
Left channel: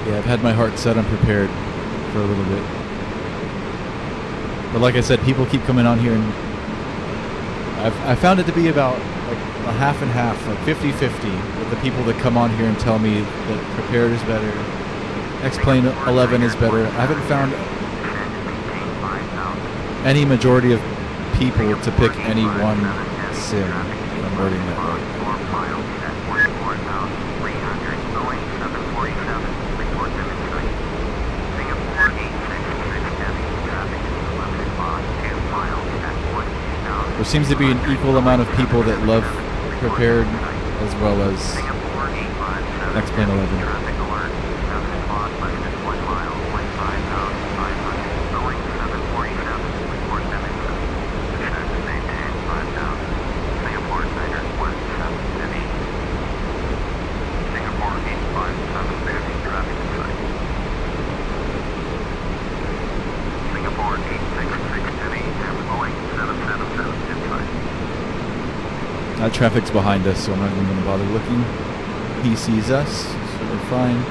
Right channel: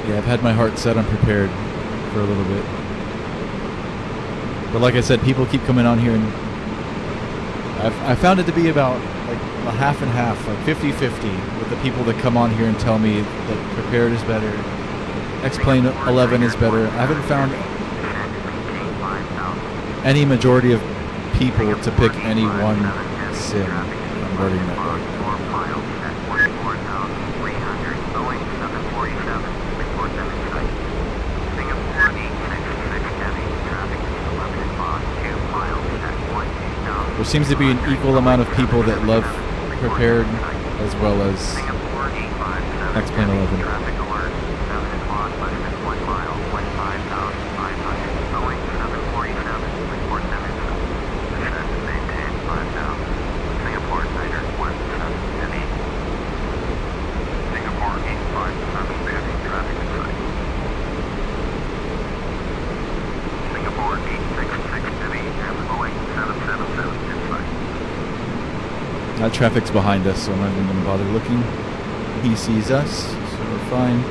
Yeah, I've had my heart set on prepared for a little bit. But like I said, people keep coming on here, and I found it to be about like a half and half, like 50-50 with the people that come on here and tell me that prepared is better, X-Plane 11 is better. I haven't found any majority of people to pick any one sim, if I'm wording that right. There seems to be an equal amount of people that love prepared as well as X-Plane 11. That traffic's behind us, so I'm not even going to bother looking. He sees us, so we're fine.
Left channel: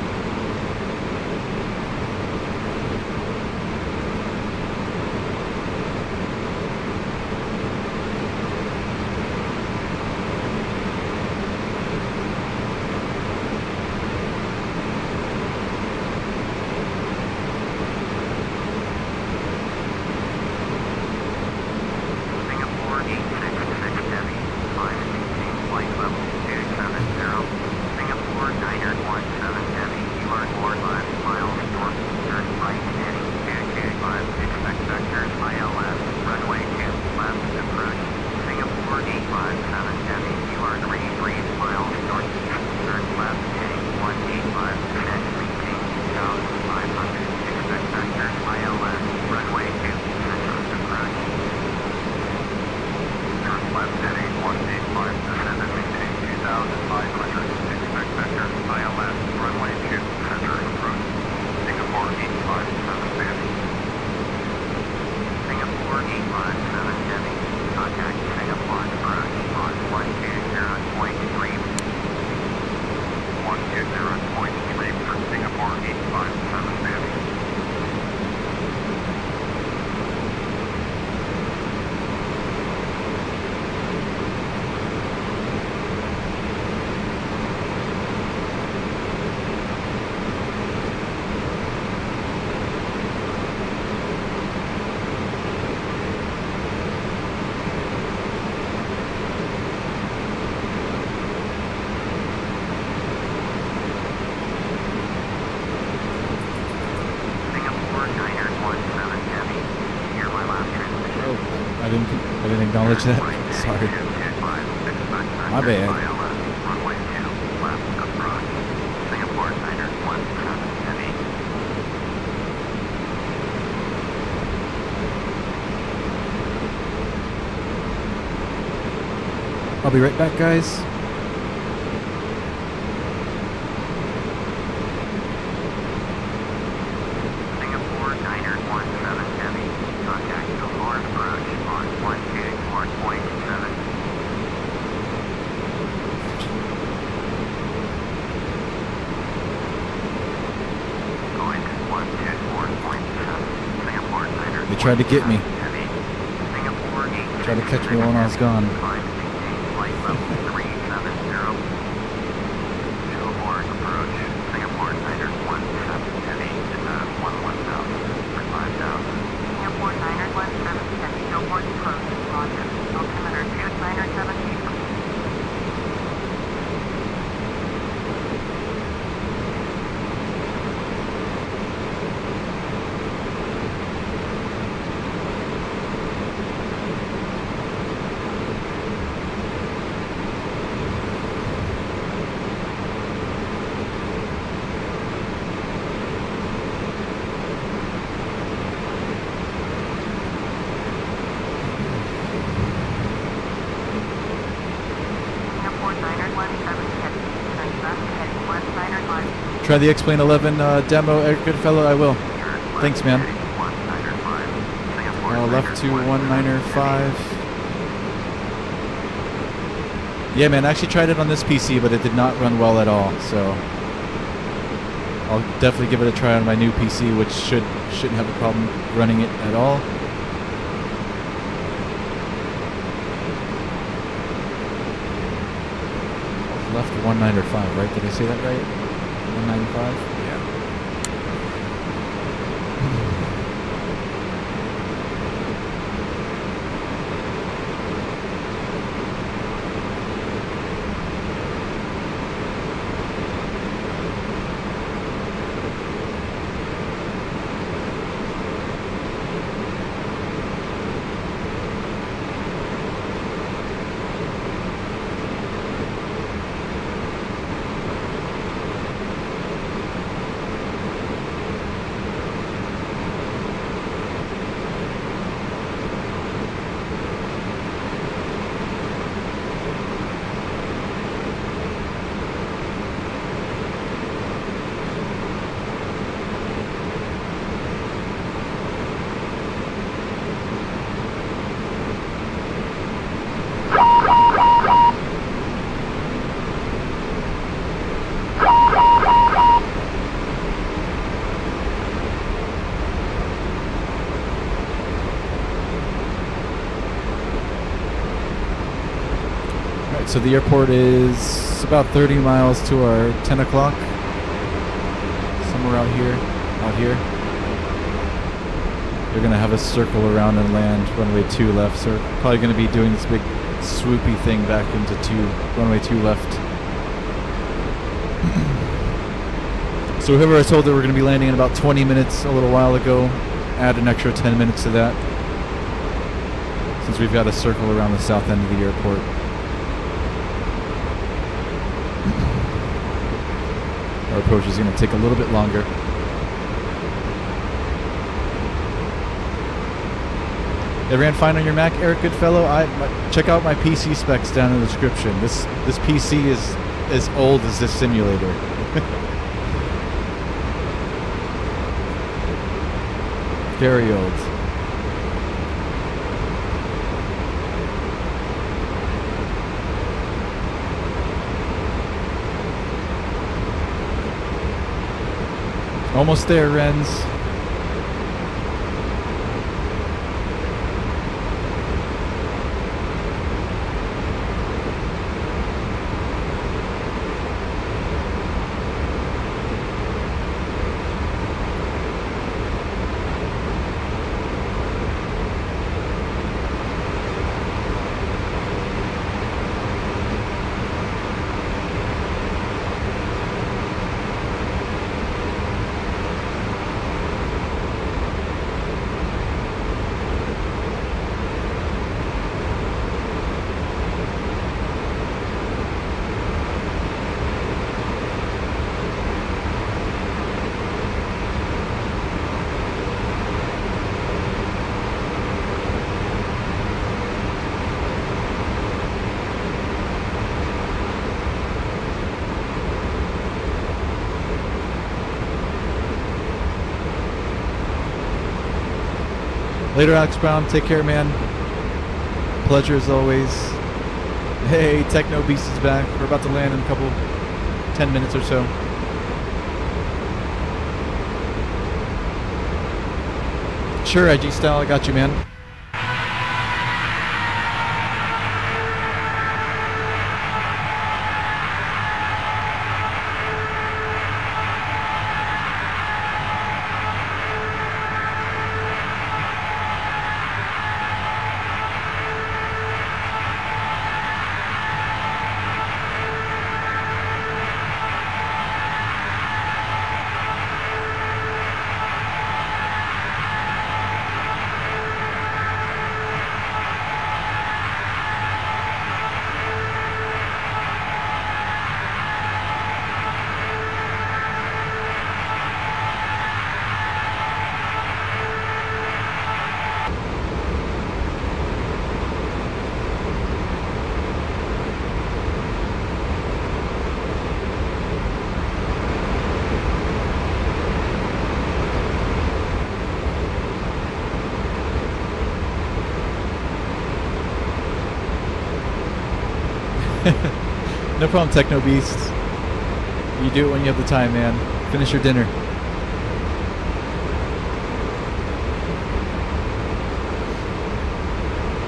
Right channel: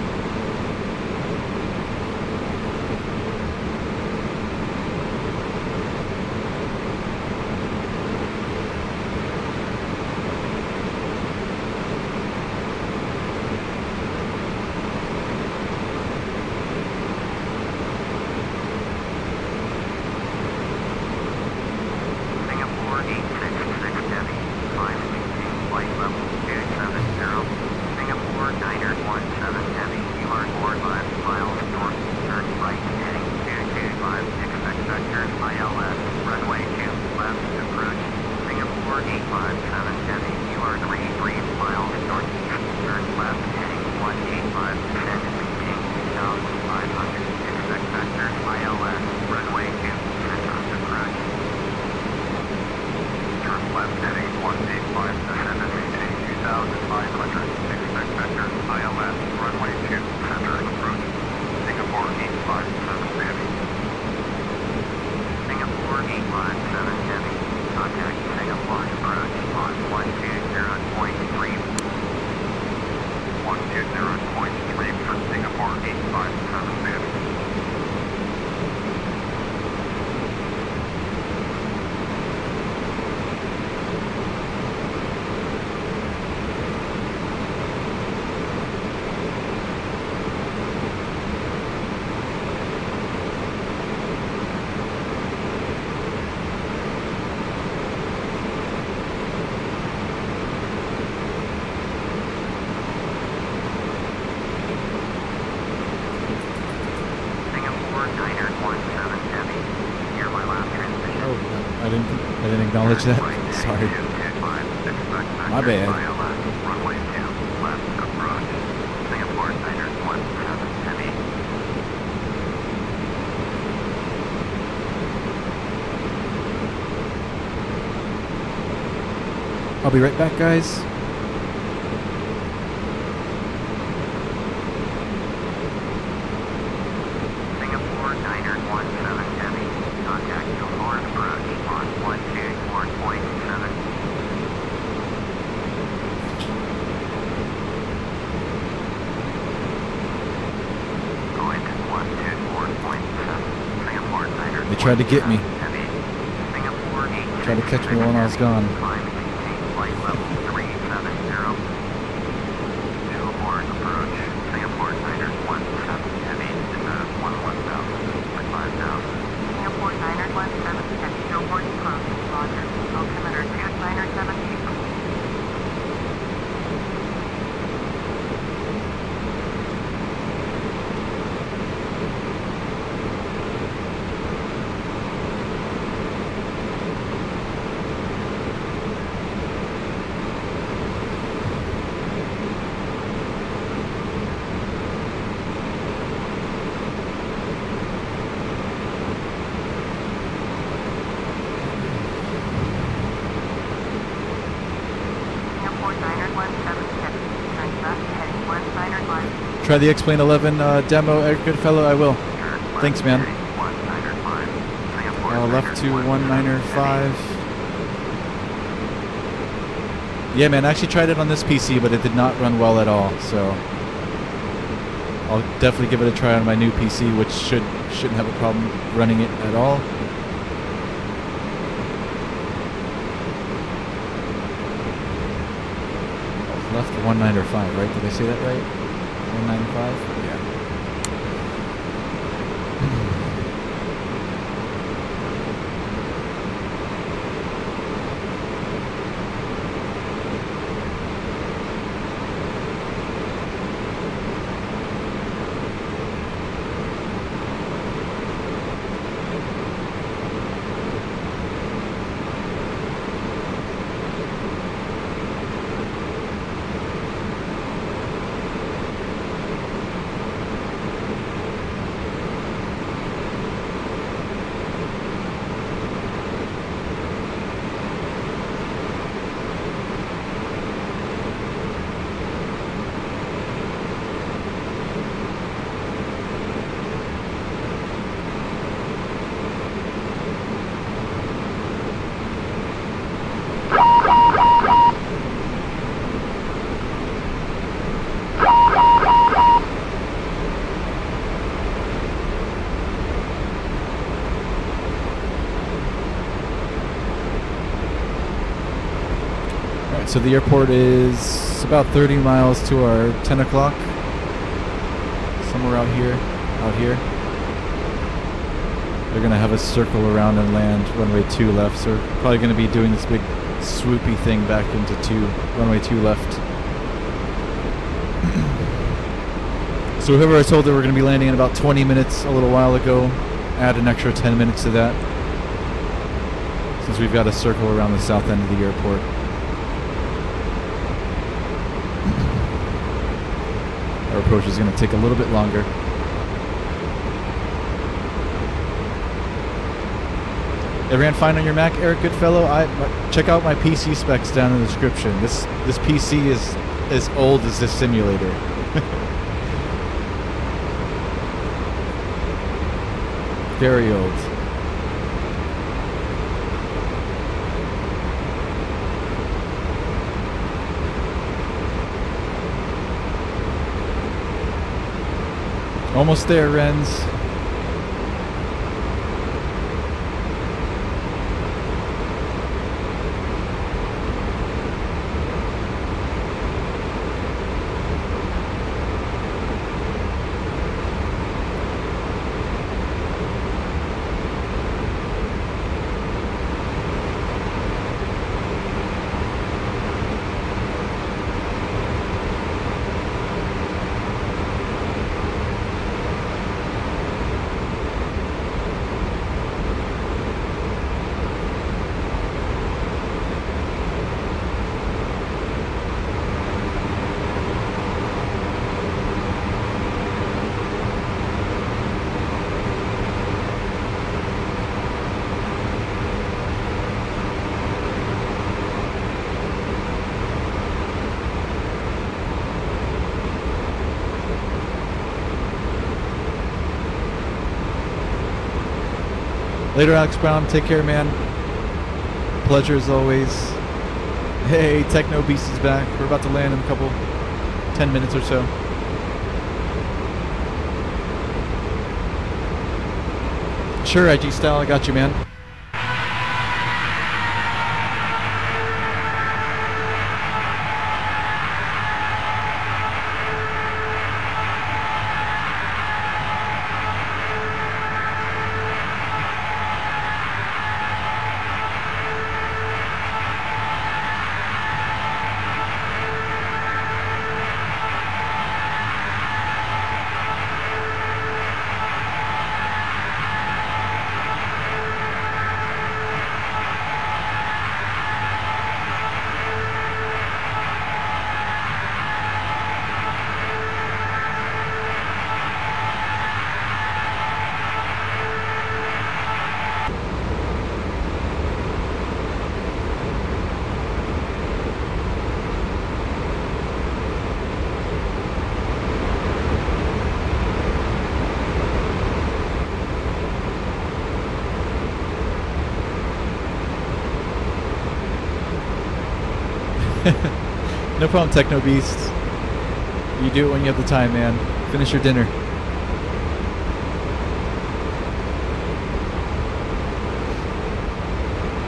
I didn't acknowledge that. Sorry. My bad. I'll be right back, guys. They tried to get me. Tried to catch me when I was gone. Singapore 9er Airport approach, roger. Altimeter 2978. Try the X-Plane 11 demo, Eric Goodfellow. I will. Thanks, man. Left to 195. Yeah, man. I actually tried it on this PC, but it did not run well at all. So I'll definitely give it a try on my new PC, which shouldn't have a problem running it at all. Left 195, right? Did I say that right? 195? Yeah. So the airport is about 30 miles to our 10 o'clock. Somewhere out here. They're going to have us circle around and land runway 2 left. So we're probably going to be doing this big swoopy thing back into runway 2 left. So whoever I told that we're going to be landing in about 20 minutes a little while ago, add an extra 10 minutes to that, since we've got to circle around the south end of the airport. Our approach is going to take a little bit longer. It ran fine on your Mac, Eric Goodfellow. Check out my PC specs down in the description. This PC is as old as this simulator. Very old. Almost there, Renz. Later, Alex Brown. Take care, man. Pleasure as always. Hey, Techno Beast is back. We're about to land in a couple 10 minutes or so. Sure, IG Style, I got you, man. No problem, Techno Beast. You do it when you have the time, man. Finish your dinner.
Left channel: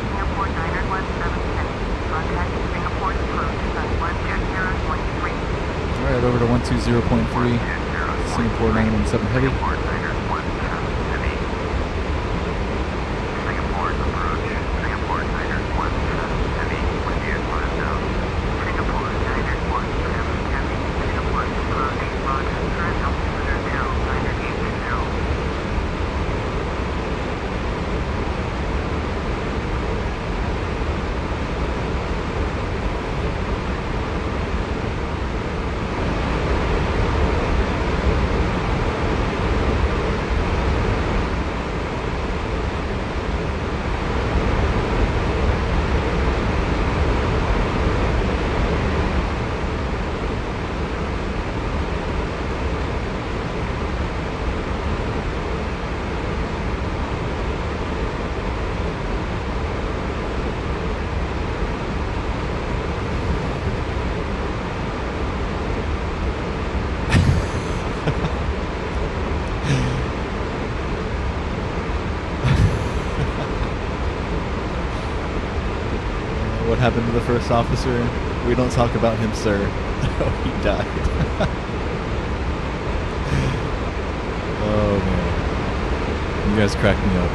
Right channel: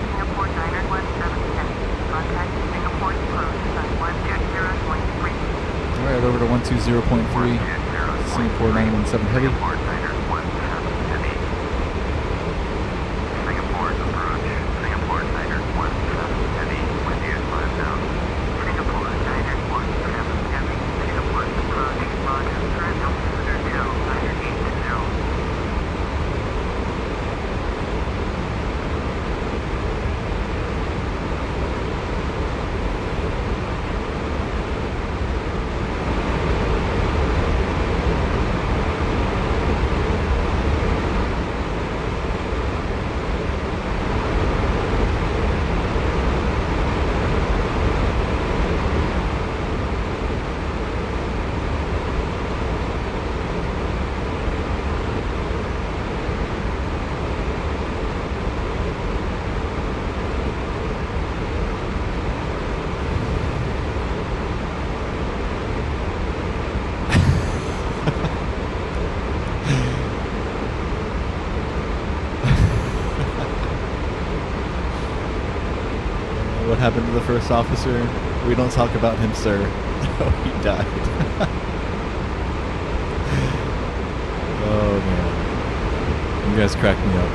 Singapore Niner 177. Contact Singapore approach on 120.3. Alright, over to 120.3. Singapore 917 Heavy. Singapore Niner 17 Heavy. Singapore approach. Singapore Niner 17 Heavy. With you at 5000. Singapore Niner 17 Heavy. Singapore approach. Roger. Current altimeter 980. What happened to the first officer? We don't talk about him, sir. Oh, he died. Oh, man. You guys crack me up.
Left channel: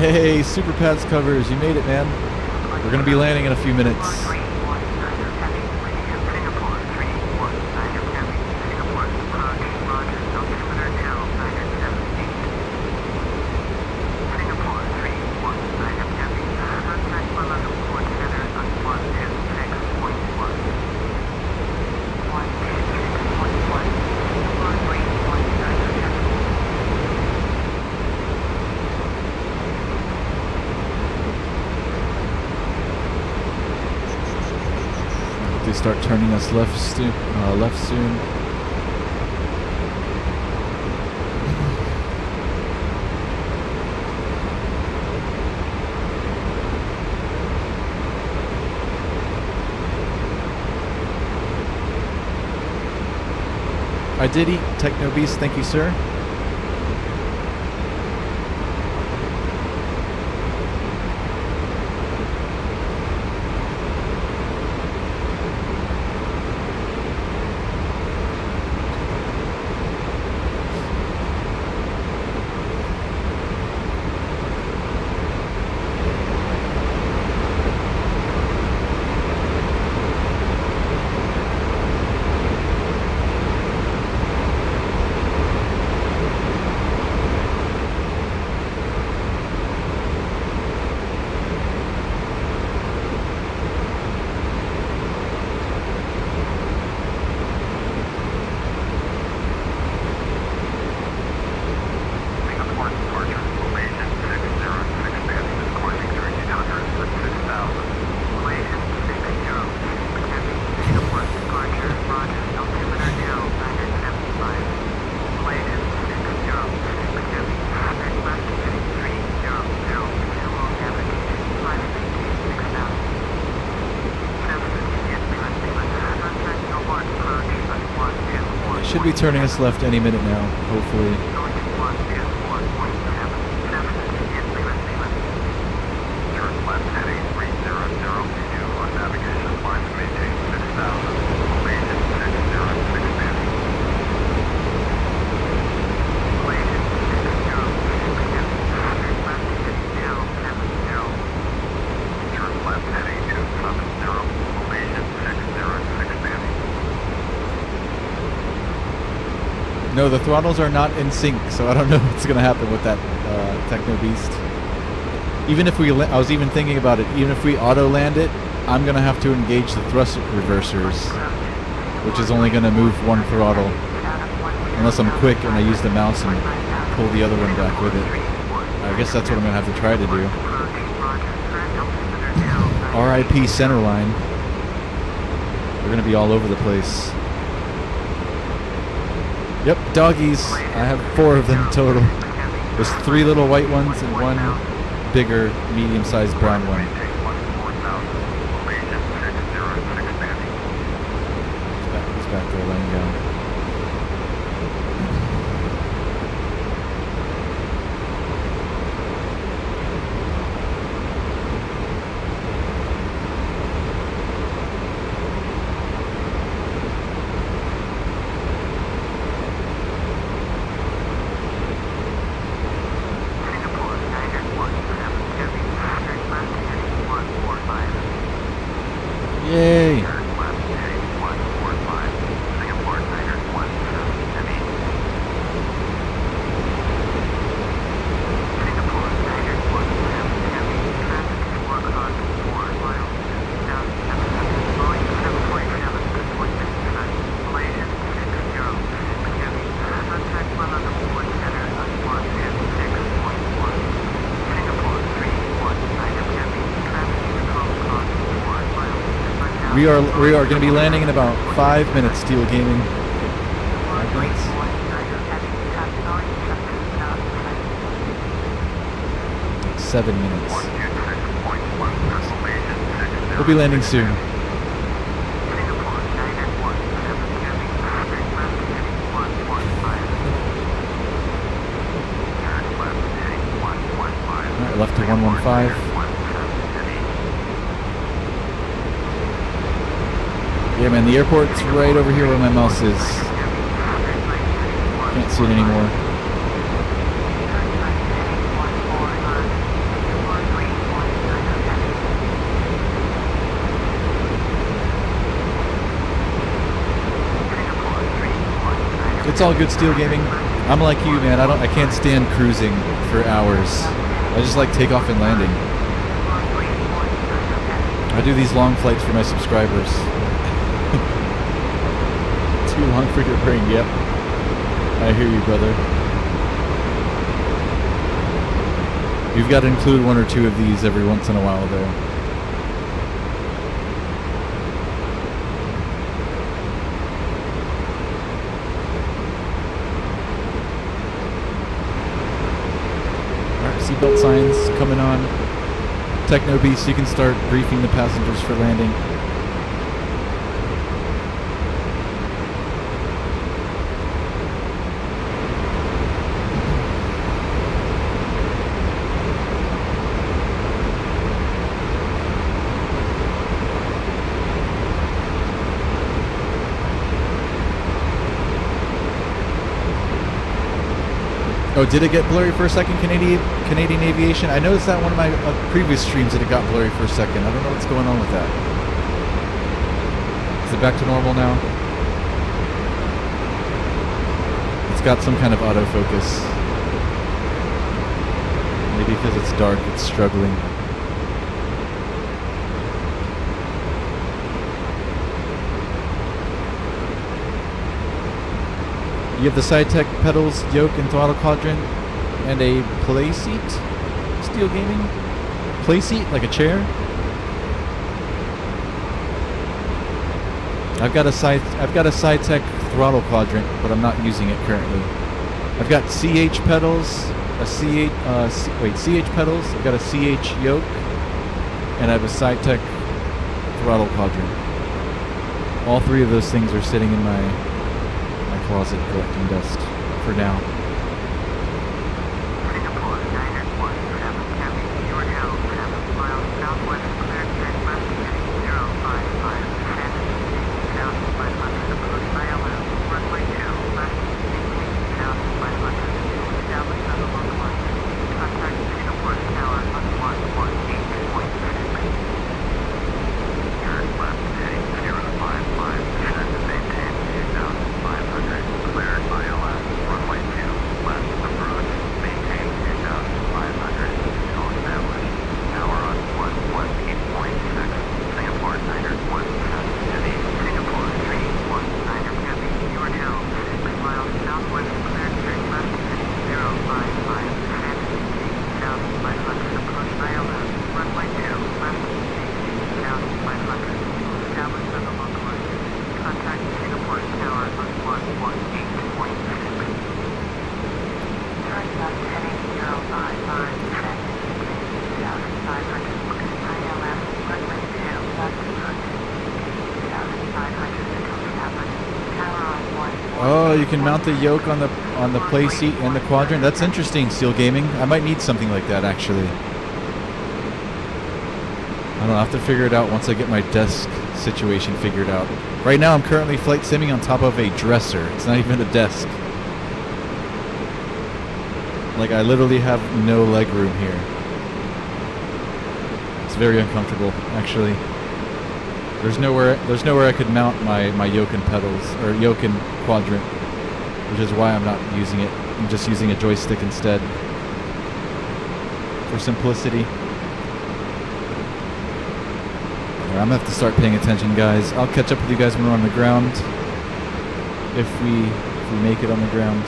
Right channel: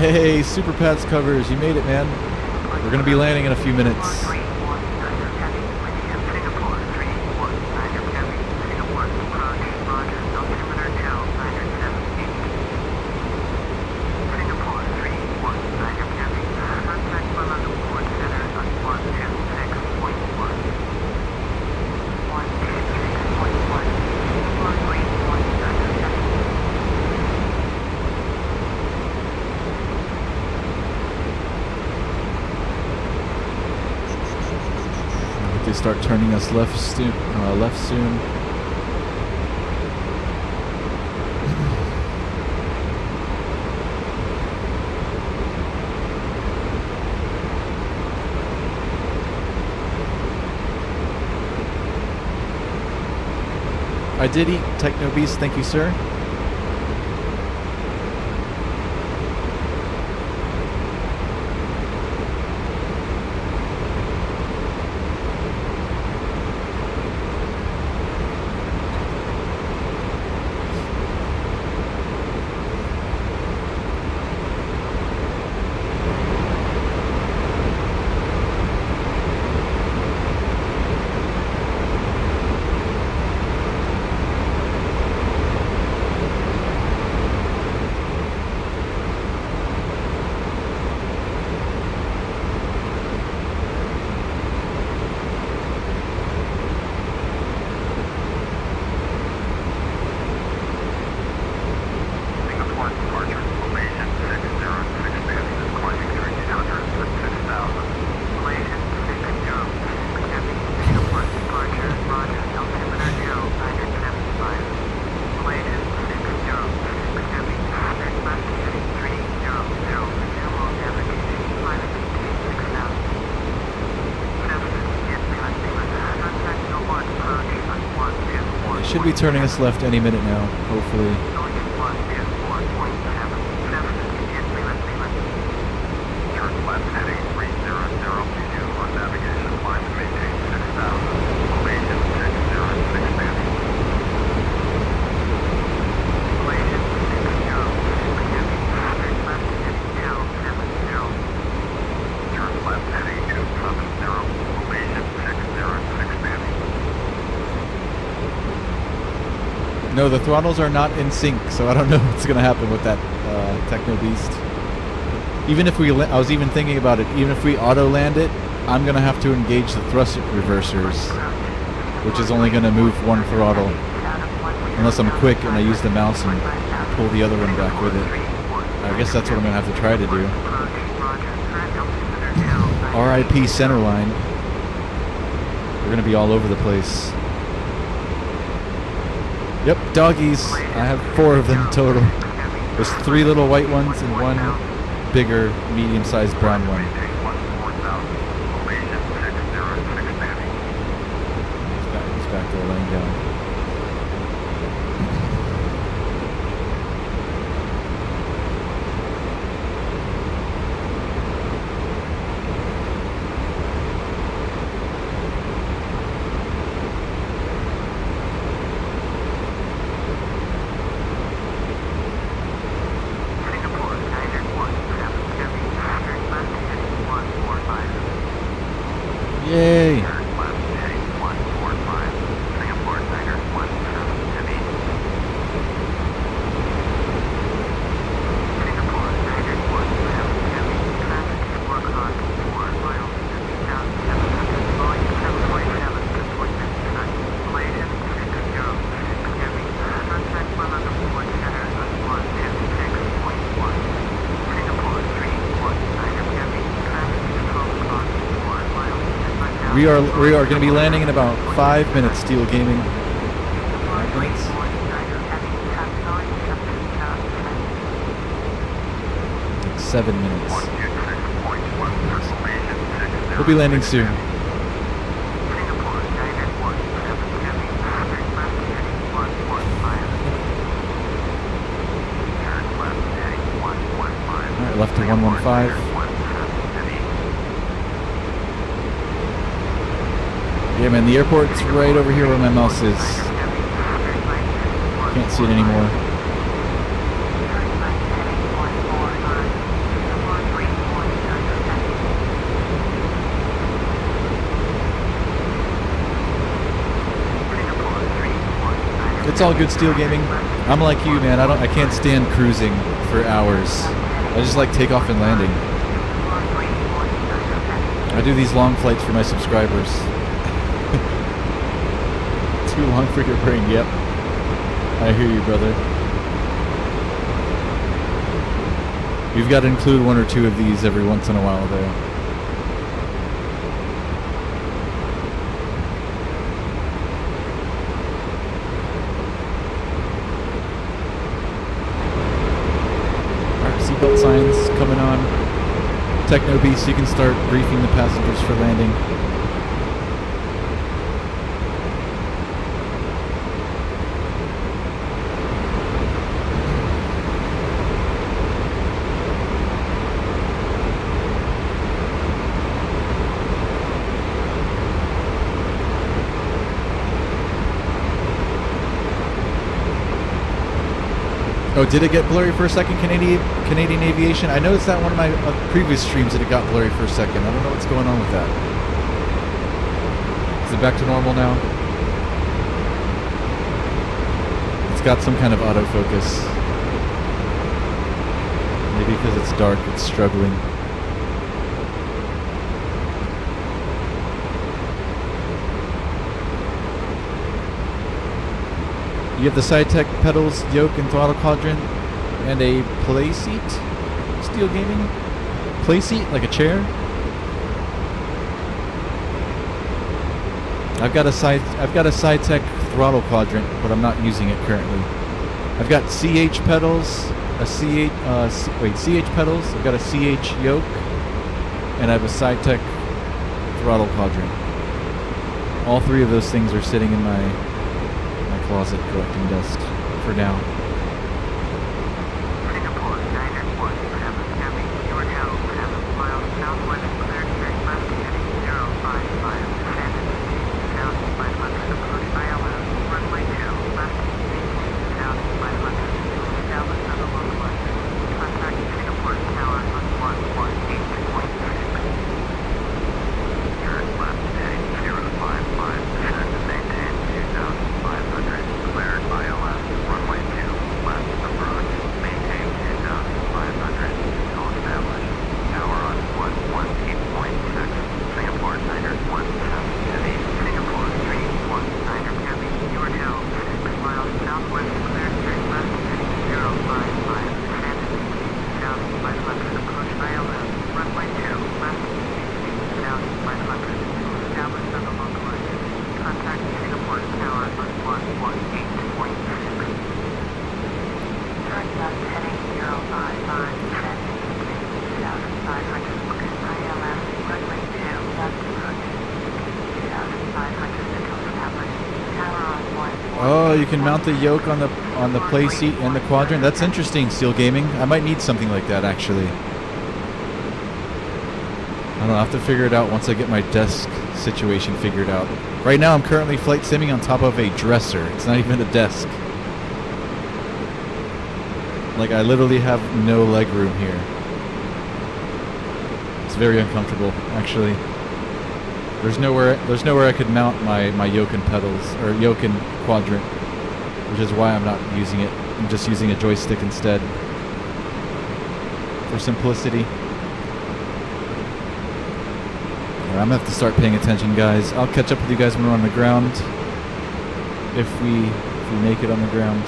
Hey, Super Pads covers, you made it, man. We're gonna be landing in a few minutes. Singapore 319 Heavy. Singapore approach. Roger. Altimeter 978. Singapore 319 Heavy. Contact below the port center on 126.1. 126.1. Singapore 319 Heavy. They start turning us left soon. I did eat Techno Beast, thank you, sir. Should be turning us left any minute now, hopefully. Turn left heading 300 on navigation, climb and maintain 6000. Elevation 606 Elevation 606 Turn left heading 270. Elevation 606 No, the throttles are not in sync, so I don't know what's going to happen with that Techno Beast. Even if we, I was even thinking about it, even if we auto-land it, I'm going to have to engage the thrust reversers, which is only going to move one throttle. Unless I'm quick and I use the mouse and pull the other one back with it. I guess that's what I'm going to have to try to do. RIP centerline. They're going to be all over the place. Yep, doggies. I have 4 of them total. There's 3 little white ones and 1 bigger, medium-sized brown one. He's back there laying down. Yay! We are going to be landing in about 5 minutes, Steel Gaming. 5 minutes? Like 7 minutes. We'll be landing soon. Alright, left to 115. Yeah, man, the airport's right over here where my mouse is. Can't see it anymore. It's all good, Steel Gaming. I'm like you, man. I can't stand cruising for hours. I just like takeoff and landing. I do these long flights for my subscribers. Too long for your brain, yep. I hear you, brother. You've got to include 1 or 2 of these every once in a while, though. Alright, seatbelt signs coming on. Techno Beast, you can start briefing the passengers for landing. Oh, did it get blurry for a second, Canadian Aviation? I noticed that one of my previous streams that it got blurry for a second. I don't know what's going on with that. Is it back to normal now? It's got some kind of autofocus. Maybe because it's dark, it's struggling. You have the SideTech pedals, yoke, and throttle quadrant, and a play seat. Steel Gaming, play seat like a chair. I've got a SideTech throttle quadrant, but I'm not using it currently. I've got CH pedals, CH pedals. I've got a CH yoke, and I have a SideTech throttle quadrant. All 3 of those things are sitting in my closet collecting dust for now. Singapore, Niner 17 Heavy, you are now 7 miles southwest, clear straight west, heading 055, descend and maintain 1,500, approach ILM, runway 2, left, maintain 1,500, to establish another localizer. Contact Singapore Tower on 118.6. Turn left, heading 055, descend and maintain 2,500, cleared ILM, runway 2. Oh, you can mount the yoke on the play seat and the quadrant. That's interesting, Steel Gaming. I might need something like that actually. I don't know, I'll have to figure it out once I get my desk situation figured out. Right now I'm currently flight simming on top of a dresser. It's not even a desk. Like, I literally have no leg room here. It's very uncomfortable, actually. There's nowhere I could mount my yoke and pedals, or yoke and quadrant, which is why I'm not using it. I'm just using a joystick instead for simplicity. I'm gonna have to start paying attention, guys. I'll catch up with you guys when we're on the ground, if we make it on the ground.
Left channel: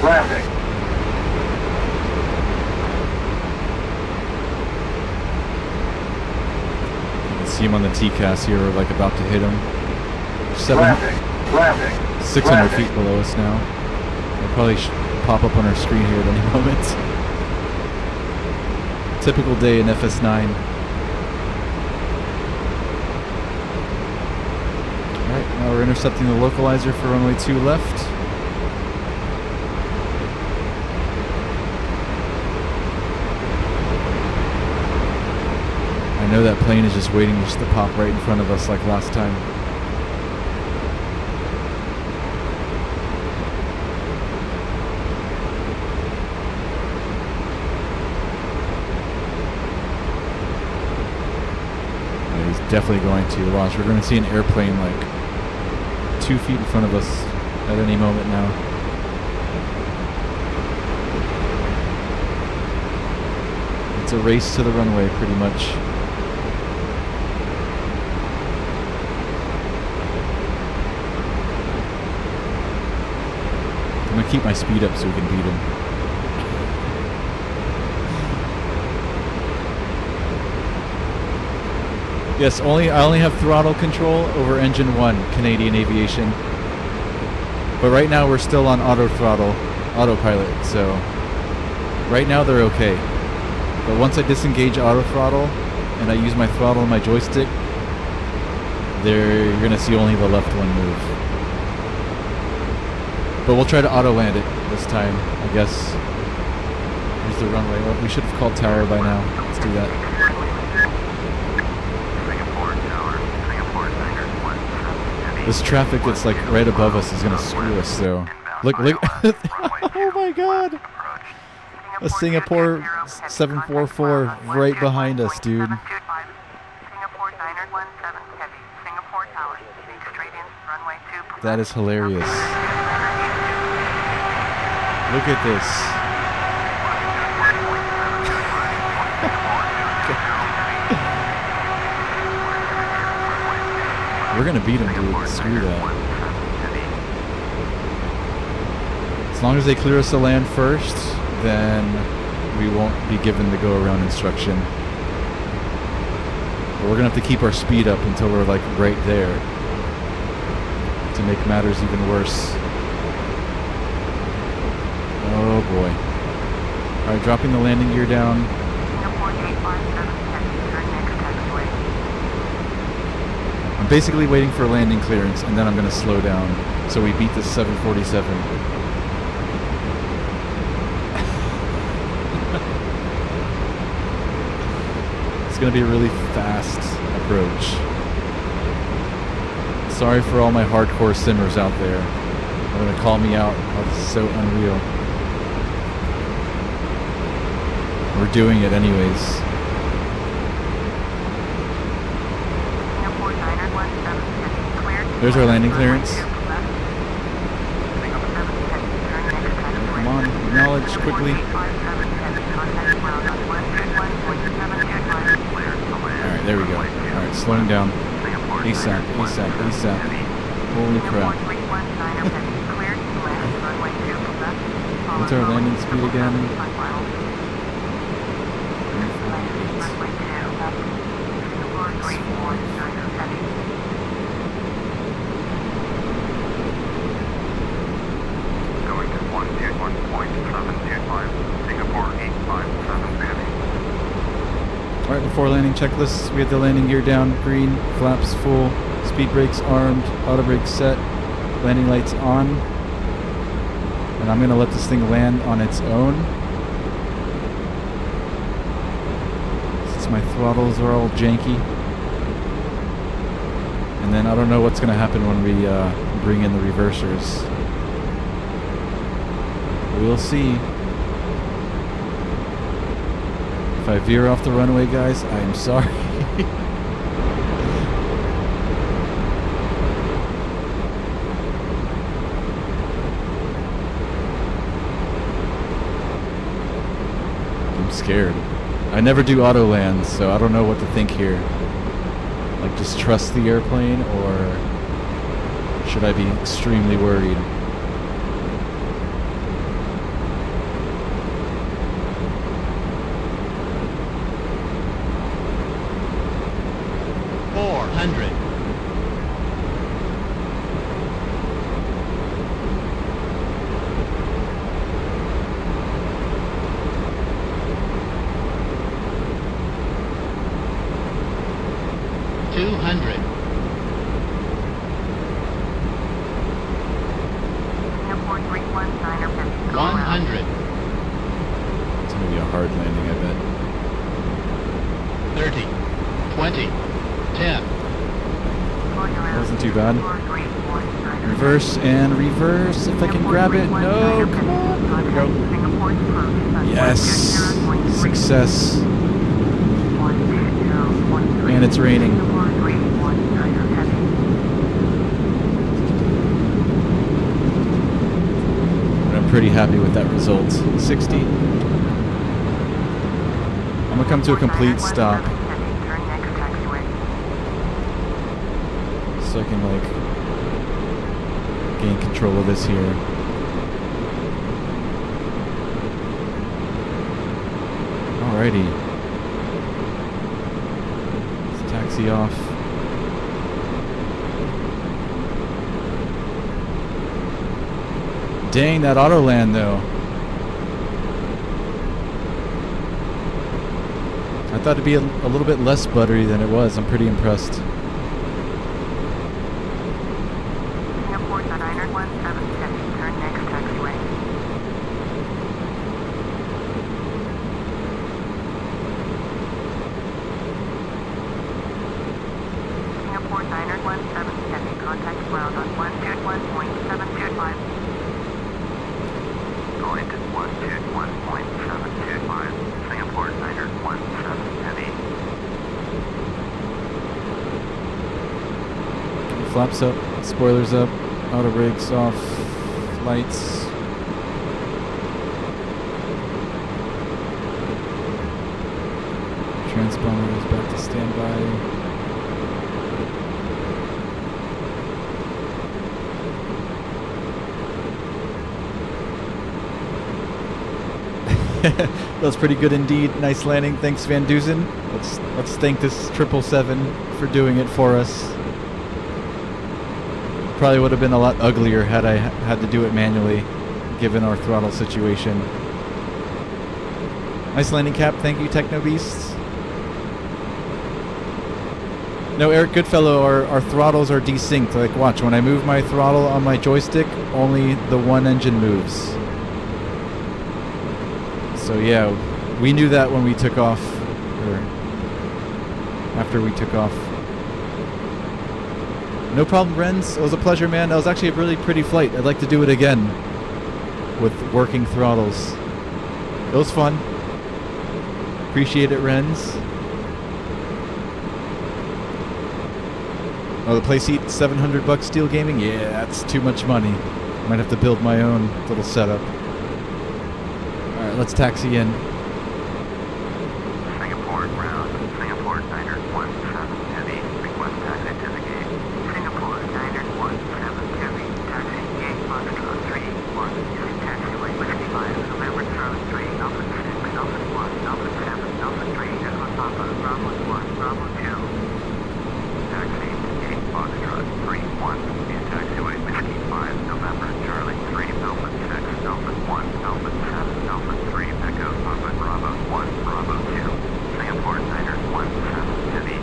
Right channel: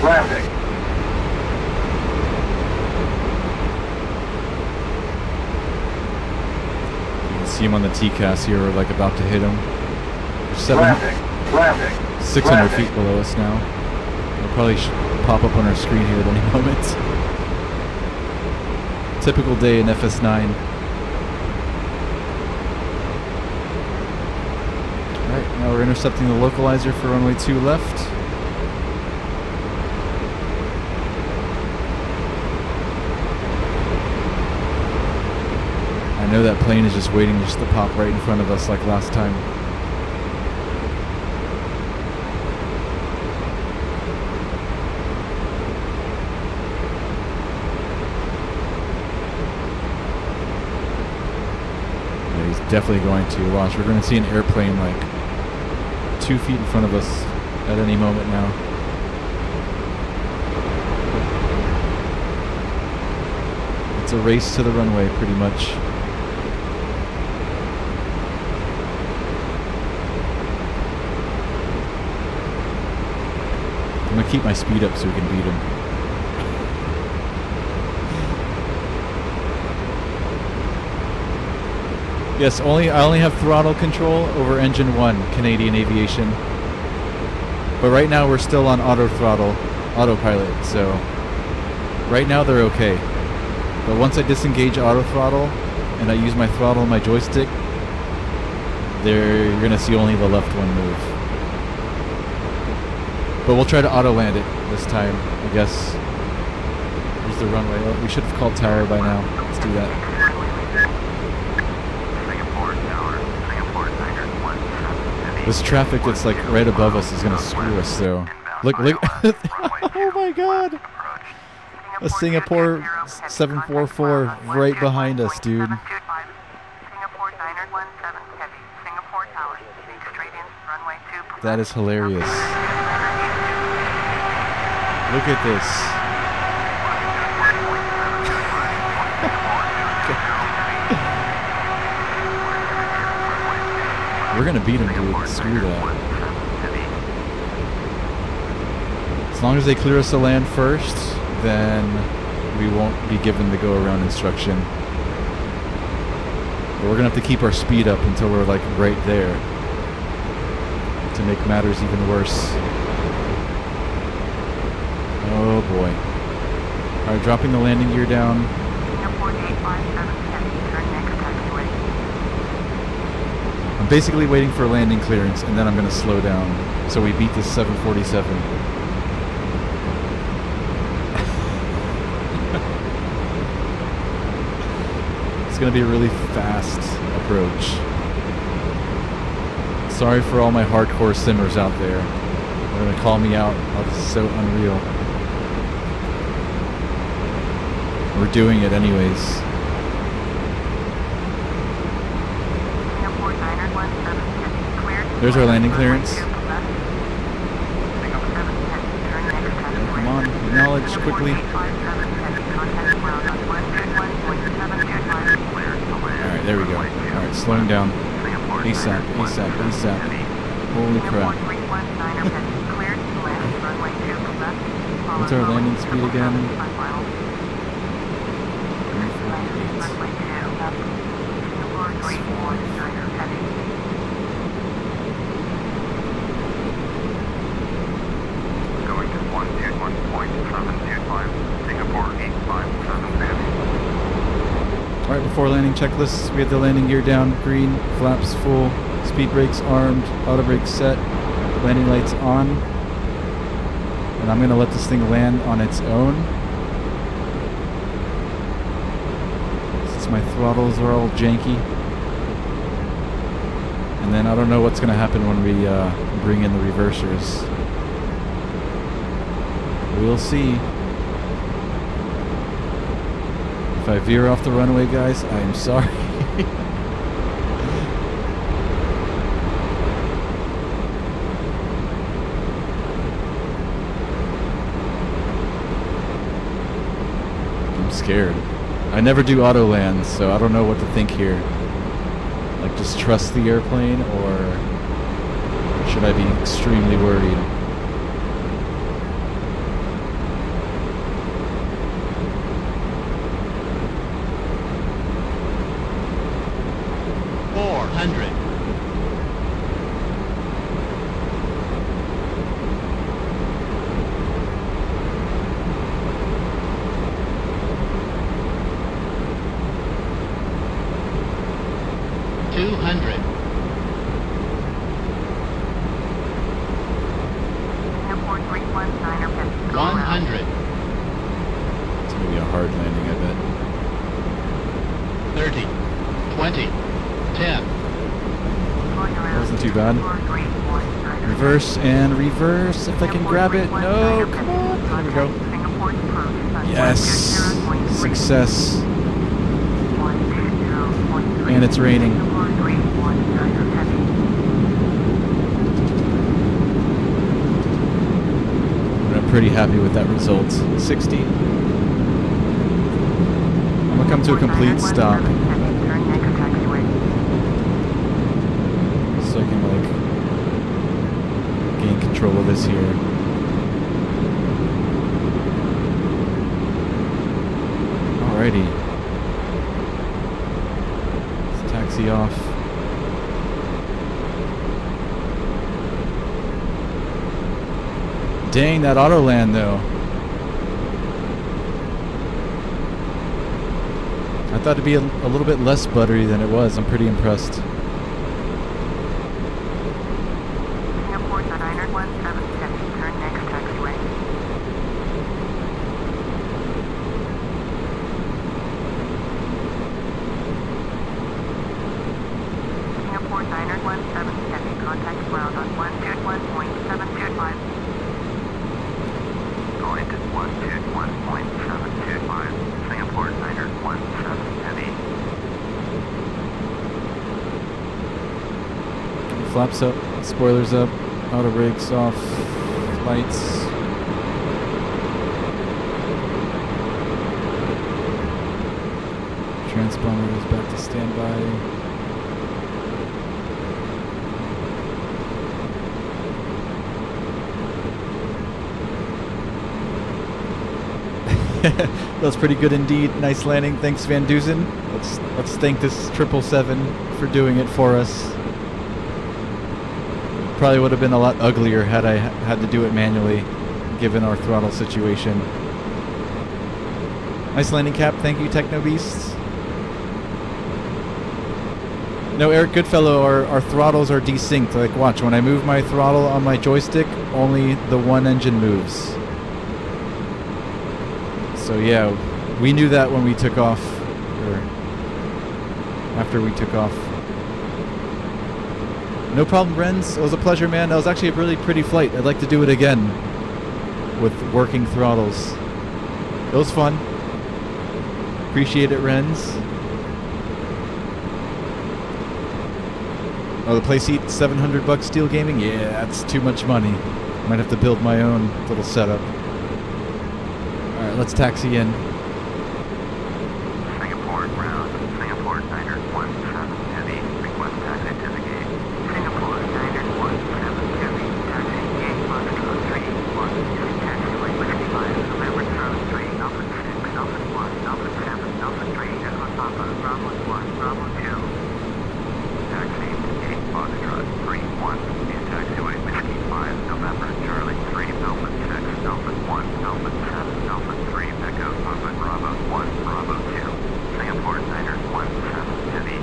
Traffic. You can see him on the TCAS here. We're like about to hit him. Traffic. 600 feet below us now. It'll probably pop up on our screen here at any moment. Typical day in FS9. Alright, now we're intercepting the localizer for runway 2 left. I know that plane is just waiting just to pop right in front of us like last time. Yeah, he's definitely going to. Watch, we're going to see an airplane like 2 feet in front of us at any moment now. It's a race to the runway pretty much. I'm gonna keep my speed up so we can beat him. Yes, I only have throttle control over engine 1, Canadian Aviation. But right now we're still on auto throttle, autopilot, so right now they're okay. But once I disengage auto throttle and I use my throttle and my joystick, you're gonna see only the left one move. But we'll try to auto land it this time, I guess. Here's the runway. Oh, we should have called tower by now. Let's do that. This traffic that's like right above us is gonna screw us though. Look. Oh my god! A Singapore 744 right behind us, dude. That is hilarious. Look at this. We're gonna beat him, dude. Screw that. As long as they clear us to land first, then we won't be given the go-around instruction. But we're gonna have to keep our speed up until we're like right there to make matters even worse. Oh boy. Alright, dropping the landing gear down. I'm basically waiting for landing clearance and then I'm gonna slow down so we beat this 747. It's gonna be a really fast approach. Sorry for all my hardcore simmers out there. They're gonna call me out. Oh, this is so unreal. We're doing it anyways. Singapore Niner 17 heavy, cleared. There's our landing clearance. Come on, acknowledge quickly. Alright, there we go. Alright, slowing down. ASAP, ASAP, ASAP. Holy crap. What's our landing speed again? 121.725, Singapore 857. Alright, before landing checklists, we had the landing gear down, green, flaps full, speed brakes armed, auto brakes set, landing lights on. And I'm going to let this thing land on its own. Since my throttles are all janky. And then I don't know what's going to happen when we bring in the reversers. We'll see. If I veer off the runway, guys, I am sorry. I'm scared. I never do auto lands, so I don't know what to think here. Like, just trust the airplane, or should I be extremely worried? It's going to be a hard landing, I bet. 30, 20, 10. That wasn't too bad. Reverse and reverse, if I can grab it. No, come on. There we go. Yes. Success. And it's raining. I'm pretty happy with that result. 60. I'm gonna come to a complete stop. So I can like gain control of this here. Alrighty. Let's taxi off. Dang, that auto land though. I thought it'd be a little bit less buttery than it was. I'm pretty impressed. Singapore Niner 17 turn next taxiway. Singapore Niner 17 contact ground on 121.725. Going to 121.725, Singapore Niner 17 heavy. Flaps up, spoilers up, auto brakes off, lights. Transponder is back to standby. That was pretty good indeed. Nice landing. Thanks, Van Dusen. Let's thank this 777 for doing it for us. Probably would have been a lot uglier had I had to do it manually, given our throttle situation. Nice landing cap. Thank you, Techno Beasts. No, Eric Goodfellow, our throttles are desynced. Like, watch, when I move my throttle on my joystick, only the one engine moves. So yeah, we knew that when we took off, or after we took off. No problem, Renz. It was a pleasure, man. That was actually a really pretty flight. I'd like to do it again with working throttles. It was fun. Appreciate it, Renz. Oh, the playseat, $700 Steel Gaming? Yeah, that's too much money. Might have to build my own little setup. Alright, let's taxi in. Singapore ground, Singapore Niner 17 heavy, request taxi to the gate. Singapore Niner 17 heavy, taxi gate Foxtrot 3-1, use taxiway Whiskey 5, November Charlie 3, Alpha 6, Alpha 1, Alpha 7, Alpha 3, Echo Papa, Bravo 1, Bravo 2. Taxi to gate Foxtrot 3-1, use taxiway Whiskey 5, November Charlie 3, Alpha 6, Alpha 1, Alpha 7, Alpha 3, Echo Papa, Bravo 1, Bravo 2. Singapore Niner 17 heavy.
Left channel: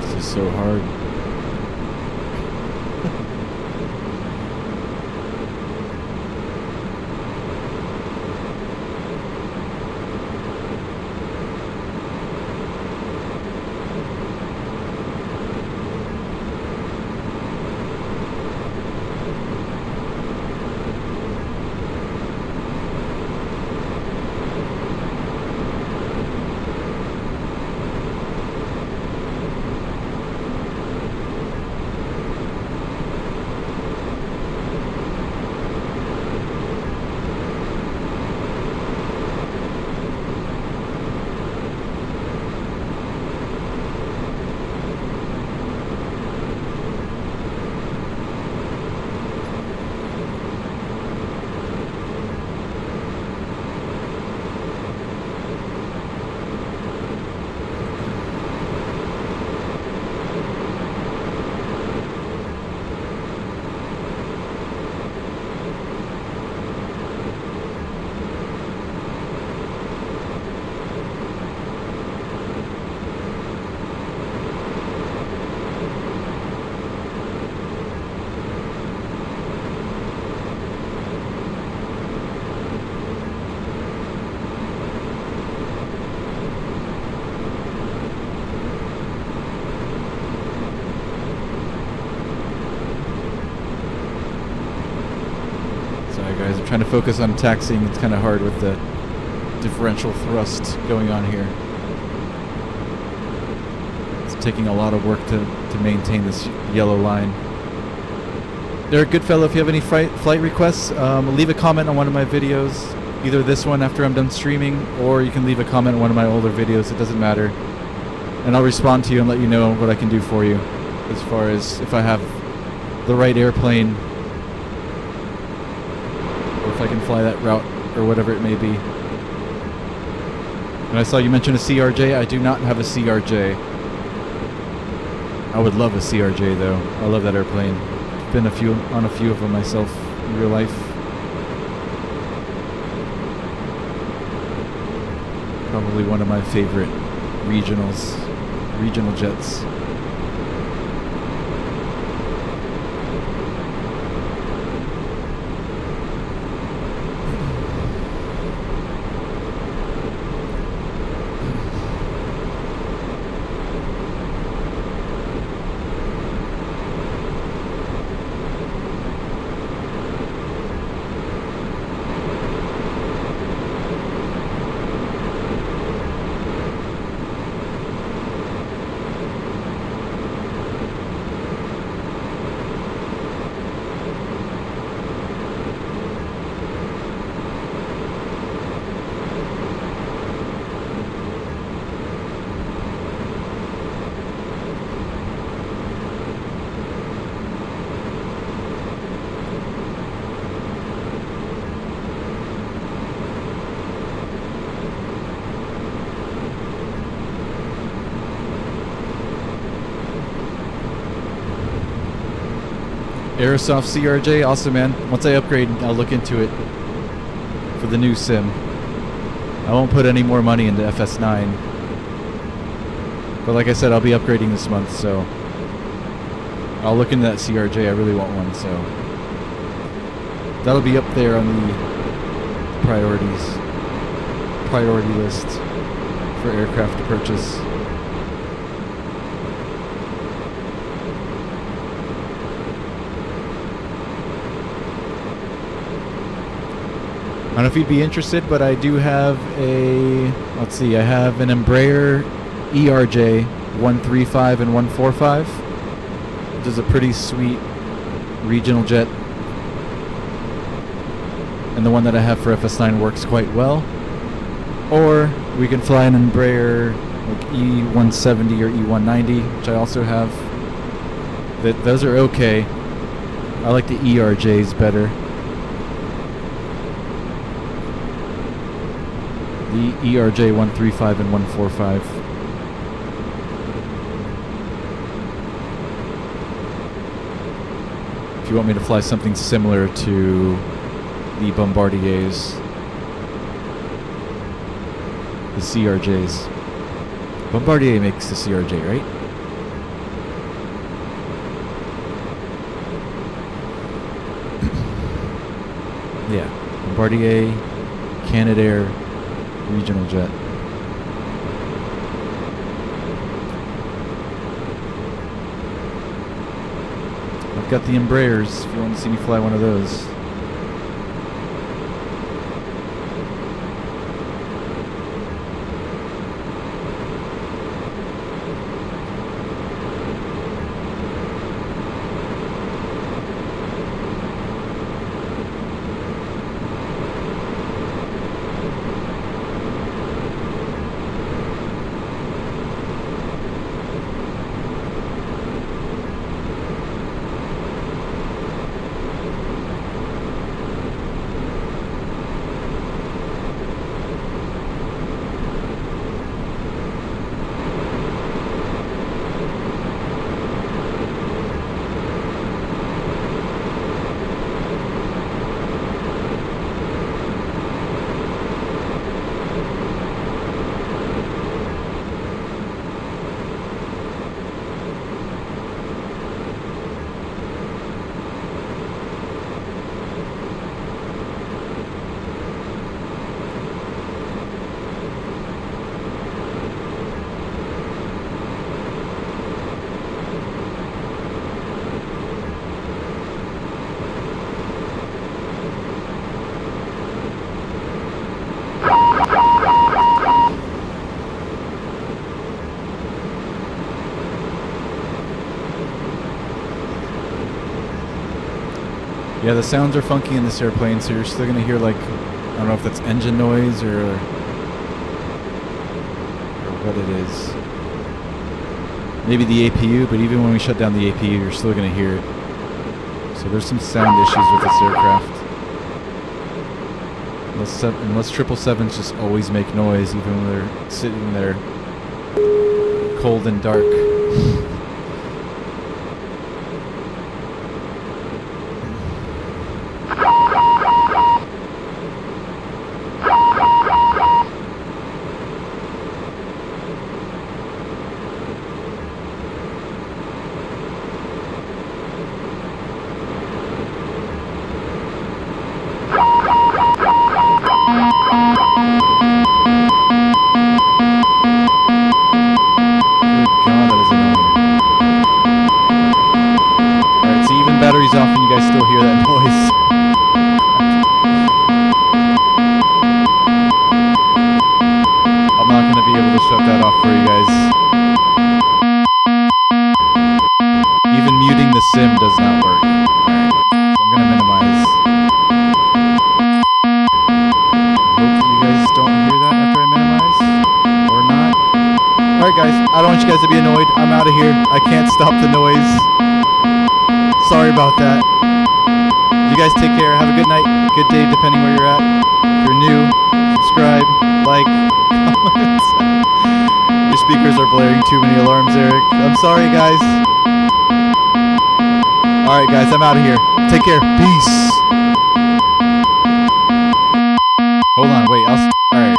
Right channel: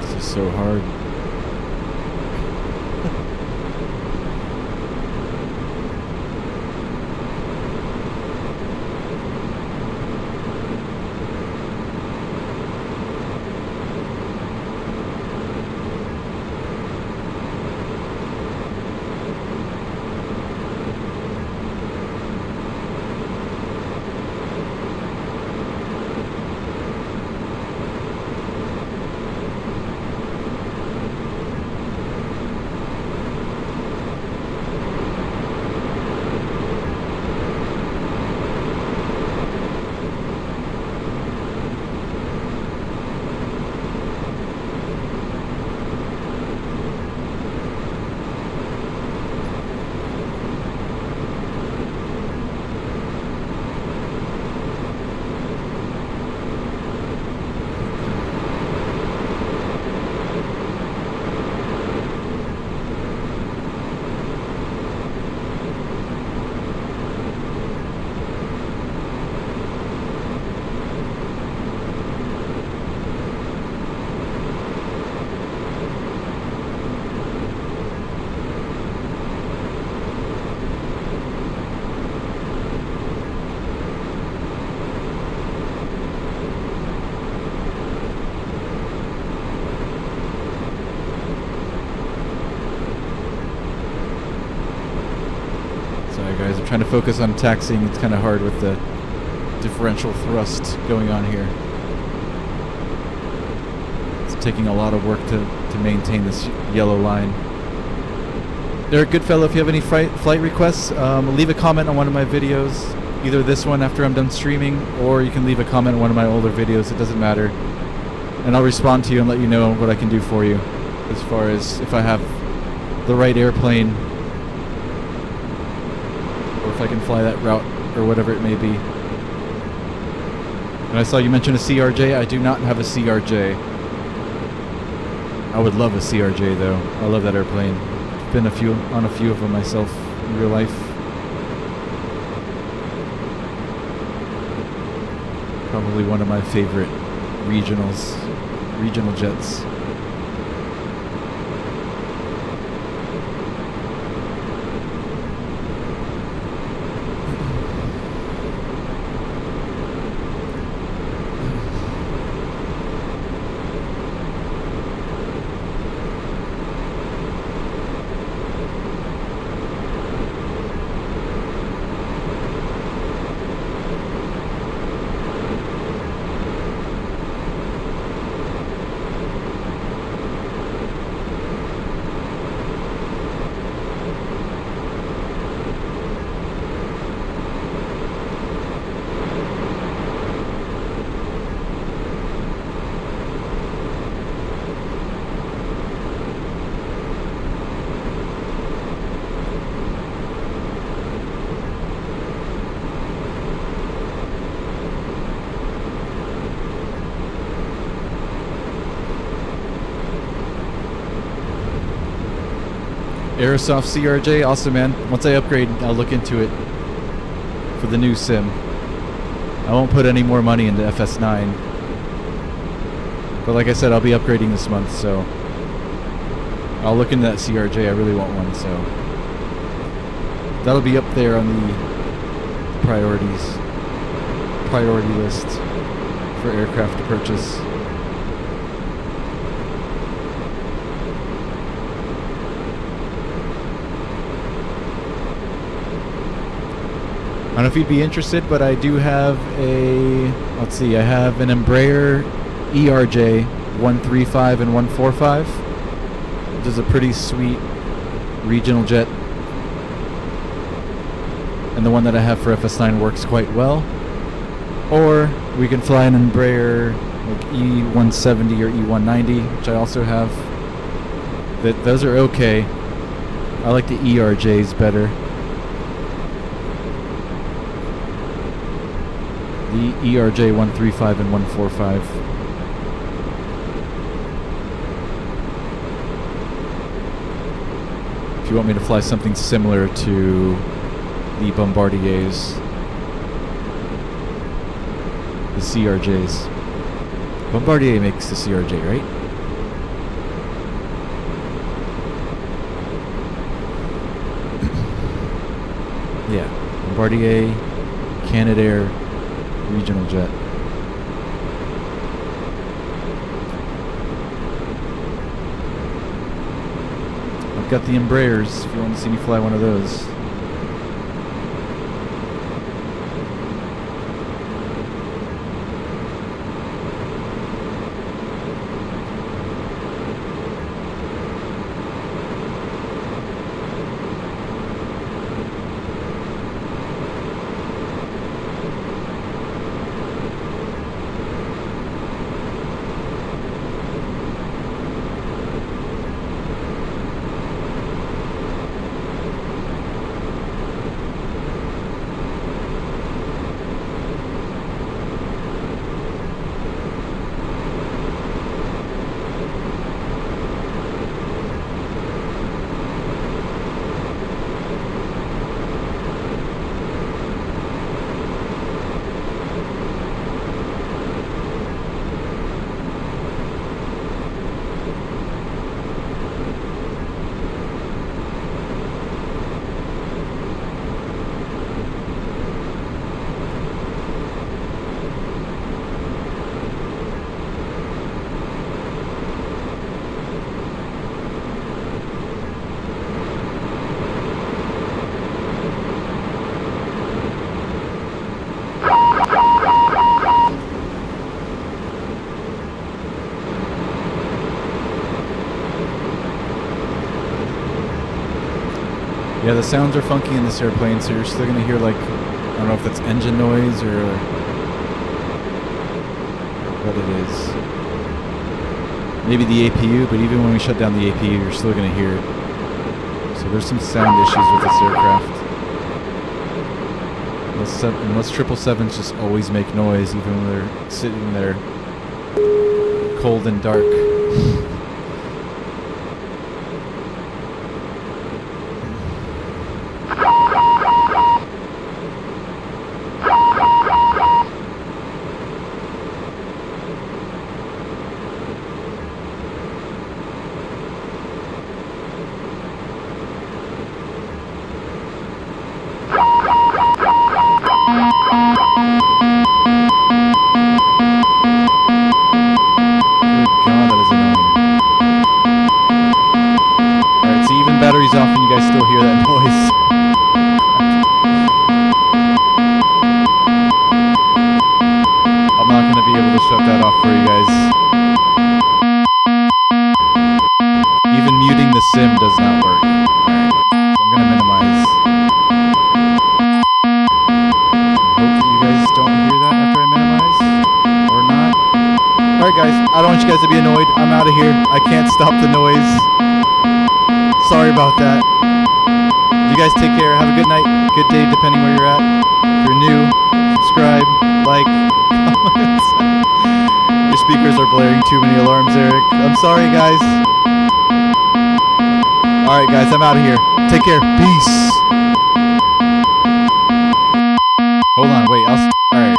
This is so hard. Guys, I'm trying to focus on taxiing. It's kind of hard with the differential thrust going on here. It's taking a lot of work to maintain this yellow line. Derek Goodfellow, if you have any flight requests, leave a comment on one of my videos. Either this one after I'm done streaming, or you can leave a comment on one of my older videos. It doesn't matter. And I'll respond to you and let you know what I can do for you. As far as if I have the right airplane, if I can fly that route or whatever it may be. And I saw you mention a CRJ. I do not have a CRJ. I would love a CRJ though. I love that airplane. I've been on a few of them myself in real life. Probably one of my favorite regional jets. Aerosoft CRJ, awesome, man. Once I upgrade, I'll look into it for the new sim. I won't put any more money into FS9. But like I said, I'll be upgrading this month, so I'll look into that CRJ. I really want one, so that'll be up there on the priority list for aircraft to purchase. I don't know if you'd be interested, but I do have a, let's see, I have an Embraer ERJ 135 and 145, which is a pretty sweet regional jet. And the one that I have for FS9 works quite well. Or we can fly an Embraer like E170 or E190, which I also have. Those are okay. I like the ERJs better. The ERJ 135 and 145. If you want me to fly something similar to the Bombardiers, the CRJs. Bombardier makes the CRJ, right? Yeah, Bombardier, Canadair, regional jet. I've got the Embraers if you want to see me fly one of those. Yeah, the sounds are funky in this airplane, so you're still going to hear, like, I don't know if that's engine noise or what it is. Maybe the APU, but even when we shut down the APU, you're still going to hear it. So there's some sound issues with this aircraft. Unless 777s just always make noise, even when they're sitting there cold and dark. Stop the noise. Sorry about that. You guys take care. Have a good night, good day, depending where you're at. If you're new, subscribe, like, comment. Your speakers are blaring too many alarms, Eric. I'm sorry, guys. Alright, guys, I'm out of here. Take care. Peace. Hold on, wait. Alright.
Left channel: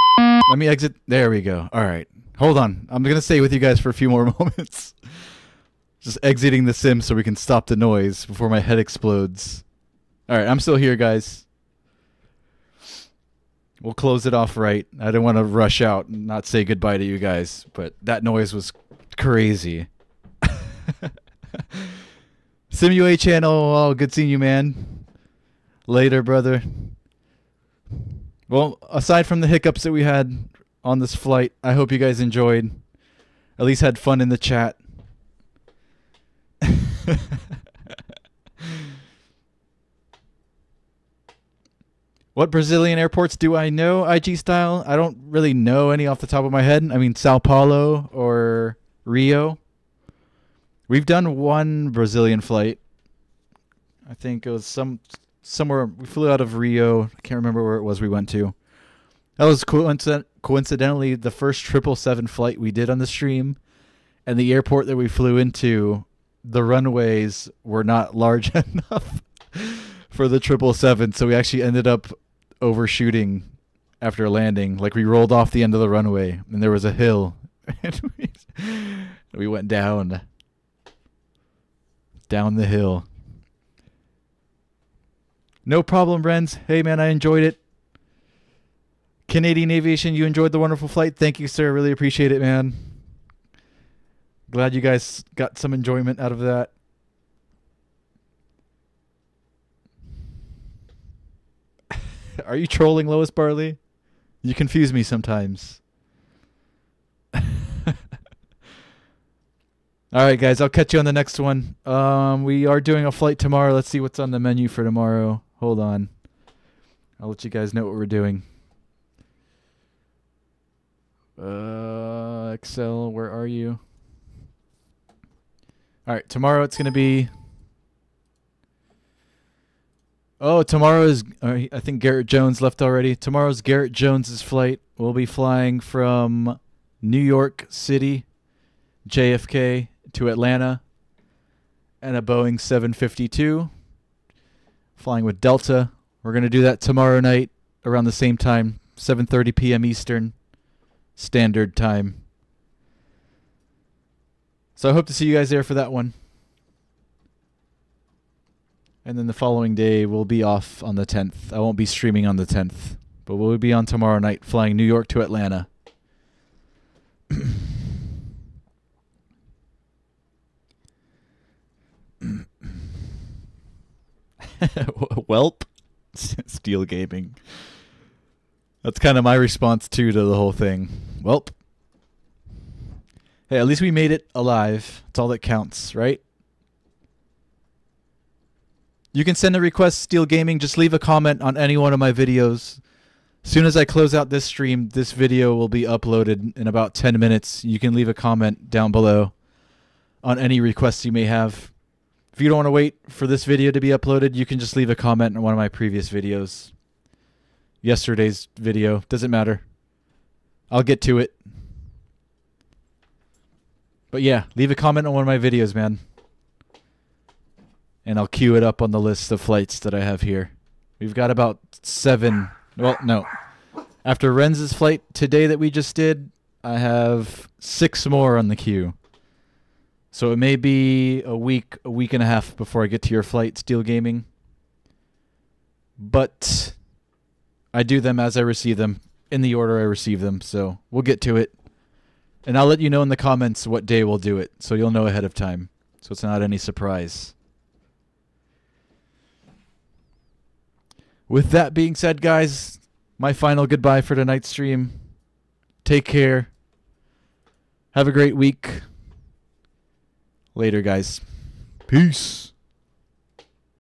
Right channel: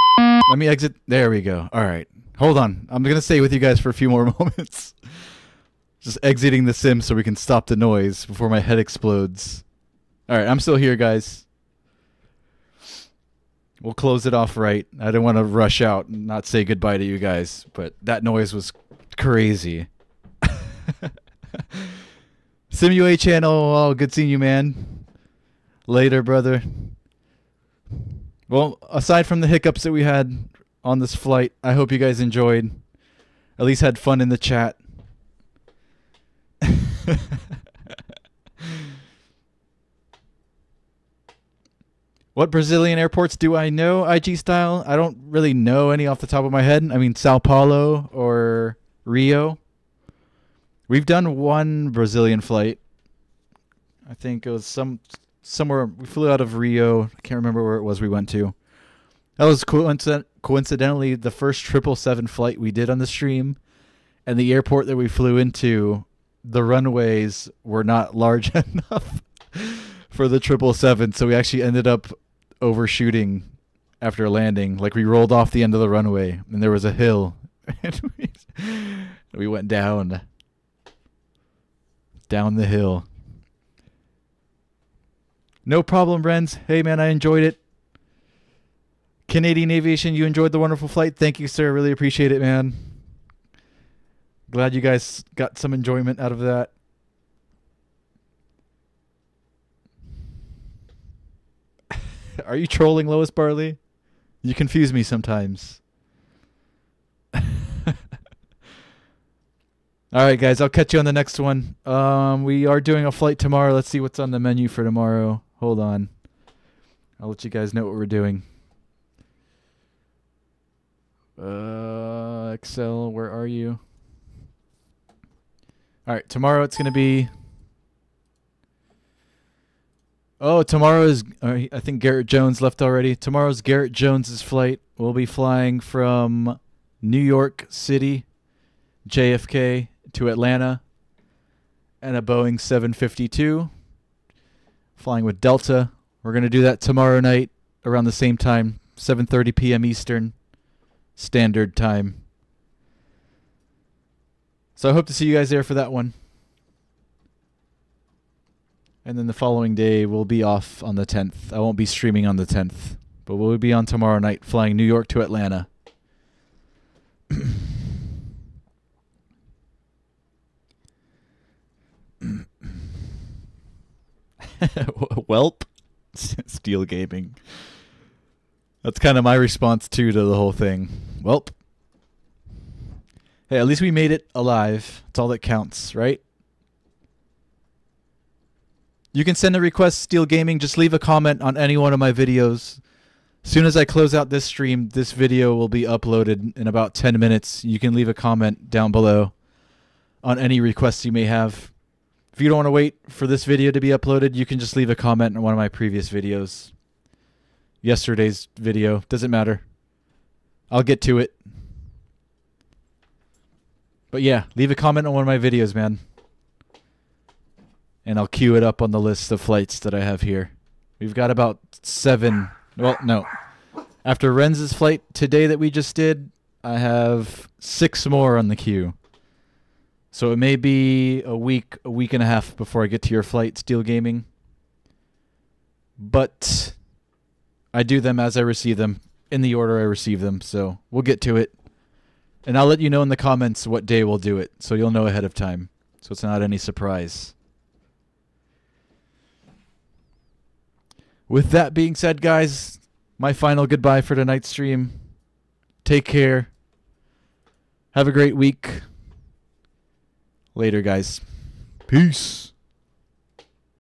Let me exit. There we go. Alright. Hold on. I'm going to stay with you guys for a few more moments. Just exiting the sim so we can stop the noise before my head explodes. Alright, I'm still here, guys. We'll close it off right. I didn't want to rush out and not say goodbye to you guys, but that noise was crazy. Simua channel, oh, good seeing you, man. Later, brother. Well, aside from the hiccups that we had on this flight, I hope you guys enjoyed. At least had fun in the chat. What Brazilian airports do I know, IG style? I don't really know any off the top of my head. I mean, Sao Paulo or Rio. We've done one Brazilian flight. I think it was somewhere. We flew out of Rio. I can't remember where it was we went to. That was coincidentally the first 777 flight we did on the stream. And the airport that we flew into, the runways were not large enough for the 777, so we actually ended up overshooting after landing. Like, we rolled off the end of the runway, and there was a hill, and we went down the hill. No problem, Renz. Hey, man, I enjoyed it. Canadian Aviation, you enjoyed the wonderful flight. Thank you, sir. Really appreciate it, man. Glad you guys got some enjoyment out of that. Are you trolling, Lois Barley? You confuse me sometimes. All right, guys, I'll catch you on the next one. We are doing a flight tomorrow. Let's see what's on the menu for tomorrow. Hold on. I'll let you guys know what we're doing. Excel, where are you? All right, tomorrow it's going to be... Oh, tomorrow is... I think Garrett Jones left already. Tomorrow's Garrett Jones's flight. We'll be flying from New York City, JFK, to Atlanta, and a Boeing 752. Flying with Delta. We're going to do that tomorrow night around the same time, 7:30 p.m. Eastern Standard Time. So I hope to see you guys there for that one. And then the following day, we'll be off on the 10th. I won't be streaming on the 10th, but we'll be on tomorrow night, flying New York to Atlanta. Welp. Steel Gaming. That's kind of my response, too, to the whole thing. Welp. Hey, at least we made it alive. That's all that counts, right? You can send a request, Steel Gaming. Just leave a comment on any one of my videos. As soon as I close out this stream, this video will be uploaded in about 10 minutes. You can leave a comment down below on any requests you may have. If you don't want to wait for this video to be uploaded, you can just leave a comment on one of my previous videos. Yesterday's video. Doesn't matter. I'll get to it. But yeah, leave a comment on one of my videos, man. And I'll queue it up on the list of flights that I have here. We've got about 7. Well, no. After Renz's flight today that we just did, I have 6 more on the queue. So it may be a week and a half before I get to your flight, Steel Gaming. But I do them as I receive them, in the order I receive them. So we'll get to it. And I'll let you know in the comments what day we'll do it, so you'll know ahead of time. So it's not any surprise. With that being said, guys, my final goodbye for tonight's stream. Take care. Have a great week. Later, guys. Peace.